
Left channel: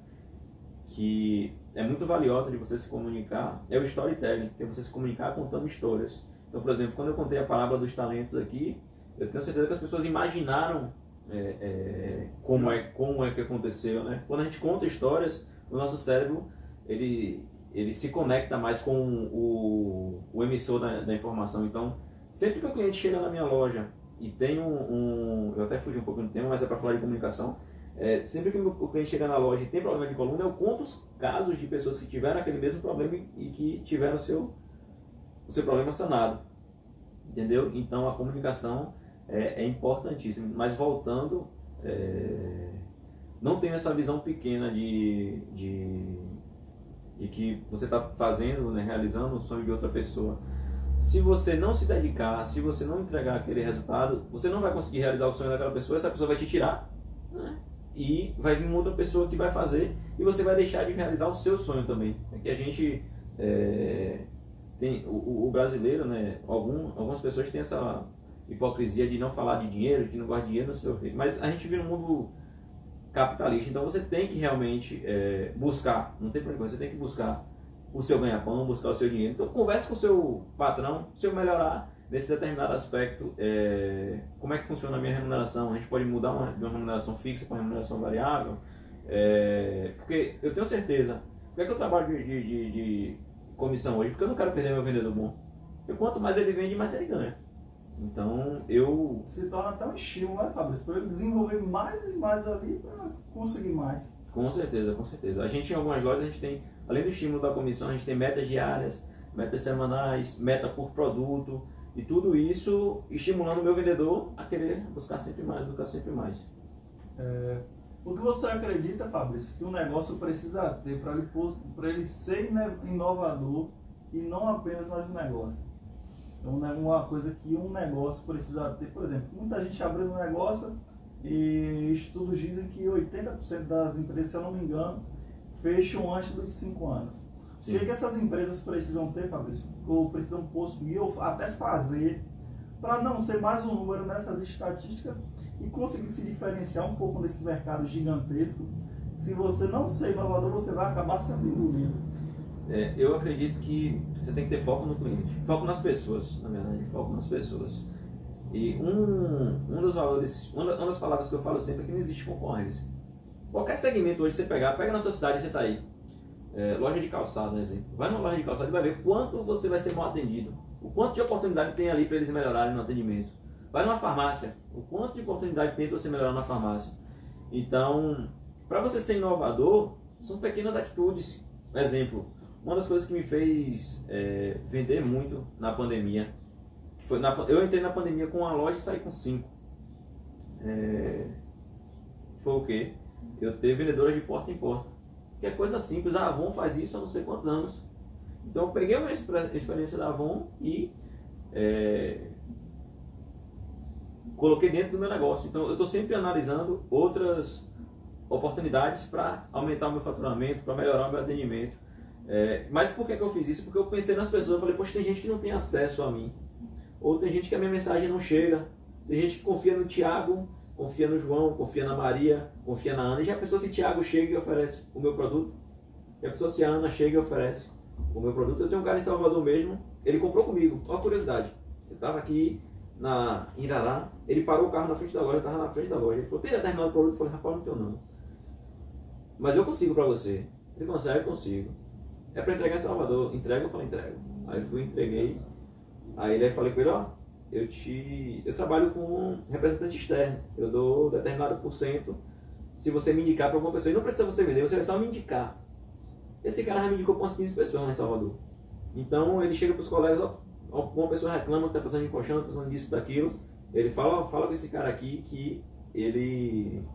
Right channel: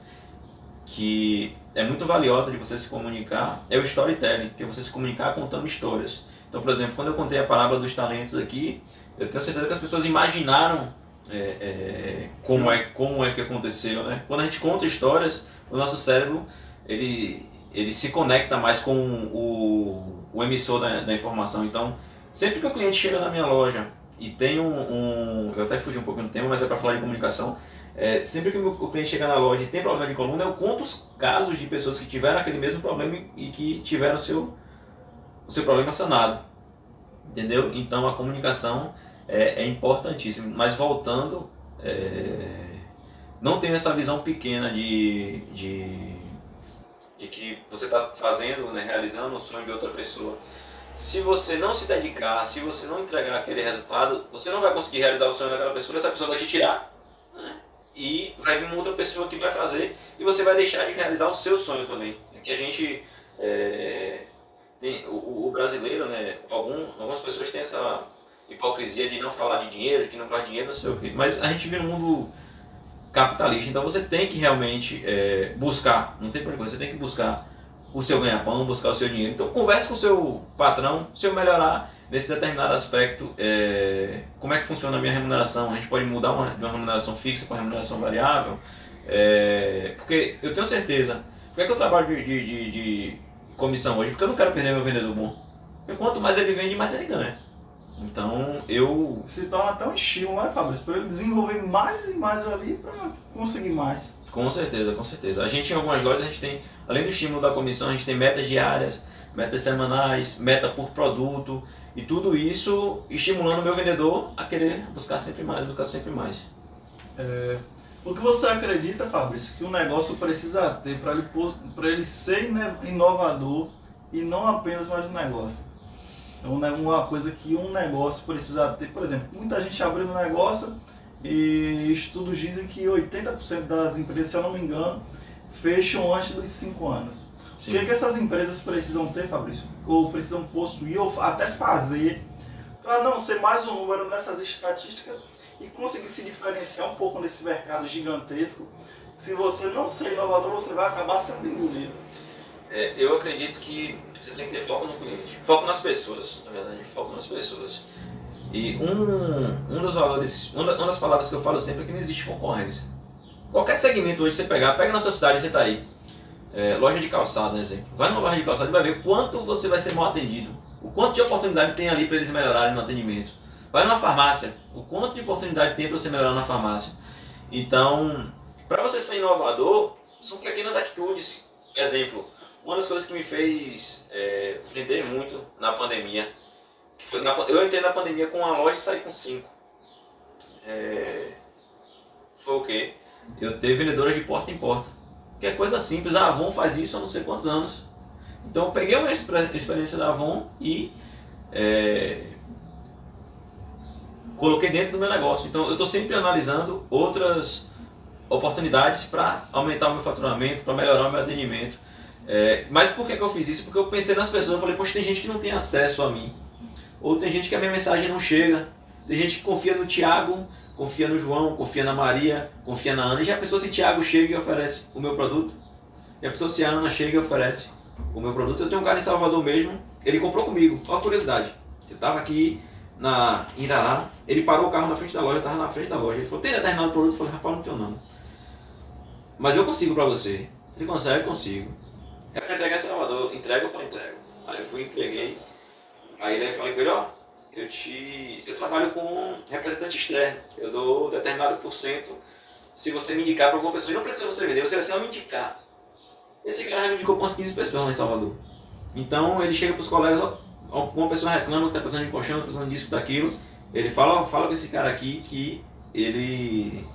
que é muito valiosa de você se comunicar é o storytelling, que é você se comunicar contando histórias. Então, por exemplo, quando eu contei a parábola dos talentos aqui, eu tenho certeza que as pessoas imaginaram como é que aconteceu, né? Quando a gente conta histórias, o nosso cérebro ele se conecta mais com o emissor da informação. Então, sempre que o cliente chega na minha loja e tem eu até fugi um pouquinho do tema, mas é para falar de comunicação. Sempre que o cliente chega na loja e tem problema de coluna, eu conto os casos de pessoas que tiveram aquele mesmo problema e que tiveram o seu problema sanado. Entendeu? Então, a comunicação é importantíssima. Mas voltando, não tenha essa visão pequena de que você está fazendo, né, realizando o sonho de outra pessoa. Se você não se dedicar, se você não entregar aquele resultado, você não vai conseguir realizar o sonho daquela pessoa, essa pessoa vai te tirar, né? E vai vir uma outra pessoa que vai fazer e você vai deixar de realizar o seu sonho também. E a gente tem o brasileiro, né? Algumas pessoas têm essa hipocrisia de não falar de dinheiro, de que não gosta de dinheiro, não sei o quê. Mas a gente vive num mundo capitalista, então você tem que realmente buscar, não tem problema, você tem que buscar o seu ganha-pão, buscar o seu dinheiro. Então converse com o seu patrão, se eu melhorar nesse determinado aspecto, como é que funciona a minha remuneração, a gente pode mudar de uma remuneração fixa para uma remuneração variável, porque eu tenho certeza, por que eu trabalho de comissão hoje? Porque eu não quero perder meu vendedor bom, porque quanto mais ele vende, mais ele ganha. Então eu... Se torna até um estímulo, né, Fabrício? Para ele desenvolver mais e mais ali para conseguir mais. Com certeza, com certeza. A gente em algumas lojas, a gente tem, além do estímulo da comissão, a gente tem metas diárias, metas semanais, meta por produto, e tudo isso estimulando o meu vendedor a querer buscar sempre mais, buscar sempre mais. O que você acredita, Fabrício, que o negócio precisa ter para ele ser inovador e não apenas mais um negócio? Uma coisa que um negócio precisa ter, por exemplo, muita gente abrindo negócio e estudos dizem que 80% das empresas, se eu não me engano, fecham antes dos 5 anos. Sim. O que essas empresas precisam ter, Fabrício? Ou precisam possuir, ou até fazer, para não ser mais um número nessas estatísticas e conseguir se diferenciar um pouco nesse mercado gigantesco? Se você não ser inovador, você vai acabar sendo engolido. Eu acredito que você tem que ter foco no cliente, foco nas pessoas, na verdade, foco nas pessoas. E um dos valores, uma das palavras que eu falo sempre é que não existe concorrência. Qualquer segmento hoje você pega na sua cidade, você está aí. Loja de calçado, exemplo. Vai numa loja de calçado e vai ver quanto você vai ser mal atendido. O quanto de oportunidade tem ali para eles melhorarem no atendimento. Vai numa farmácia, o quanto de oportunidade tem para você melhorar na farmácia. Então, para você ser inovador, são pequenas atitudes. Exemplo, uma das coisas que me fez vender muito na pandemia, que foi eu entrei na pandemia com uma loja e saí com 5. Foi o quê? Eu ter vendedoras de porta em porta. Que é coisa simples, a Avon faz isso há não sei quantos anos. Então eu peguei uma experiência da Avon e coloquei dentro do meu negócio. Então eu estou sempre analisando outras oportunidades para aumentar o meu faturamento, para melhorar o meu atendimento. Mas por que eu fiz isso? Porque eu pensei nas pessoas, eu falei, poxa, tem gente que não tem acesso a mim. Ou tem gente que a minha mensagem não chega. Tem gente que confia no Thiago, confia no João, confia na Maria, confia na Ana. E já pensou se Thiago chega e oferece o meu produto? Já pensou se a Ana chega e oferece o meu produto? Eu tenho um cara em Salvador mesmo, ele comprou comigo. Olha a curiosidade. Eu estava aqui em Irará, ele parou o carro na frente da loja, eu estava na frente da loja. Ele falou, tem determinado produto? Eu falei, rapaz, não tenho não. Mas eu consigo para você. Ele consegue? Eu consigo. É para entregar em Salvador. Entrega? Eu falei, entrego. Aí eu fui, entreguei. Aí eu falei com ele, ó, eu trabalho com representante externo. Eu dou determinado % se você me indicar para alguma pessoa. E não precisa você vender, você vai só me indicar. Esse cara já me indicou para umas 15 pessoas lá em Salvador. Então ele chega para os colegas, ó, uma pessoa reclama que está precisando de colchão, precisando disso, daquilo. Ele fala, ó, fala com esse cara aqui que ele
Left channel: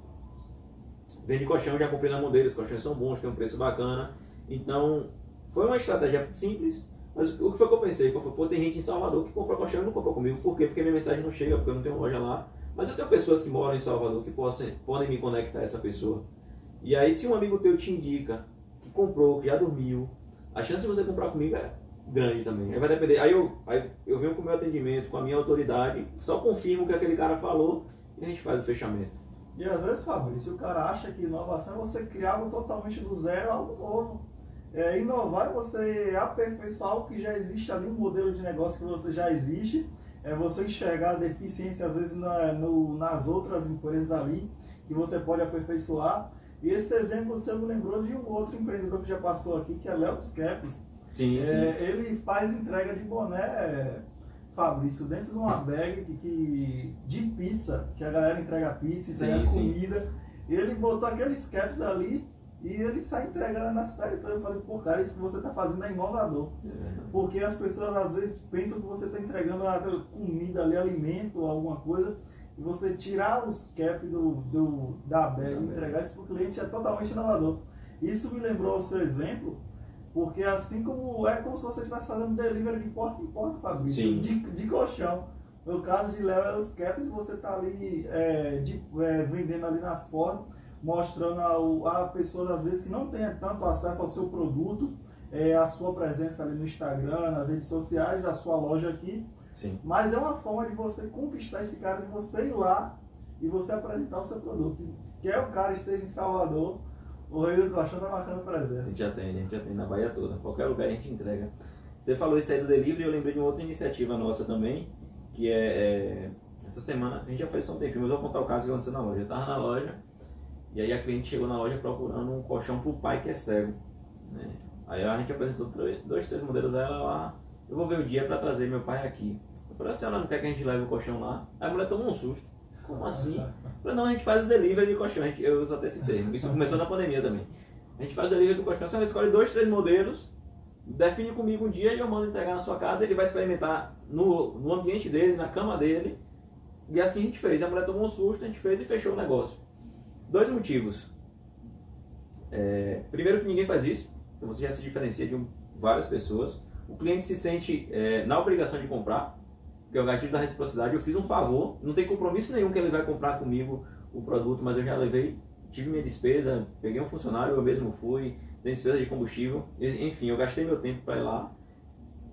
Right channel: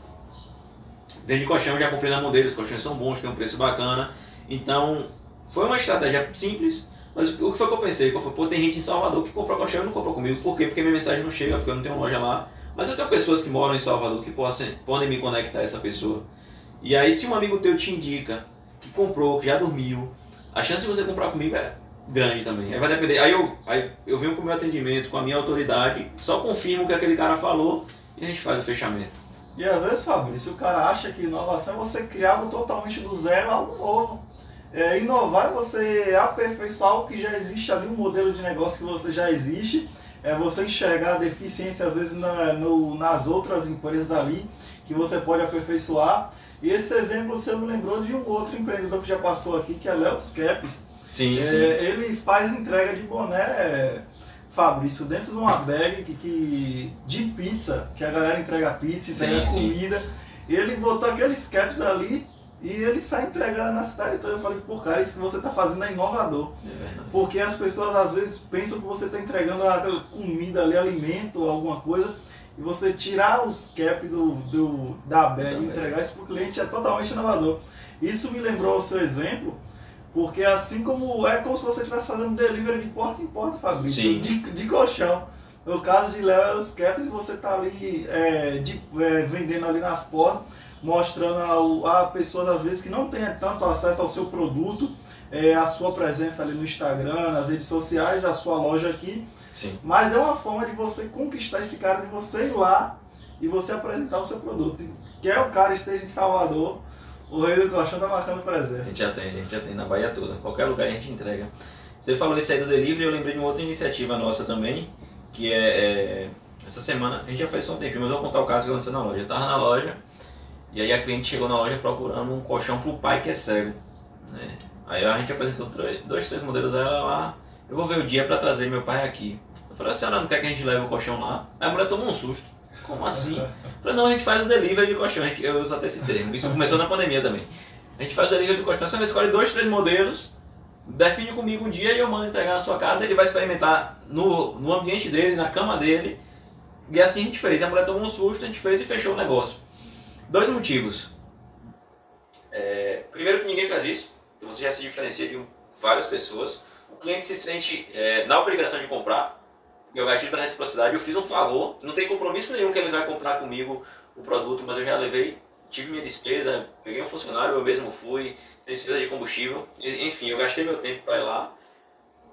vende colchão, já comprei na mão dele, os colchões são bons, tem um preço bacana. Então foi uma estratégia simples. Mas o que foi que eu pensei? Pô, tem gente em Salvador que comprou colchão e não comprou comigo. Por quê? Porque minha mensagem não chega, porque eu não tenho loja lá. Mas eu tenho pessoas que moram em Salvador que podem me conectar a essa pessoa. E aí, se um amigo teu te indica que comprou, que já dormiu, a chance de você comprar comigo é grande também. Aí vai depender. Aí eu venho com o meu atendimento, com a minha autoridade, só confirmo o que aquele cara falou e a gente faz o fechamento. E às vezes, Fabrício, o cara acha que inovação é você criar algo totalmente do zero, algo novo. Inovar é você aperfeiçoar algo que já existe ali, um modelo de negócio que você já existe, você enxergar a deficiência às vezes nas outras empresas ali que você pode aperfeiçoar. E esse exemplo você me lembrou de um outro empreendedor que já passou aqui, que é Léo Caps. Sim, sim. Ele faz entrega de boné, Fabrício, dentro de uma bag de pizza, que a galera entrega pizza, entrega comida. E ele botou aqueles caps ali e ele sai entregando na cidade toda. Eu falei, pô, cara, isso que você está fazendo é inovador. Porque as pessoas às vezes pensam que você está entregando aquela comida ali, alimento, alguma coisa, e você tirar os caps da bag e entregar isso para o cliente é totalmente inovador. Isso me lembrou o seu exemplo, porque assim como se você estivesse fazendo delivery de porta em porta, Fabrício, de colchão. No caso de Léo Caps, você está ali vendendo ali nas portas, mostrando a pessoas às vezes que não têm tanto acesso ao seu produto, a sua presença ali no Instagram, nas redes sociais, a sua loja aqui. Sim. Mas é uma forma de você conquistar esse cara, de você ir lá e você apresentar o seu produto. Quer o cara esteja em Salvador, o Rei do Colchão está marcando presença. A gente já tem na Bahia toda, qualquer lugar a gente entrega. Você falou isso aí do delivery, eu lembrei de uma outra iniciativa nossa também, que essa semana, a gente já fez só um tempinho, mas eu vou contar o caso que aconteceu na loja. Eu estava na loja, e aí a cliente chegou na loja procurando um colchão para o pai que é cego, né? Aí a gente apresentou 2, 3 modelos a ela lá. Eu vou ver o dia para trazer meu pai aqui. Eu falei, a senhora não quer que a gente leve o colchão lá? Aí a mulher tomou um susto. Como assim? Eu falei, não, a gente faz o delivery de colchão. Eu uso até esse termo. Isso começou na pandemia também. A gente faz o delivery de colchão. A senhora escolhe 2, 3 modelos, define comigo um dia e eu mando entregar na sua casa. Ele vai experimentar no ambiente dele, na cama dele. E assim a gente fez. A mulher tomou um susto, a gente fez e fechou o negócio. 2 motivos. Primeiro que ninguém faz isso. Então você já se diferencia de várias pessoas. O cliente se sente na obrigação de comprar, porque eu gatilho da reciprocidade, eu fiz um favor, não tem compromisso nenhum que ele vai comprar comigo o produto, mas eu já levei, tive minha despesa, peguei um funcionário, eu mesmo fui, dei despesa de combustível, enfim, eu gastei meu tempo para ir lá.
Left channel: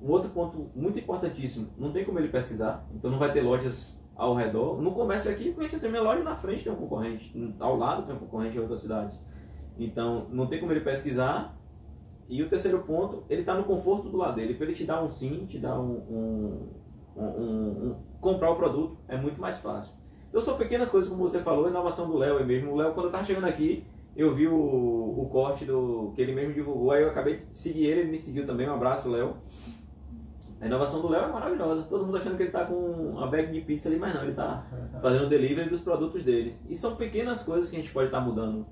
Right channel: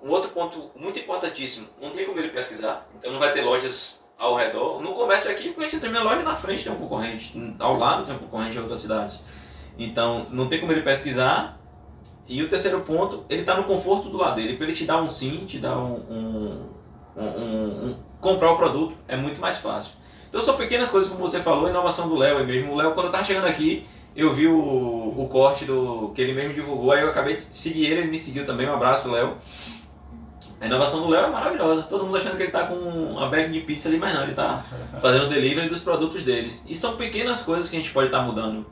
Um outro ponto muito importantíssimo, não tem como ele pesquisar, então não vai ter lojas ao redor. No comércio aqui, o cliente entra na minha loja, na frente tem um concorrente, ao lado tem um concorrente em outras cidades. Então não tem como ele pesquisar. E o terceiro ponto, ele está no conforto do lado dele. Para ele te dar um sim, te dar comprar o produto, é muito mais fácil. Então são pequenas coisas, como você falou, a inovação do Léo mesmo. O Léo, quando eu estava chegando aqui, eu vi o corte que ele mesmo divulgou, aí eu acabei de seguir ele me seguiu também. Um abraço, Léo. A inovação do Léo é maravilhosa. Todo mundo achando que ele está com uma bag de pizza ali, mas não, ele está fazendo o delivery dos produtos dele. E são pequenas coisas que a gente pode estar mudando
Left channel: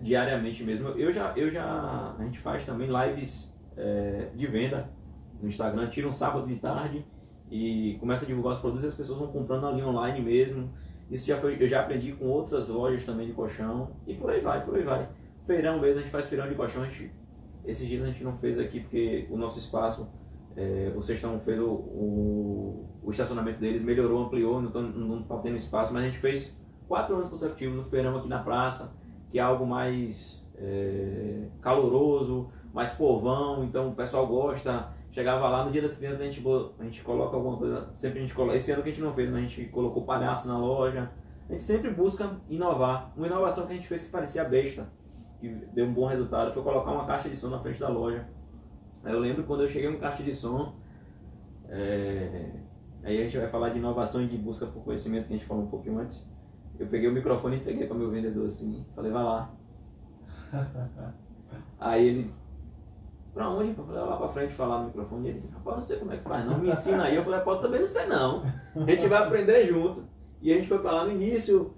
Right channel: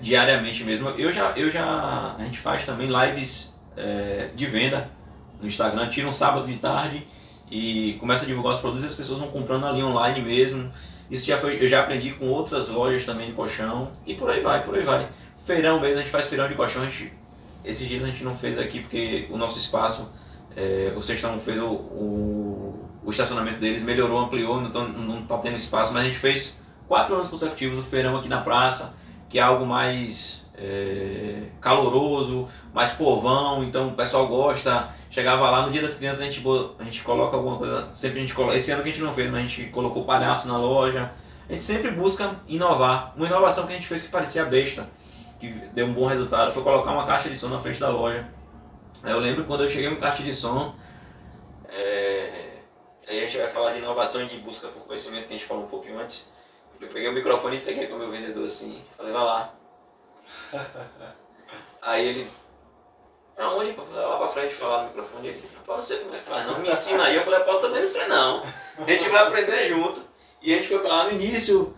diariamente mesmo. A gente faz também lives de venda no Instagram, tira um sábado de tarde e começa a divulgar os produtos e as pessoas vão comprando ali online mesmo. Isso eu já aprendi com outras lojas também de colchão e por aí vai, por aí vai. Feirão mesmo, a gente faz feirão de colchão, esses dias a gente não fez aqui porque o nosso espaço, o Sextão fez o estacionamento deles, melhorou, ampliou, não tá tendo espaço, mas a gente fez 4 anos consecutivos o feirão aqui na praça, que é algo mais caloroso, mais povão, então o pessoal gosta. Chegava lá no Dia das Crianças, a gente coloca alguma coisa, sempre a gente coloca, esse ano que a gente não fez, mas a gente colocou palhaço na loja. A gente sempre busca inovar. Uma inovação que a gente fez que parecia besta, que deu um bom resultado, foi colocar uma caixa de som na frente da loja. Eu lembro quando eu cheguei no caixa de som, aí a gente vai falar de inovação e de busca por conhecimento, que a gente falou um pouquinho antes. Eu peguei o microfone e entreguei para o meu vendedor assim, falei, vai lá. Aí ele, pra onde? Eu falei, lá pra frente falar no microfone. Ele, rapaz, não sei como é que faz não, me ensina aí. Eu falei, pô, também não sei não. A gente vai aprender junto. E a gente foi pra lá no início,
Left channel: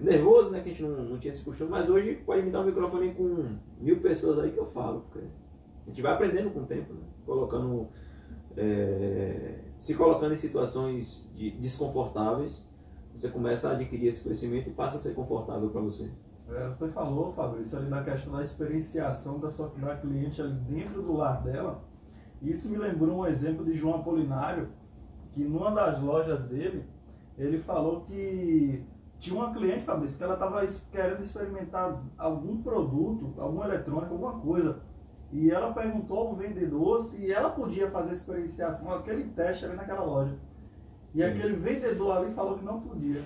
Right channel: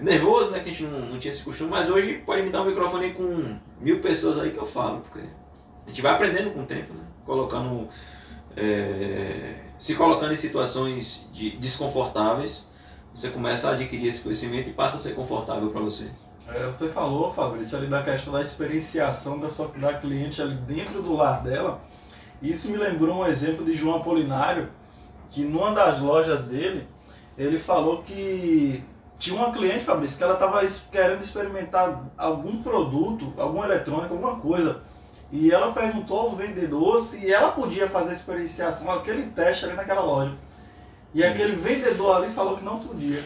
nervoso, né, que a gente não tinha esse costume, mas hoje pode me dar um microfone com 1000 pessoas aí que eu falo, porque a gente vai aprendendo com o tempo, né, se colocando em situações desconfortáveis, você começa a adquirir esse conhecimento e passa a ser confortável para você. Você falou, Fabrício, ali da questão da experienciação da cliente ali dentro do lar dela. Isso me lembrou um exemplo de João Apolinário, que numa das lojas dele, ele falou que tinha uma cliente, Fabrício, que ela estava querendo experimentar algum produto, algum eletrônico, alguma coisa. E ela perguntou ao vendedor se ela podia fazer a experienciação, aquele teste ali naquela loja. E aquele vendedor ali falou que não podia.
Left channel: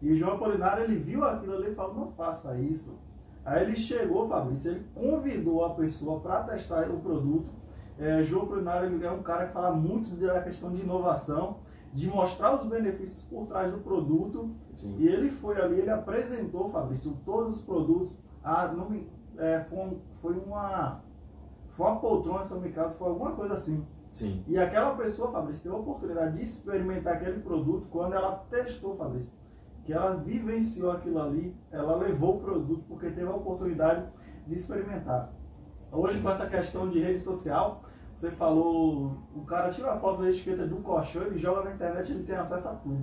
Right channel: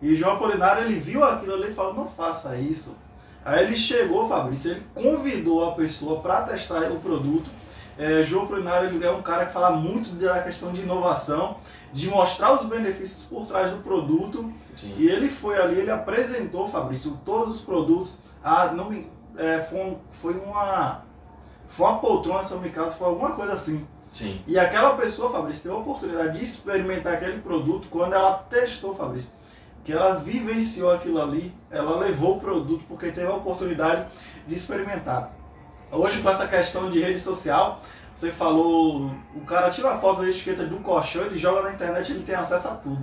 E João Apolinário, ele viu aquilo ali e falou, não faça isso. Aí ele chegou, Fabrício, ele convidou a pessoa para testar o produto. João Apolinário, ele é um cara que fala muito da questão de inovação, de mostrar os benefícios por trás do produto. Sim. E ele foi ali, ele apresentou, Fabrício, todos os produtos. Foi uma poltrona, se não me engano, foi alguma coisa assim. Sim. E aquela pessoa, Fabrício, teve a oportunidade de experimentar aquele produto quando ela testou, Fabrício. Que ela vivenciou aquilo ali, ela levou o produto porque teve a oportunidade de experimentar. Hoje, sim, com essa questão de rede social, você falou, o cara tira a foto da etiqueta do colchão, ele joga na internet, ele tem acesso a tudo.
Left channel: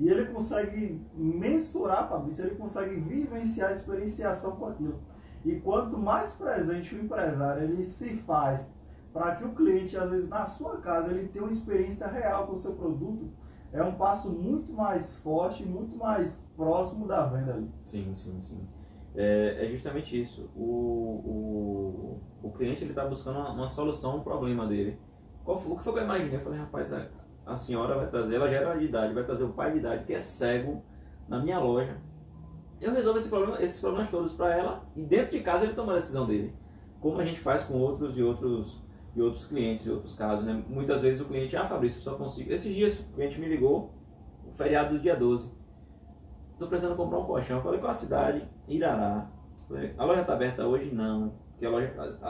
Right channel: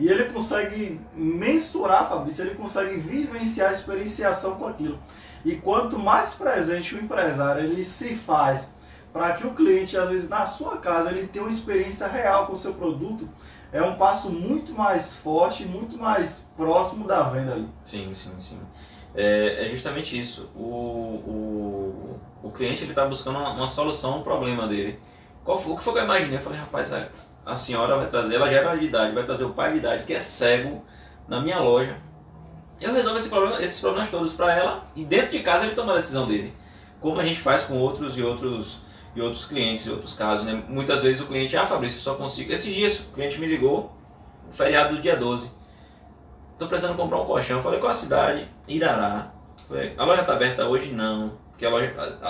E ele consegue mensurar, Fabrício, ele consegue vivenciar a experienciação com aquilo. E quanto mais presente o empresário ele se faz para que o cliente, às vezes na sua casa, ele tenha uma experiência real com o seu produto, é um passo muito mais forte, muito mais próximo da venda ali. Sim, sim, sim. É justamente isso. O cliente está buscando uma solução ao problema dele. O que foi que eu imaginei? Eu falei, rapaz, a senhora vai trazer, ela já era de idade, vai trazer o pai de idade que é cego na minha loja. Eu resolvo esses problemas todos para ela e dentro de casa ele toma a decisão dele. Como a gente faz com outros clientes, em outros casos, né? Muitas vezes o cliente, Fabrício, eu só consigo... Esses dias o cliente me ligou, o feriado do dia 12. Tô precisando comprar um colchão. Eu falei, qual a cidade? Irará. Falei, a loja tá aberta hoje? Não. Porque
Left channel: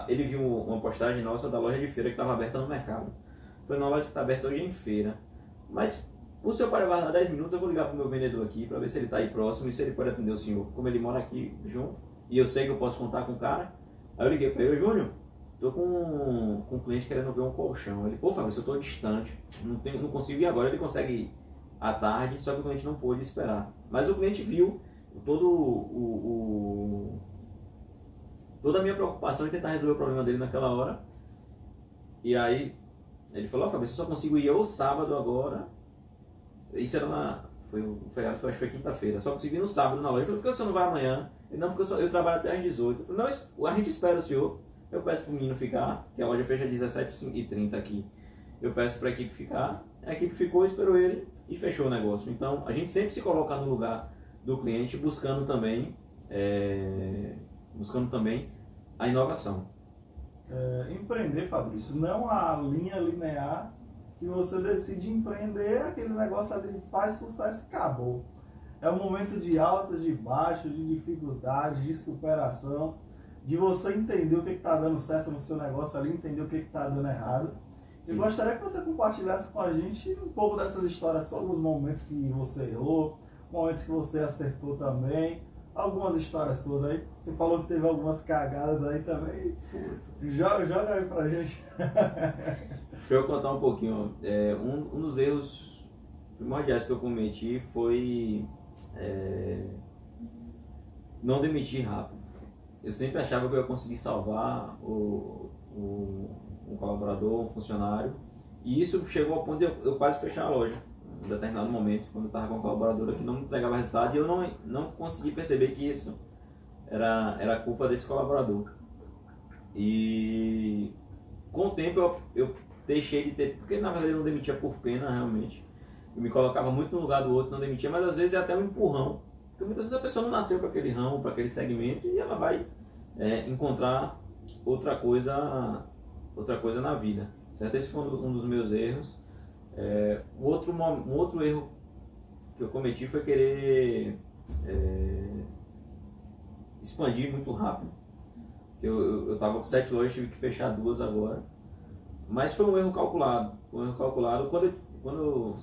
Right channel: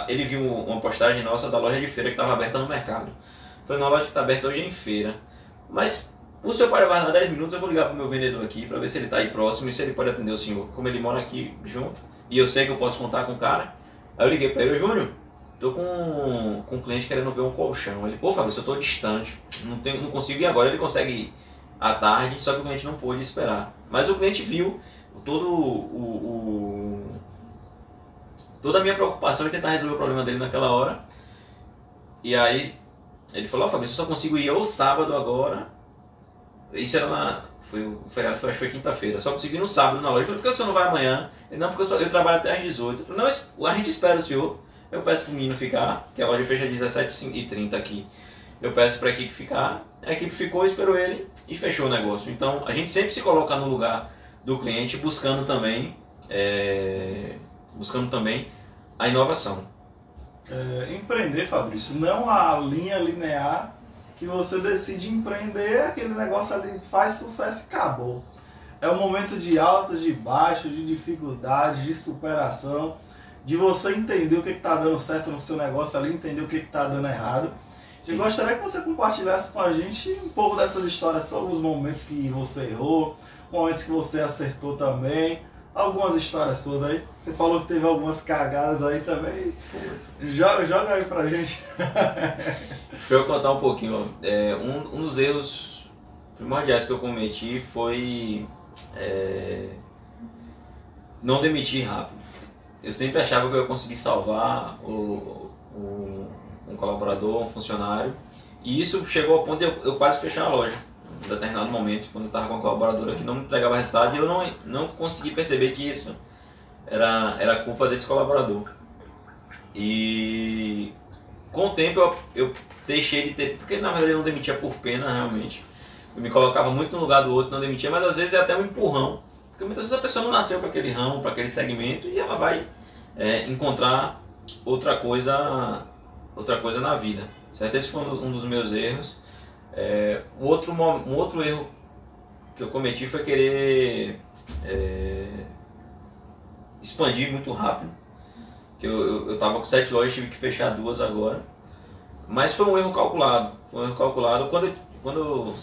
ele viu uma postagem nossa da loja de feira que estava aberta no mercado. Eu falei, não, a loja que tá aberta hoje é em feira. Mas o senhor pode aguardar 10 minutos, eu vou ligar pro meu vendedor aqui para ver se ele tá aí próximo e se ele pode atender o senhor. Como ele mora aqui junto e eu sei que eu posso contar com o cara. Aí eu liguei para ele, Júnior, tô com um cliente querendo ver um colchão. Ele, pô, Fabrício, eu tô distante, não consigo ir agora. Ele consegue ir à tarde, só que o cliente não pôde esperar. Mas o cliente viu toda a minha preocupação em tentar resolver o problema dele naquela hora. E aí ele falou, Fabrício, eu só consigo ir ou sábado agora. Isso era foi o feriado, acho que foi quinta-feira. Só consegui ir no sábado na loja. Eu falei, por que o senhor não vai amanhã? Ele, não, porque eu trabalho até às 18. Eu falei, não, a gente espera o senhor. Eu peço pro menino ficar, que a loja fecha às 17h30 aqui. Eu peço pra equipe ficar. A equipe ficou, esperou ele e fechou o negócio. Então, a gente sempre se coloca no lugar do cliente, buscando também a inovação. Empreender, Fabrício, não a linha linear que você decide empreender, aquele negócio ali faz sucesso e acabou. É um momento de altas, de baixas, de dificuldades, de superação, de você entender o que está dando certo no seu negócio ali, entender o que está dando errado. Sim. Eu gostaria que você compartilhasse com a gente um pouco dessas histórias sobre os momentos que você errou, momentos que você acertou também, algumas histórias suas aí. Você falou que teve algumas cagadas aí também. Joga aí pra gente. Pra eu contar um pouquinho, um dos erros primordiais que eu cometi foi não demitir rápido. Eu sempre achava que eu ia conseguir salvar um colaborador, um funcionário, e isso chegou ao ponto de eu quase fechar a loja. Em um determinado momento, quando eu estava com uma colaboradora que não me entregava resultado, e eu não consegui perceber que isso era culpa desse colaborador. E com o tempo eu deixei de ter, porque na verdade eu não demitia por pena realmente. Eu me colocava muito no lugar do outro, não demitia, mas às vezes é até um empurrão. Porque muitas vezes a pessoa não nasceu para aquele ramo, para aquele segmento, e ela vai encontrar outra coisa na vida. Certo? Esse foi um dos meus erros. Um outro erro que eu cometi foi querer expandir muito rápido. Que eu estava com 7 lojas, tive que fechar 2 agora. Mas foi um erro calculado. Quando eu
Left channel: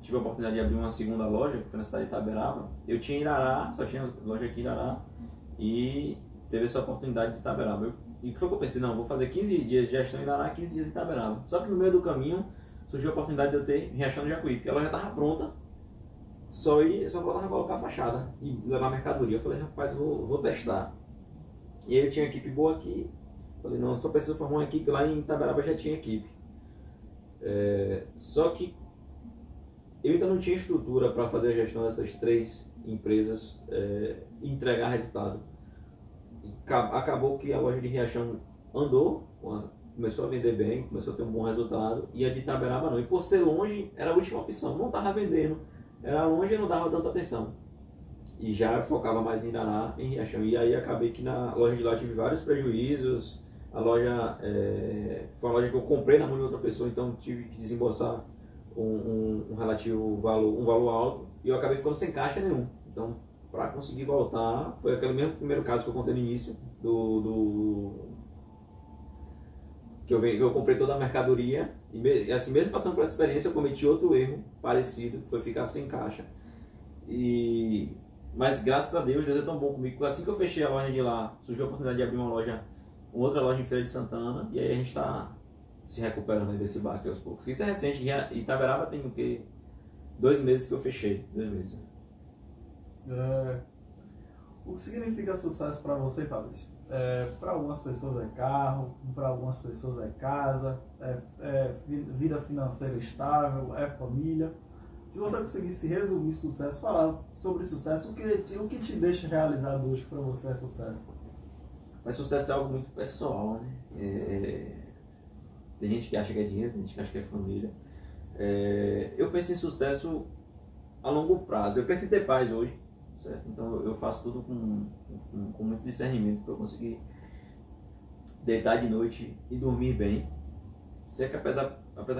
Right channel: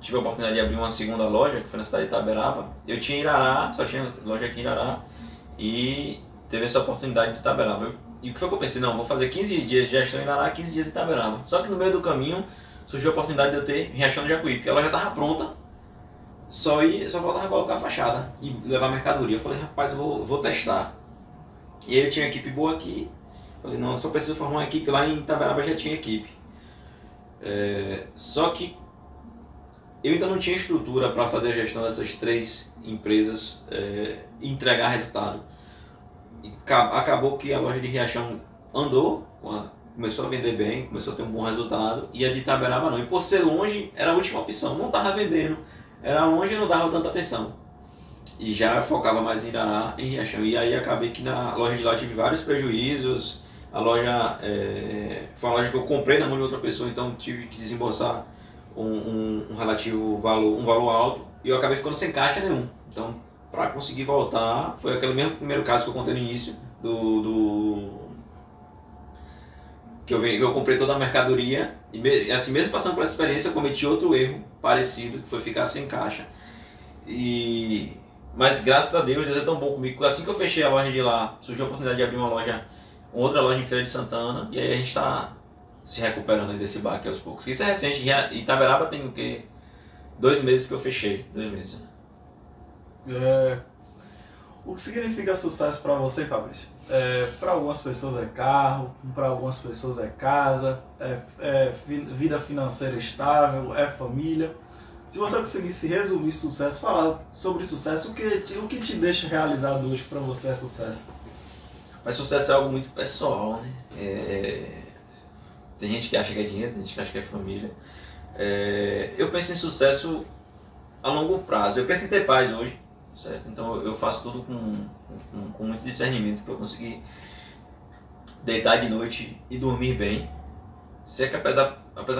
tive a oportunidade de abrir uma segunda loja, que foi na cidade de Itaberaba, eu tinha Irará, só tinha loja aqui em Irará, e teve essa oportunidade de Itaberaba. E o que foi que eu pensei? Não, vou fazer 15 dias de gestão em Irará, 15 dias em Itaberaba. Só que no meio do caminho surgiu a oportunidade de eu ter Riachão de Jacuípe. A loja estava pronta, só faltava colocar a fachada e levar mercadoria. Eu falei, rapaz, eu vou testar. E ele tinha equipe boa aqui. Falei, não, se eu preciso formar uma equipe, lá em Itaberaba já tinha equipe. Só que eu ainda não tinha estrutura para fazer a gestão dessas 3 empresas e entregar resultado. E acabou que a loja de Riachão andou, começou a vender bem, começou a ter um bom resultado, e a de Itaberaba não. E por ser longe, era a última opção, não estava vendendo, era longe e não dava tanta atenção. E já focava mais em Irará, em Riachão. E aí acabei que na loja de lá tive vários prejuízos. A loja foi uma loja que eu comprei na mão de outra pessoa, então tive que desembolsar um relativo valor, um valor alto, e eu acabei ficando sem caixa nenhum. Então, para conseguir voltar, foi aquele mesmo primeiro caso que eu contei no início, que eu comprei toda a mercadoria, e assim, mesmo passando por essa experiência, eu cometi outro erro parecido, que foi ficar sem caixa. Mas graças a Deus é tão bom comigo. Assim que eu fechei a loja de lá, surgiu a oportunidade de abrir uma outra loja em Feira de Santana, e aí a gente está se recuperando aí desse baque aos poucos. Isso é recente, Itaberaba tem o quê? 2 meses que eu fechei, 2 meses. O que significa sucesso para você, Fabrício? Para algumas pessoas é carro, para algumas pessoas é casa, vida financeira estável, é família. Se você conseguisse resumir sucesso, falar sobre sucesso, o que te deixa realizado hoje para você é sucesso? Mas sucesso é algo muito pessoal, né? Tem gente que acha que é dinheiro, tem gente que acha que é família. Eu penso em sucesso a longo prazo. Eu penso em ter paz hoje, certo? Então eu faço tudo com muito discernimento para eu conseguir deitar de noite e dormir bem. Sei que apesar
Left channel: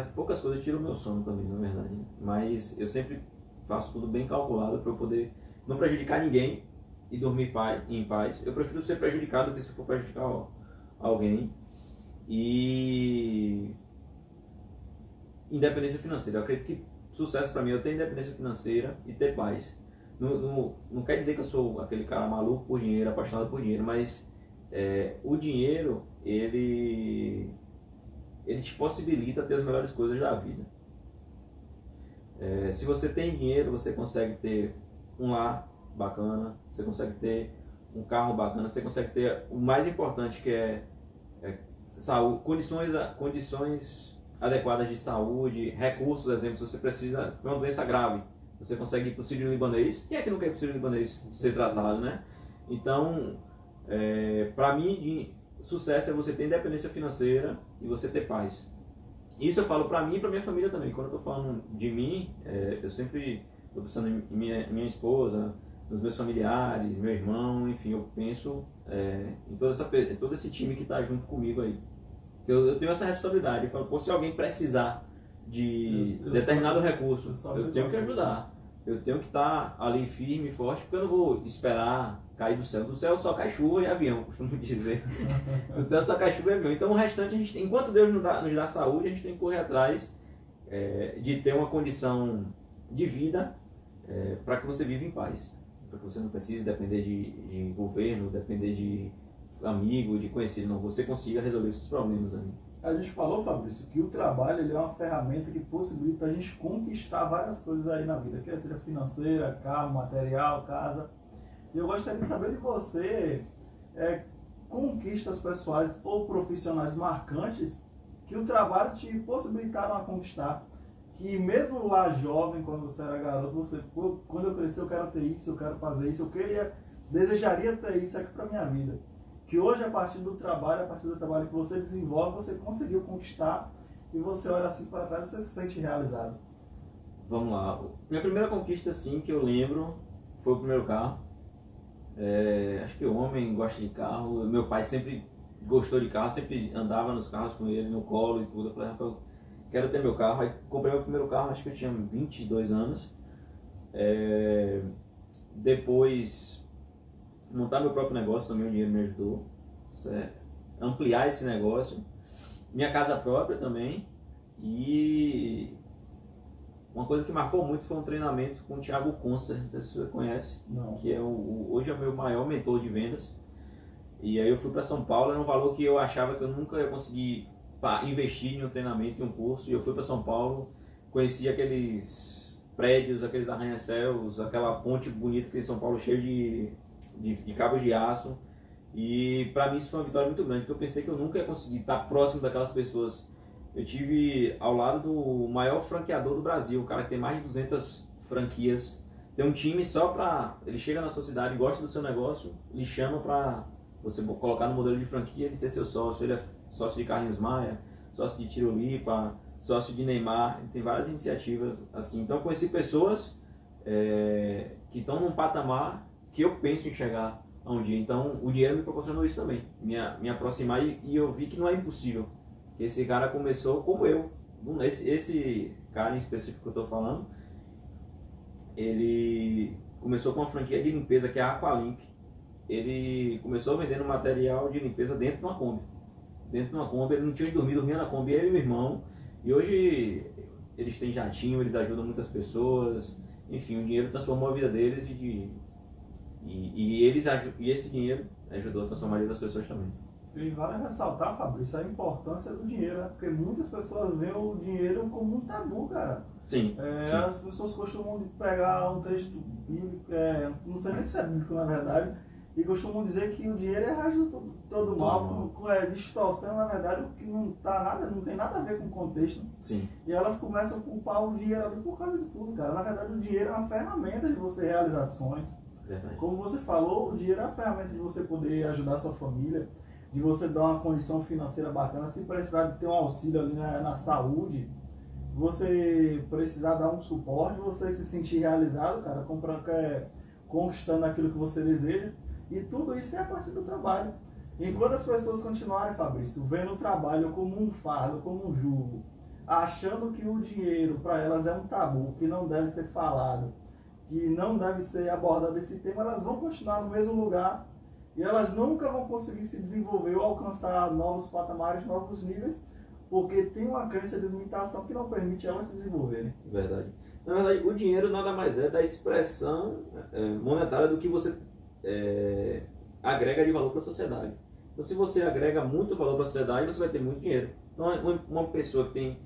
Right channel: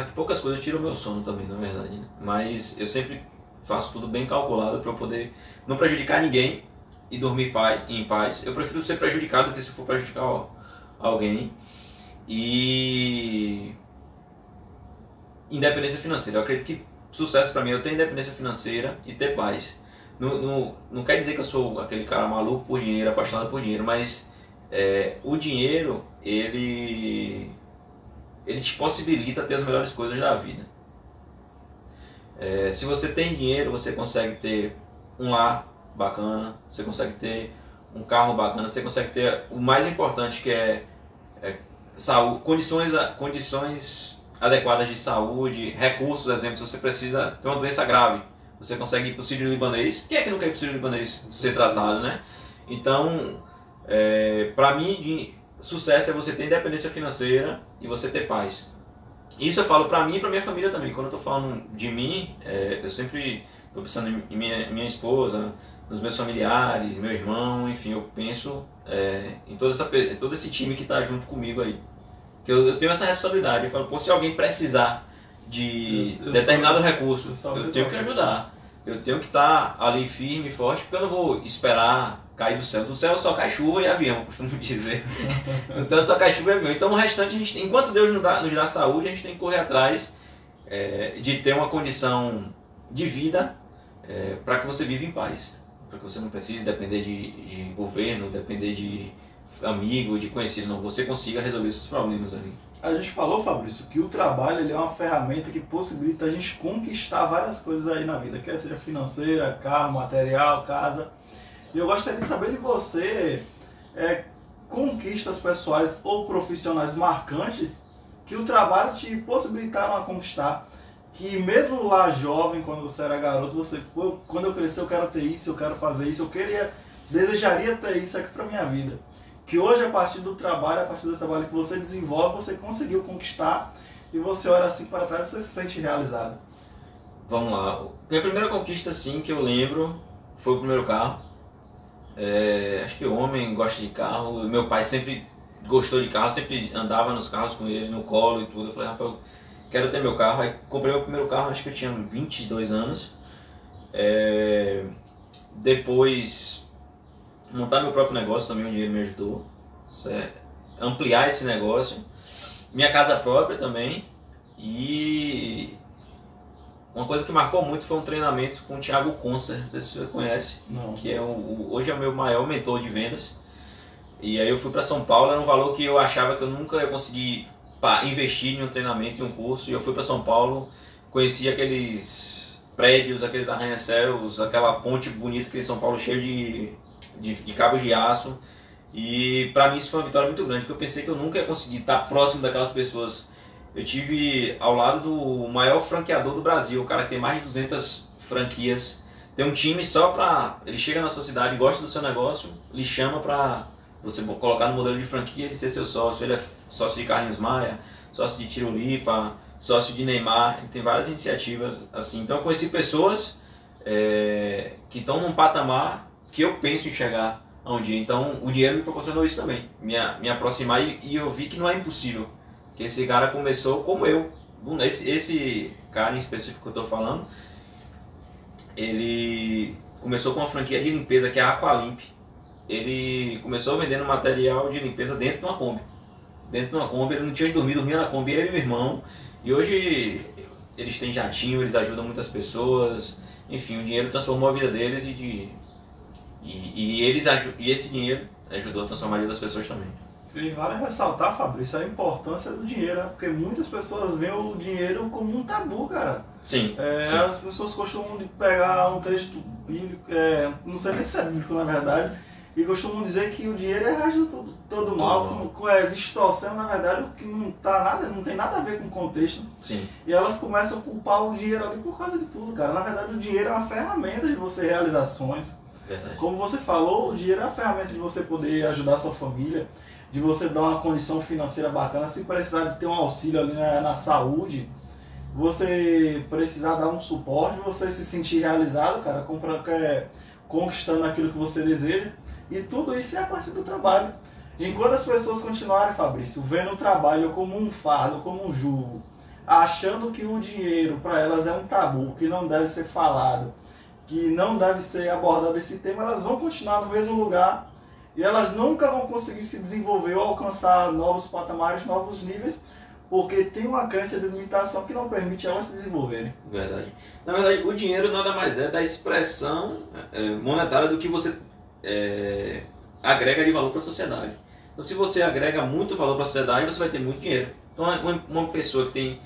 que poucas coisas tiram o meu sono também, na verdade, né? Mas eu sempre faço tudo bem calculado para eu poder não prejudicar ninguém e dormir em paz. Eu prefiro ser prejudicado do que se for prejudicar alguém. E independência financeira. Eu acredito que sucesso para mim é eu ter independência financeira e ter paz. Não quer dizer que eu sou aquele cara maluco por dinheiro, apaixonado por dinheiro, mas o dinheiro, ele te possibilita ter as melhores coisas da vida. Se você tem dinheiro, você consegue ter um lar bacana, você consegue ter um carro bacana, você consegue ter o mais importante, que é saúde, condições adequadas de saúde, recursos. Exemplo, se você precisa ter uma doença grave, você consegue ir para o Sírio-Libanês. Quem é que não quer ir para o Sírio-Libanês ser tratado, né? Então, para mim, sucesso é você ter independência financeira e você ter paz. Isso eu falo para mim e para minha família também. Quando eu estou falando de mim, eu sempre estou pensando em minha esposa, nos meus familiares, meu irmão, enfim, eu penso em todo esse time que está junto comigo aí. Eu tenho essa responsabilidade. Eu falo, pô, se alguém precisar de determinado recurso, eu tenho que ajudar. Eu tenho que estar ali firme e forte, porque eu não vou esperar cair do céu. Do céu só cai chuva e avião, eu costumo dizer. Do céu só cai chuva e avião. Então o restante, enquanto Deus nos dá saúde, a gente tem que correr atrás de ter uma condição de vida para que você viva em paz. para que você não precise depender de governo, depender de amigo, de conhecido, não, você consiga resolver seus problemas ali. A gente falou, Fabrício, que o trabalho ele é uma ferramenta que possibilita a gente conquistar várias coisas aí na vida, quer seja financeira, carro, material, casa. E eu gostaria de saber de você, conquistas pessoais ou profissionais marcantes que o trabalho te possibilitaram a conquistar. Que mesmo lá jovem, quando você era garoto, você, quando eu crescer eu quero ter isso, eu quero fazer isso, desejaria ter isso aqui para minha vida. Que hoje, a partir do trabalho que você desenvolve, você conseguiu conquistar e você olha assim para trás e você se sente realizado. Vamos lá. Minha primeira conquista, sim, que eu lembro, foi o primeiro carro. Acho que o homem gosta de carro. Meu pai sempre gostou de carro, sempre andava nos carros com ele, no colo e tudo. Eu falei, rapaz, eu quero ter meu carro. Aí comprei meu primeiro carro, acho que eu tinha 22 anos. Depois, montar meu próprio negócio também, o dinheiro me ajudou. Ampliar esse negócio. Minha casa própria também. E uma coisa que marcou muito foi um treinamento com o Thiago Concer, não sei se você conhece. Não. Que hoje é o meu maior mentor de vendas. E aí eu fui para São Paulo, era um valor que eu achava que eu nunca ia conseguir investir em um treinamento, em um curso. E eu fui para São Paulo, conheci aqueles prédios, aqueles arranha-céus, aquela ponte bonita que em São Paulo, cheio de cabos de aço. E para mim isso foi uma vitória muito grande, porque eu pensei que eu nunca ia conseguir estar próximo daquelas pessoas. Eu tive ao lado do maior franqueador do Brasil, o cara que tem mais de 200 franquias. Tem um time só para... Ele chega na sua cidade, gosta do seu negócio, lhe chama para você colocar no modelo de franquia e ser seu sócio. Ele é sócio de Carlinhos Maia, sócio de Tirolipa, sócio de Neymar. Ele tem várias iniciativas assim. Então eu conheci pessoas que estão num patamar que eu penso em chegar a um dia. Então o dinheiro me proporcionou isso também, me aproximar e eu vi que não é impossível. Que esse cara começou como eu. Esse cara em específico que eu estou falando, ele começou com uma franquia de limpeza que é a Aqualimp. Ele começou vendendo material de limpeza dentro de uma Kombi. Dentro de uma Kombi, ele não tinha onde dormir, dormia na Kombi, ele e meu irmão. E hoje eles têm jatinho, eles ajudam muitas pessoas. Enfim, o dinheiro transformou a vida deles e esse dinheiro ajudou a transformar a vida das pessoas também. E vale ressaltar, Fabrício, a importância do dinheiro, né? Porque muitas pessoas veem o dinheiro como um tabu, cara. Sim, sim. As pessoas costumam pegar um texto bíblico, não sei nem se é bíblico na verdade, e costumam dizer que o dinheiro é a raiz de todo mal, distorcendo na verdade o que não tem nada a ver com o contexto. Sim. E elas começam a culpar o dinheiro ali por causa de tudo, cara. Na verdade o dinheiro é uma ferramenta de você realizar sonhos. Verdade. Como você falou, o dinheiro é a ferramenta de você poder ajudar a sua família, de você dar uma condição financeira bacana, se precisar de ter um auxílio ali na saúde, você precisar dar um suporte, você se sentir realizado, cara, conquistando aquilo que você deseja, e tudo isso é a partir do trabalho. Sim. Enquanto as pessoas continuarem, Fabrício, vendo o trabalho como um fardo, como um jugo, achando que o dinheiro para elas é um tabu, que não deve ser falado, que não deve ser abordado esse tema, elas vão continuar no mesmo lugar e elas nunca vão conseguir se desenvolver ou alcançar novos patamares, novos níveis, porque tem uma crença de limitação que não permite elas se desenvolverem. Verdade. Na verdade, o dinheiro nada mais é da expressão monetária do que você agrega de valor para a sociedade. Então, se você agrega muito valor para a sociedade, você vai ter muito dinheiro. Então, uma pessoa que tem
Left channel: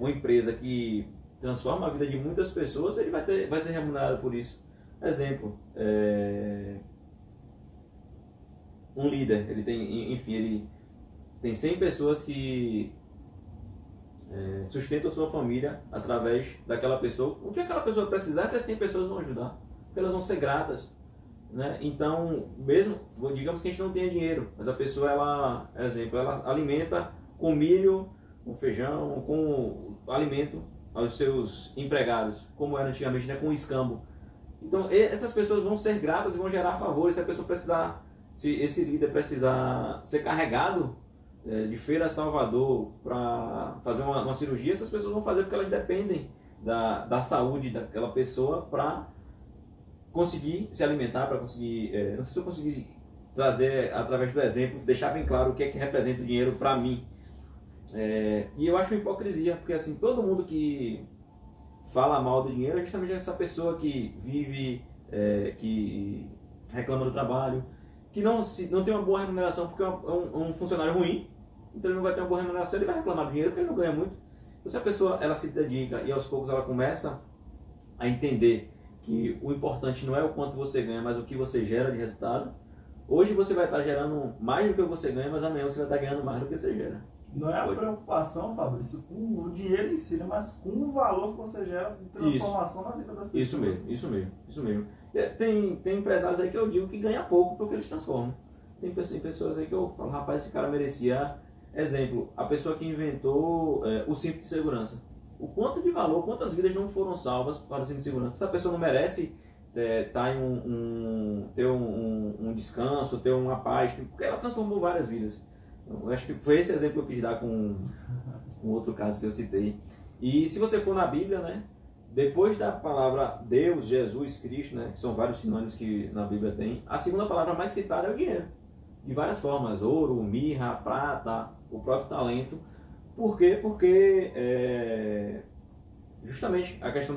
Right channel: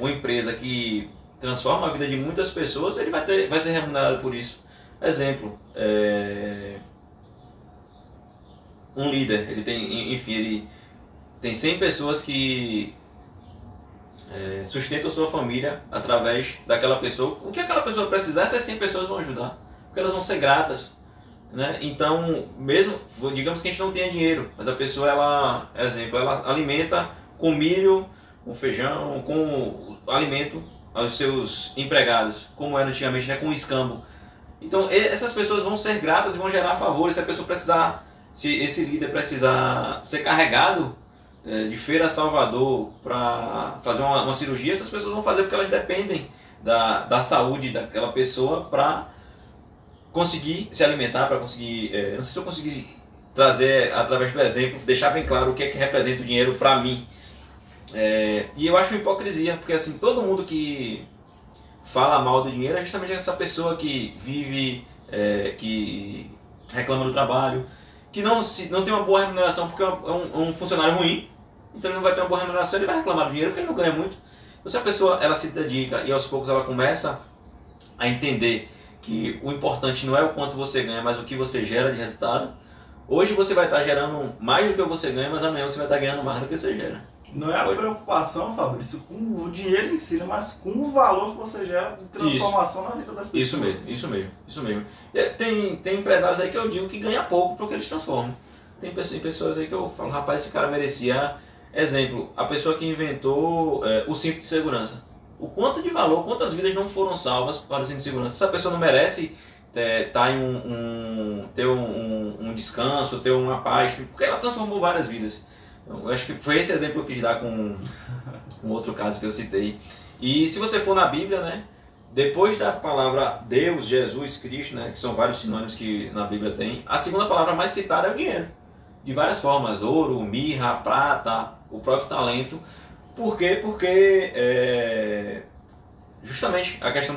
uma empresa que transforma a vida de muitas pessoas, ele vai ser remunerado por isso. Exemplo, um líder, ele tem 100 pessoas que sustentam sua família através daquela pessoa. O que aquela pessoa precisar, essas 100 pessoas vão ajudar, porque elas vão ser gratas, né? Então, mesmo, digamos que a gente não tenha dinheiro, mas a pessoa, ela alimenta com milho, com feijão, com alimento aos seus empregados, como era antigamente, né, com escambo. Então essas pessoas vão ser gratas e vão gerar favores. Se esse líder precisar ser carregado de Feira a Salvador para fazer uma cirurgia, essas pessoas vão fazer porque elas dependem da saúde daquela pessoa para conseguir se alimentar, para conseguir... não sei se eu consegui trazer através do exemplo, deixar bem claro o que é que representa o dinheiro para mim. E eu acho uma hipocrisia, porque assim, todo mundo que fala mal do dinheiro é justamente essa pessoa que vive que reclama do trabalho, que não tem uma boa remuneração porque é um funcionário ruim, então ele não vai ter uma boa remuneração, ele vai reclamar do dinheiro porque ele não ganha muito. Então, se a pessoa ela se dedica e aos poucos ela começa a entender que o importante não é o quanto você ganha, mas o que você gera de resultado, hoje você vai estar gerando mais do que você ganha, mas amanhã você vai estar ganhando mais do que você gera. Não é a preocupação, Fabrício, com o dinheiro em si, mas com o valor que você gera de transformação na vida das pessoas. Isso mesmo. Tem empresários aí que eu digo que ganha pouco para o que eles transformam. Tem pessoas aí que eu falo, rapaz, esse cara merecia. Exemplo, a pessoa que inventou o cinto de segurança. O quanto de valor, quantas vidas não foram salvas para o cinto de segurança? Essa pessoa não merece tá em ter um descanso, ter uma paz, porque ela transformou várias vidas. Então, eu acho que foi esse exemplo que eu quis dar com outro caso que eu citei. E se você for na Bíblia, né, depois da palavra Deus, Jesus, Cristo, né, que são vários sinônimos que na Bíblia tem, a segunda palavra mais citada é o dinheiro. De várias formas, ouro, mirra, prata, o próprio talento. Por quê? Porque justamente a questão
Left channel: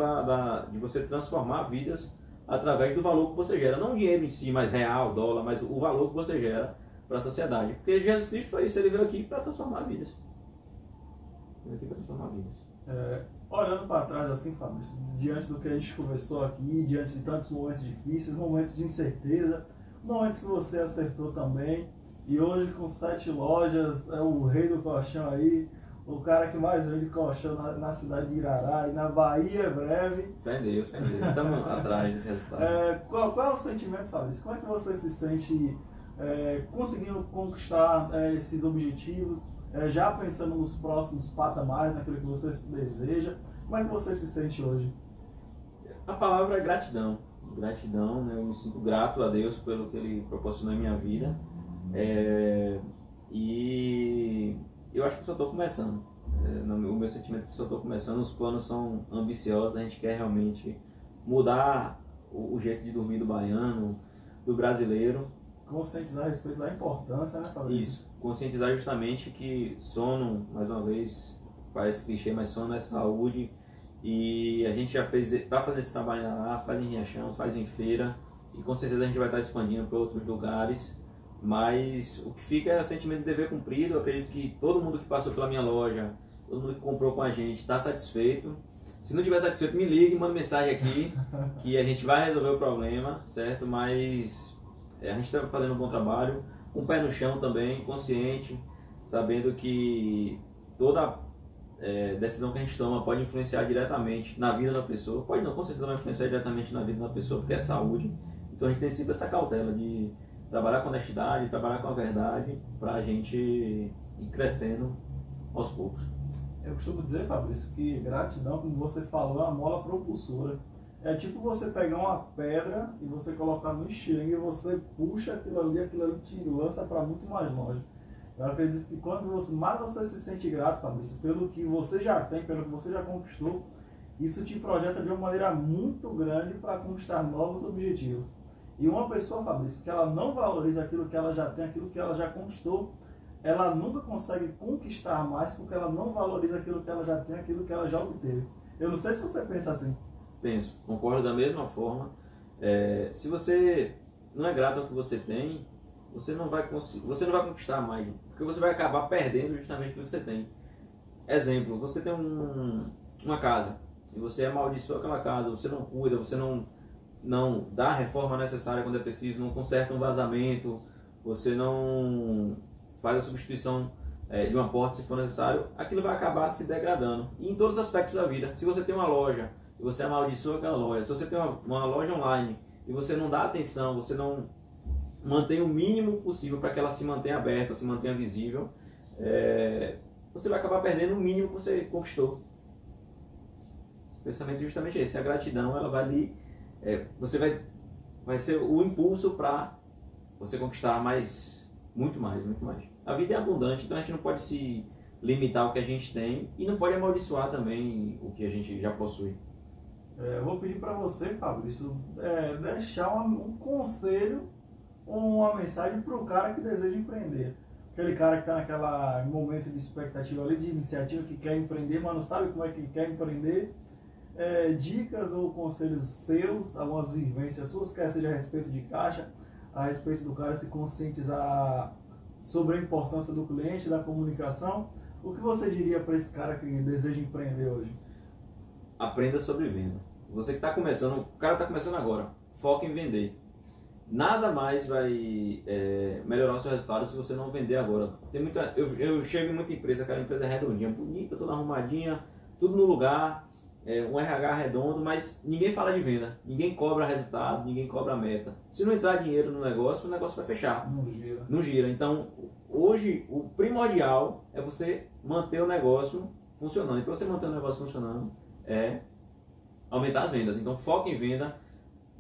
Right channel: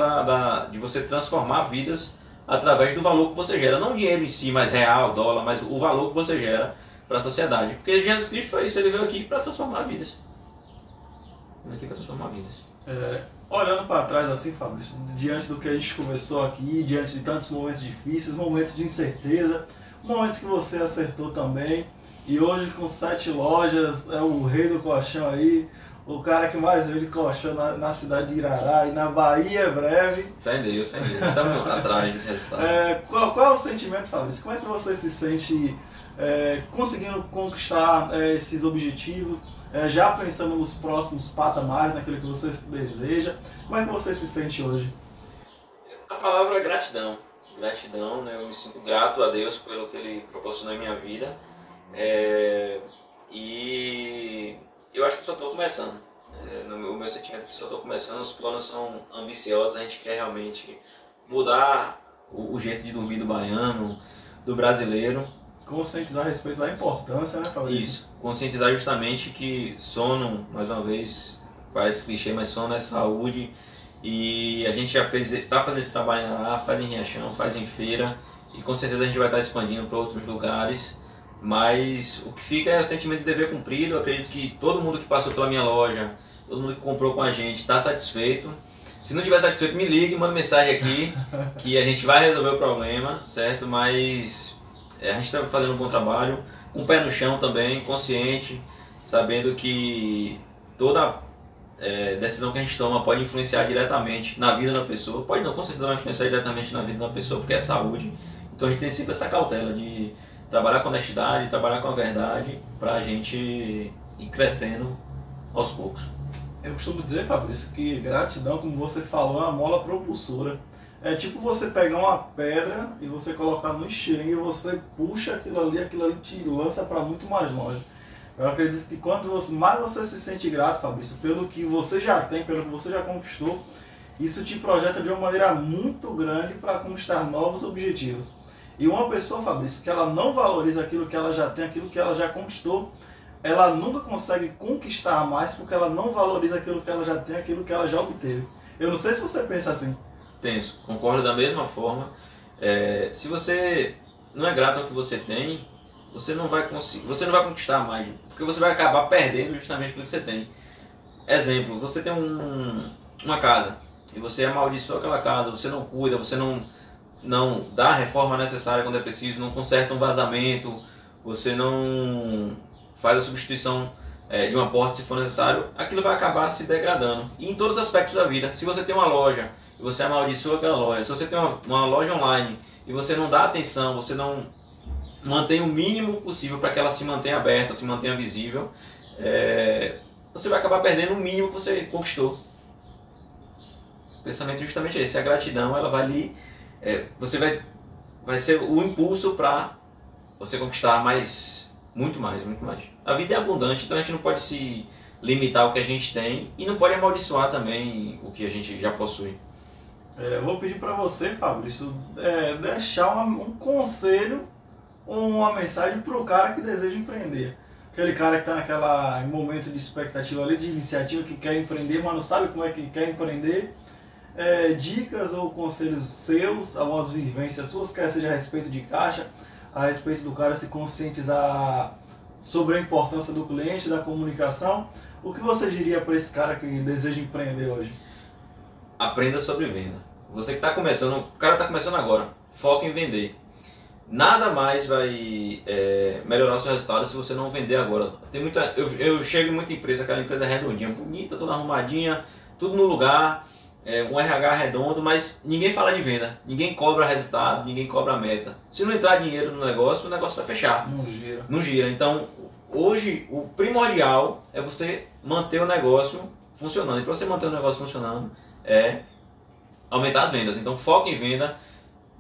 de você transformar vidas através do valor que você gera. Não o dinheiro em si, mas real, dólar, mas o valor que você gera para a sociedade. Porque Jesus Cristo foi isso, ele veio aqui para transformar vidas. Veio aqui para transformar vidas. Olhando para trás assim, Fabrício, diante do que a gente conversou aqui, diante de tantos momentos difíceis, momentos de incerteza, momentos que você acertou também, e hoje com 7 lojas, é o rei do colchão aí, o cara que mais vende colchão na cidade de Irará e na Bahia breve. Fé em Deus. Estamos atrás desse resultado. Qual é o sentimento, Fabrício? Como é que você se sente conseguindo conquistar esses objetivos, já pensando nos próximos patamares, naquilo que você deseja? Como é que você se sente hoje? A palavra é gratidão. Gratidão, né? Eu me sinto grato a Deus pelo que Ele proporcionou em minha vida. E eu acho que só estou começando. O meu sentimento é que só estou começando. Os planos são ambiciosos. A gente quer realmente mudar o jeito de dormir do baiano, do brasileiro. Conscientizar a respeito da importância, né, Fabrício? Isso. Conscientizar justamente que sono, mais uma vez, parece clichê, mas sono é saúde. E a gente já está fazendo esse trabalho lá, faz em Riachão, faz em feira, e com certeza a gente vai estar expandindo para outros lugares, mas o que fica é o sentimento de dever cumprido. Eu acredito que todo mundo que passou pela minha loja, todo mundo que comprou com a gente está satisfeito. Se não estiver satisfeito, me ligue, manda mensagem aqui, que a gente vai resolver o problema, certo? Mas a gente está fazendo um bom trabalho, com o pé no chão também, consciente, sabendo que toda decisão que a gente toma pode influenciar diretamente na vida da pessoa. Pode não, com certeza vai influenciar diretamente na vida da pessoa, porque é saúde. Então a gente tem sempre essa cautela de trabalhar com honestidade, trabalhar com a verdade, para a gente ir crescendo aos poucos. Eu costumo dizer, Fabrício, que gratidão, como você falou, é uma mola propulsora. É tipo você pegar uma pedra e você colocar no estilingue e você puxa aquilo ali te lança para muito mais longe. Eu acredito que quanto mais você se sente grato, Fabrício, pelo que você já tem, pelo que você já conquistou, isso te projeta de uma maneira muito grande para conquistar novos objetivos. E uma pessoa, Fabrício, que ela não valoriza aquilo que ela já tem, aquilo que ela já conquistou, ela nunca consegue conquistar mais porque ela não valoriza aquilo que ela já tem, aquilo que ela já obteve. Eu não sei se você pensa assim. Penso, concordo da mesma forma. Se você não é grato ao que você tem, você não vai conquistar mais, porque você vai acabar perdendo justamente pelo que você tem. Exemplo, você tem uma casa e você amaldiçoa aquela casa, você não cuida, você não dá a reforma necessária quando é preciso, não conserta um vazamento, você não faz a substituição de uma porta se for necessário, aquilo vai acabar se degradando. E em todos os aspectos da vida. Se você tem uma loja e você amaldiçoa aquela loja, se você tem uma loja online e você não dá atenção, você não mantém o mínimo possível para que ela se mantenha aberta, se mantenha visível, você vai acabar perdendo o mínimo que você conquistou. O pensamento é justamente esse. A gratidão, ela vai ali, você vai ser o impulso para você conquistar muito mais. A vida é abundante, então a gente não pode se limitar ao que a gente tem e não pode amaldiçoar também o que a gente já possui. Eu vou pedir para você, Fabrício, deixar um conselho, uma mensagem para o cara que deseja empreender. Aquele cara que está naquele momento de expectativa ali, de iniciativa, que quer empreender, mas não sabe como é que quer empreender. dicas ou conselhos seus, algumas vivências suas, quer seja a respeito de caixa, a respeito do cara se conscientizar sobre a importância do cliente, da comunicação. O que você diria para esse cara que deseja empreender hoje? Aprenda sobre venda. Você que está começando, o cara está começando agora, foca em vender. Nada mais vai melhorar o seu resultado se você não vender agora. Eu chego em muita empresa, aquela empresa redondinha, bonita, toda arrumadinha, tudo no lugar, um RH redondo, mas ninguém fala de venda, ninguém cobra resultado, ninguém cobra meta. Se não entrar dinheiro no negócio, o negócio vai fechar. Não gira. Não gira. Então, hoje, o primordial é você manter o negócio funcionando. E para você manter o negócio funcionando, é aumentar as vendas. Então, foca em venda.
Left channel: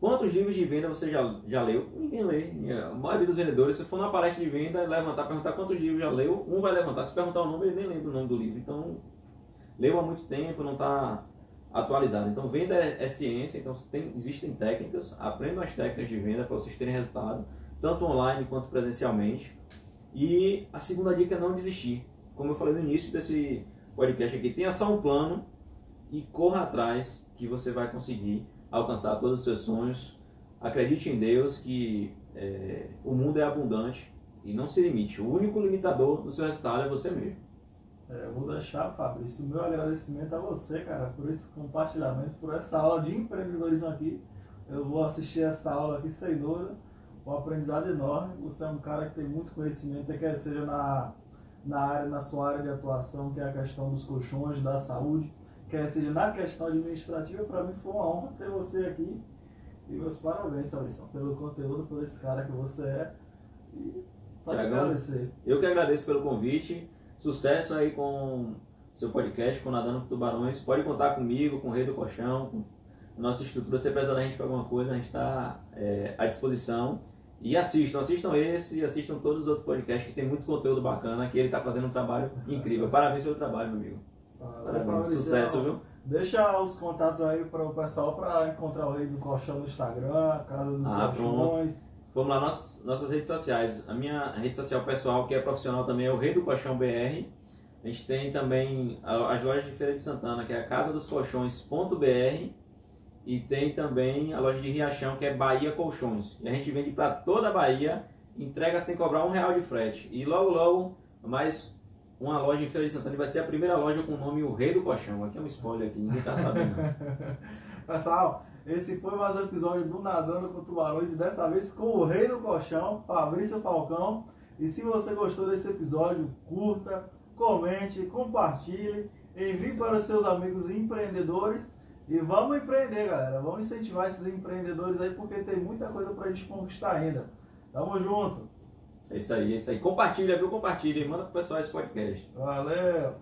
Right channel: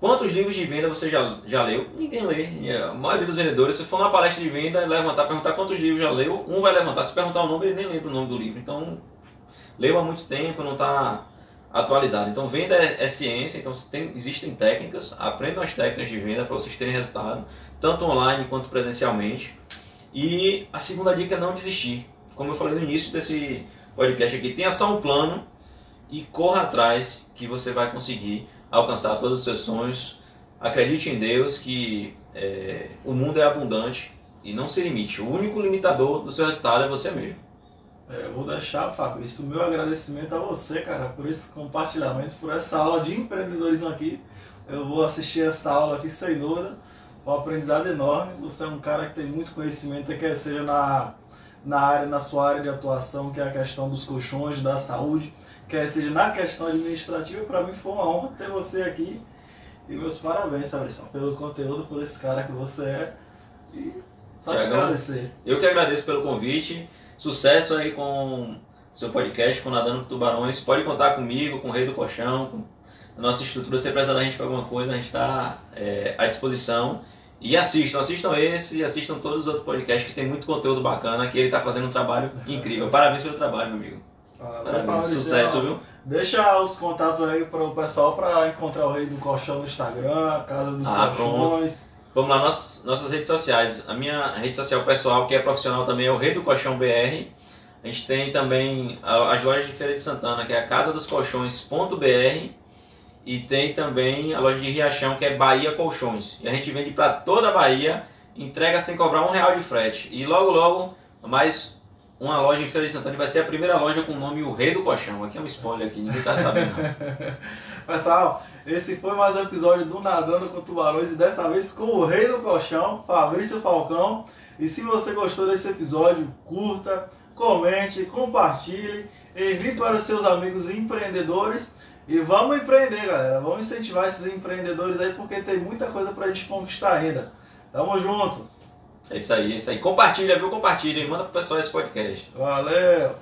Quantos livros de venda você já leu? Ninguém lê. A maioria dos vendedores, se for numa palestra de venda, levantar, perguntar quantos livros já leu, um vai levantar. Se perguntar o nome, ele nem lembra o nome do livro. Então, leu há muito tempo, não está atualizado. Então, venda é ciência, então existem técnicas, aprendam as técnicas de venda para vocês terem resultado, tanto online quanto presencialmente. E a segunda dica é não desistir. Como eu falei no início desse podcast aqui, tenha só um plano e corra atrás que você vai conseguir alcançar todos os seus sonhos. Acredite em Deus que o mundo é abundante e não se limite. O único limitador do seu resultado é você mesmo. Eu vou deixar, Fabrício, o meu agradecimento a você, cara, por esse compartilhamento, por essa aula de empreendedorismo aqui. Eu vou assistir essa aula aqui sem dúvida, um aprendizado enorme. Você é um cara que tem muito conhecimento, quer seja na sua área de atuação, que é a questão dos colchões, da saúde, quer seja na questão administrativa. Para mim foi uma honra ter você aqui. E meus parabéns, Fabrício, pelo conteúdo, por esse cara que você é. E só te agradecer. Eu que agradeço pelo convite. Sucesso aí com seu podcast, com Nadando com Tubarões. Pode contar comigo, com o Rei do Colchão, com a nossa estrutura. Se precisar da gente para alguma coisa, a gente está à disposição. E assistam esse e assistam todos os outros podcasts que tem muito conteúdo bacana, que ele está fazendo um trabalho incrível. Parabéns pelo trabalho, meu amigo. Parabéns, sucesso, viu? Deixa os contatos aí para o pessoal para encontrar o Rei do Colchão no Instagram, Casa dos Colchões. Pronto. Vamos lá, nossas redes sociais. A minha rede social pessoal, que é profissional também, é o Rei do Colchão BR. A gente tem também as lojas de Feira de Santana, que é a casadoscolchões.br. E tem também a loja de Riachão, que é Bahia Colchões. E a gente vende para toda a Bahia, entrega sem cobrar R$1 de frete. E logo, logo, mais uma loja em Feira de Santana. Vai ser a primeira loja com o nome O Rei do Colchão. Aqui é um spoiler aqui, ninguém tá sabendo não. Pessoal, esse foi mais um episódio do Nadando com Tubarões. E dessa vez com o Rei do Colchão, Fabrício Falcão. E se você gostou desse episódio, curta, comente, compartilhe, envie para os seus amigos empreendedores. E vamos empreender, galera. Vamos incentivar esses empreendedores aí, porque tem muita coisa pra gente conquistar ainda. Tamo junto. É isso aí, é isso aí. Compartilha, viu? Compartilha e manda pro pessoal esse podcast. Valeu!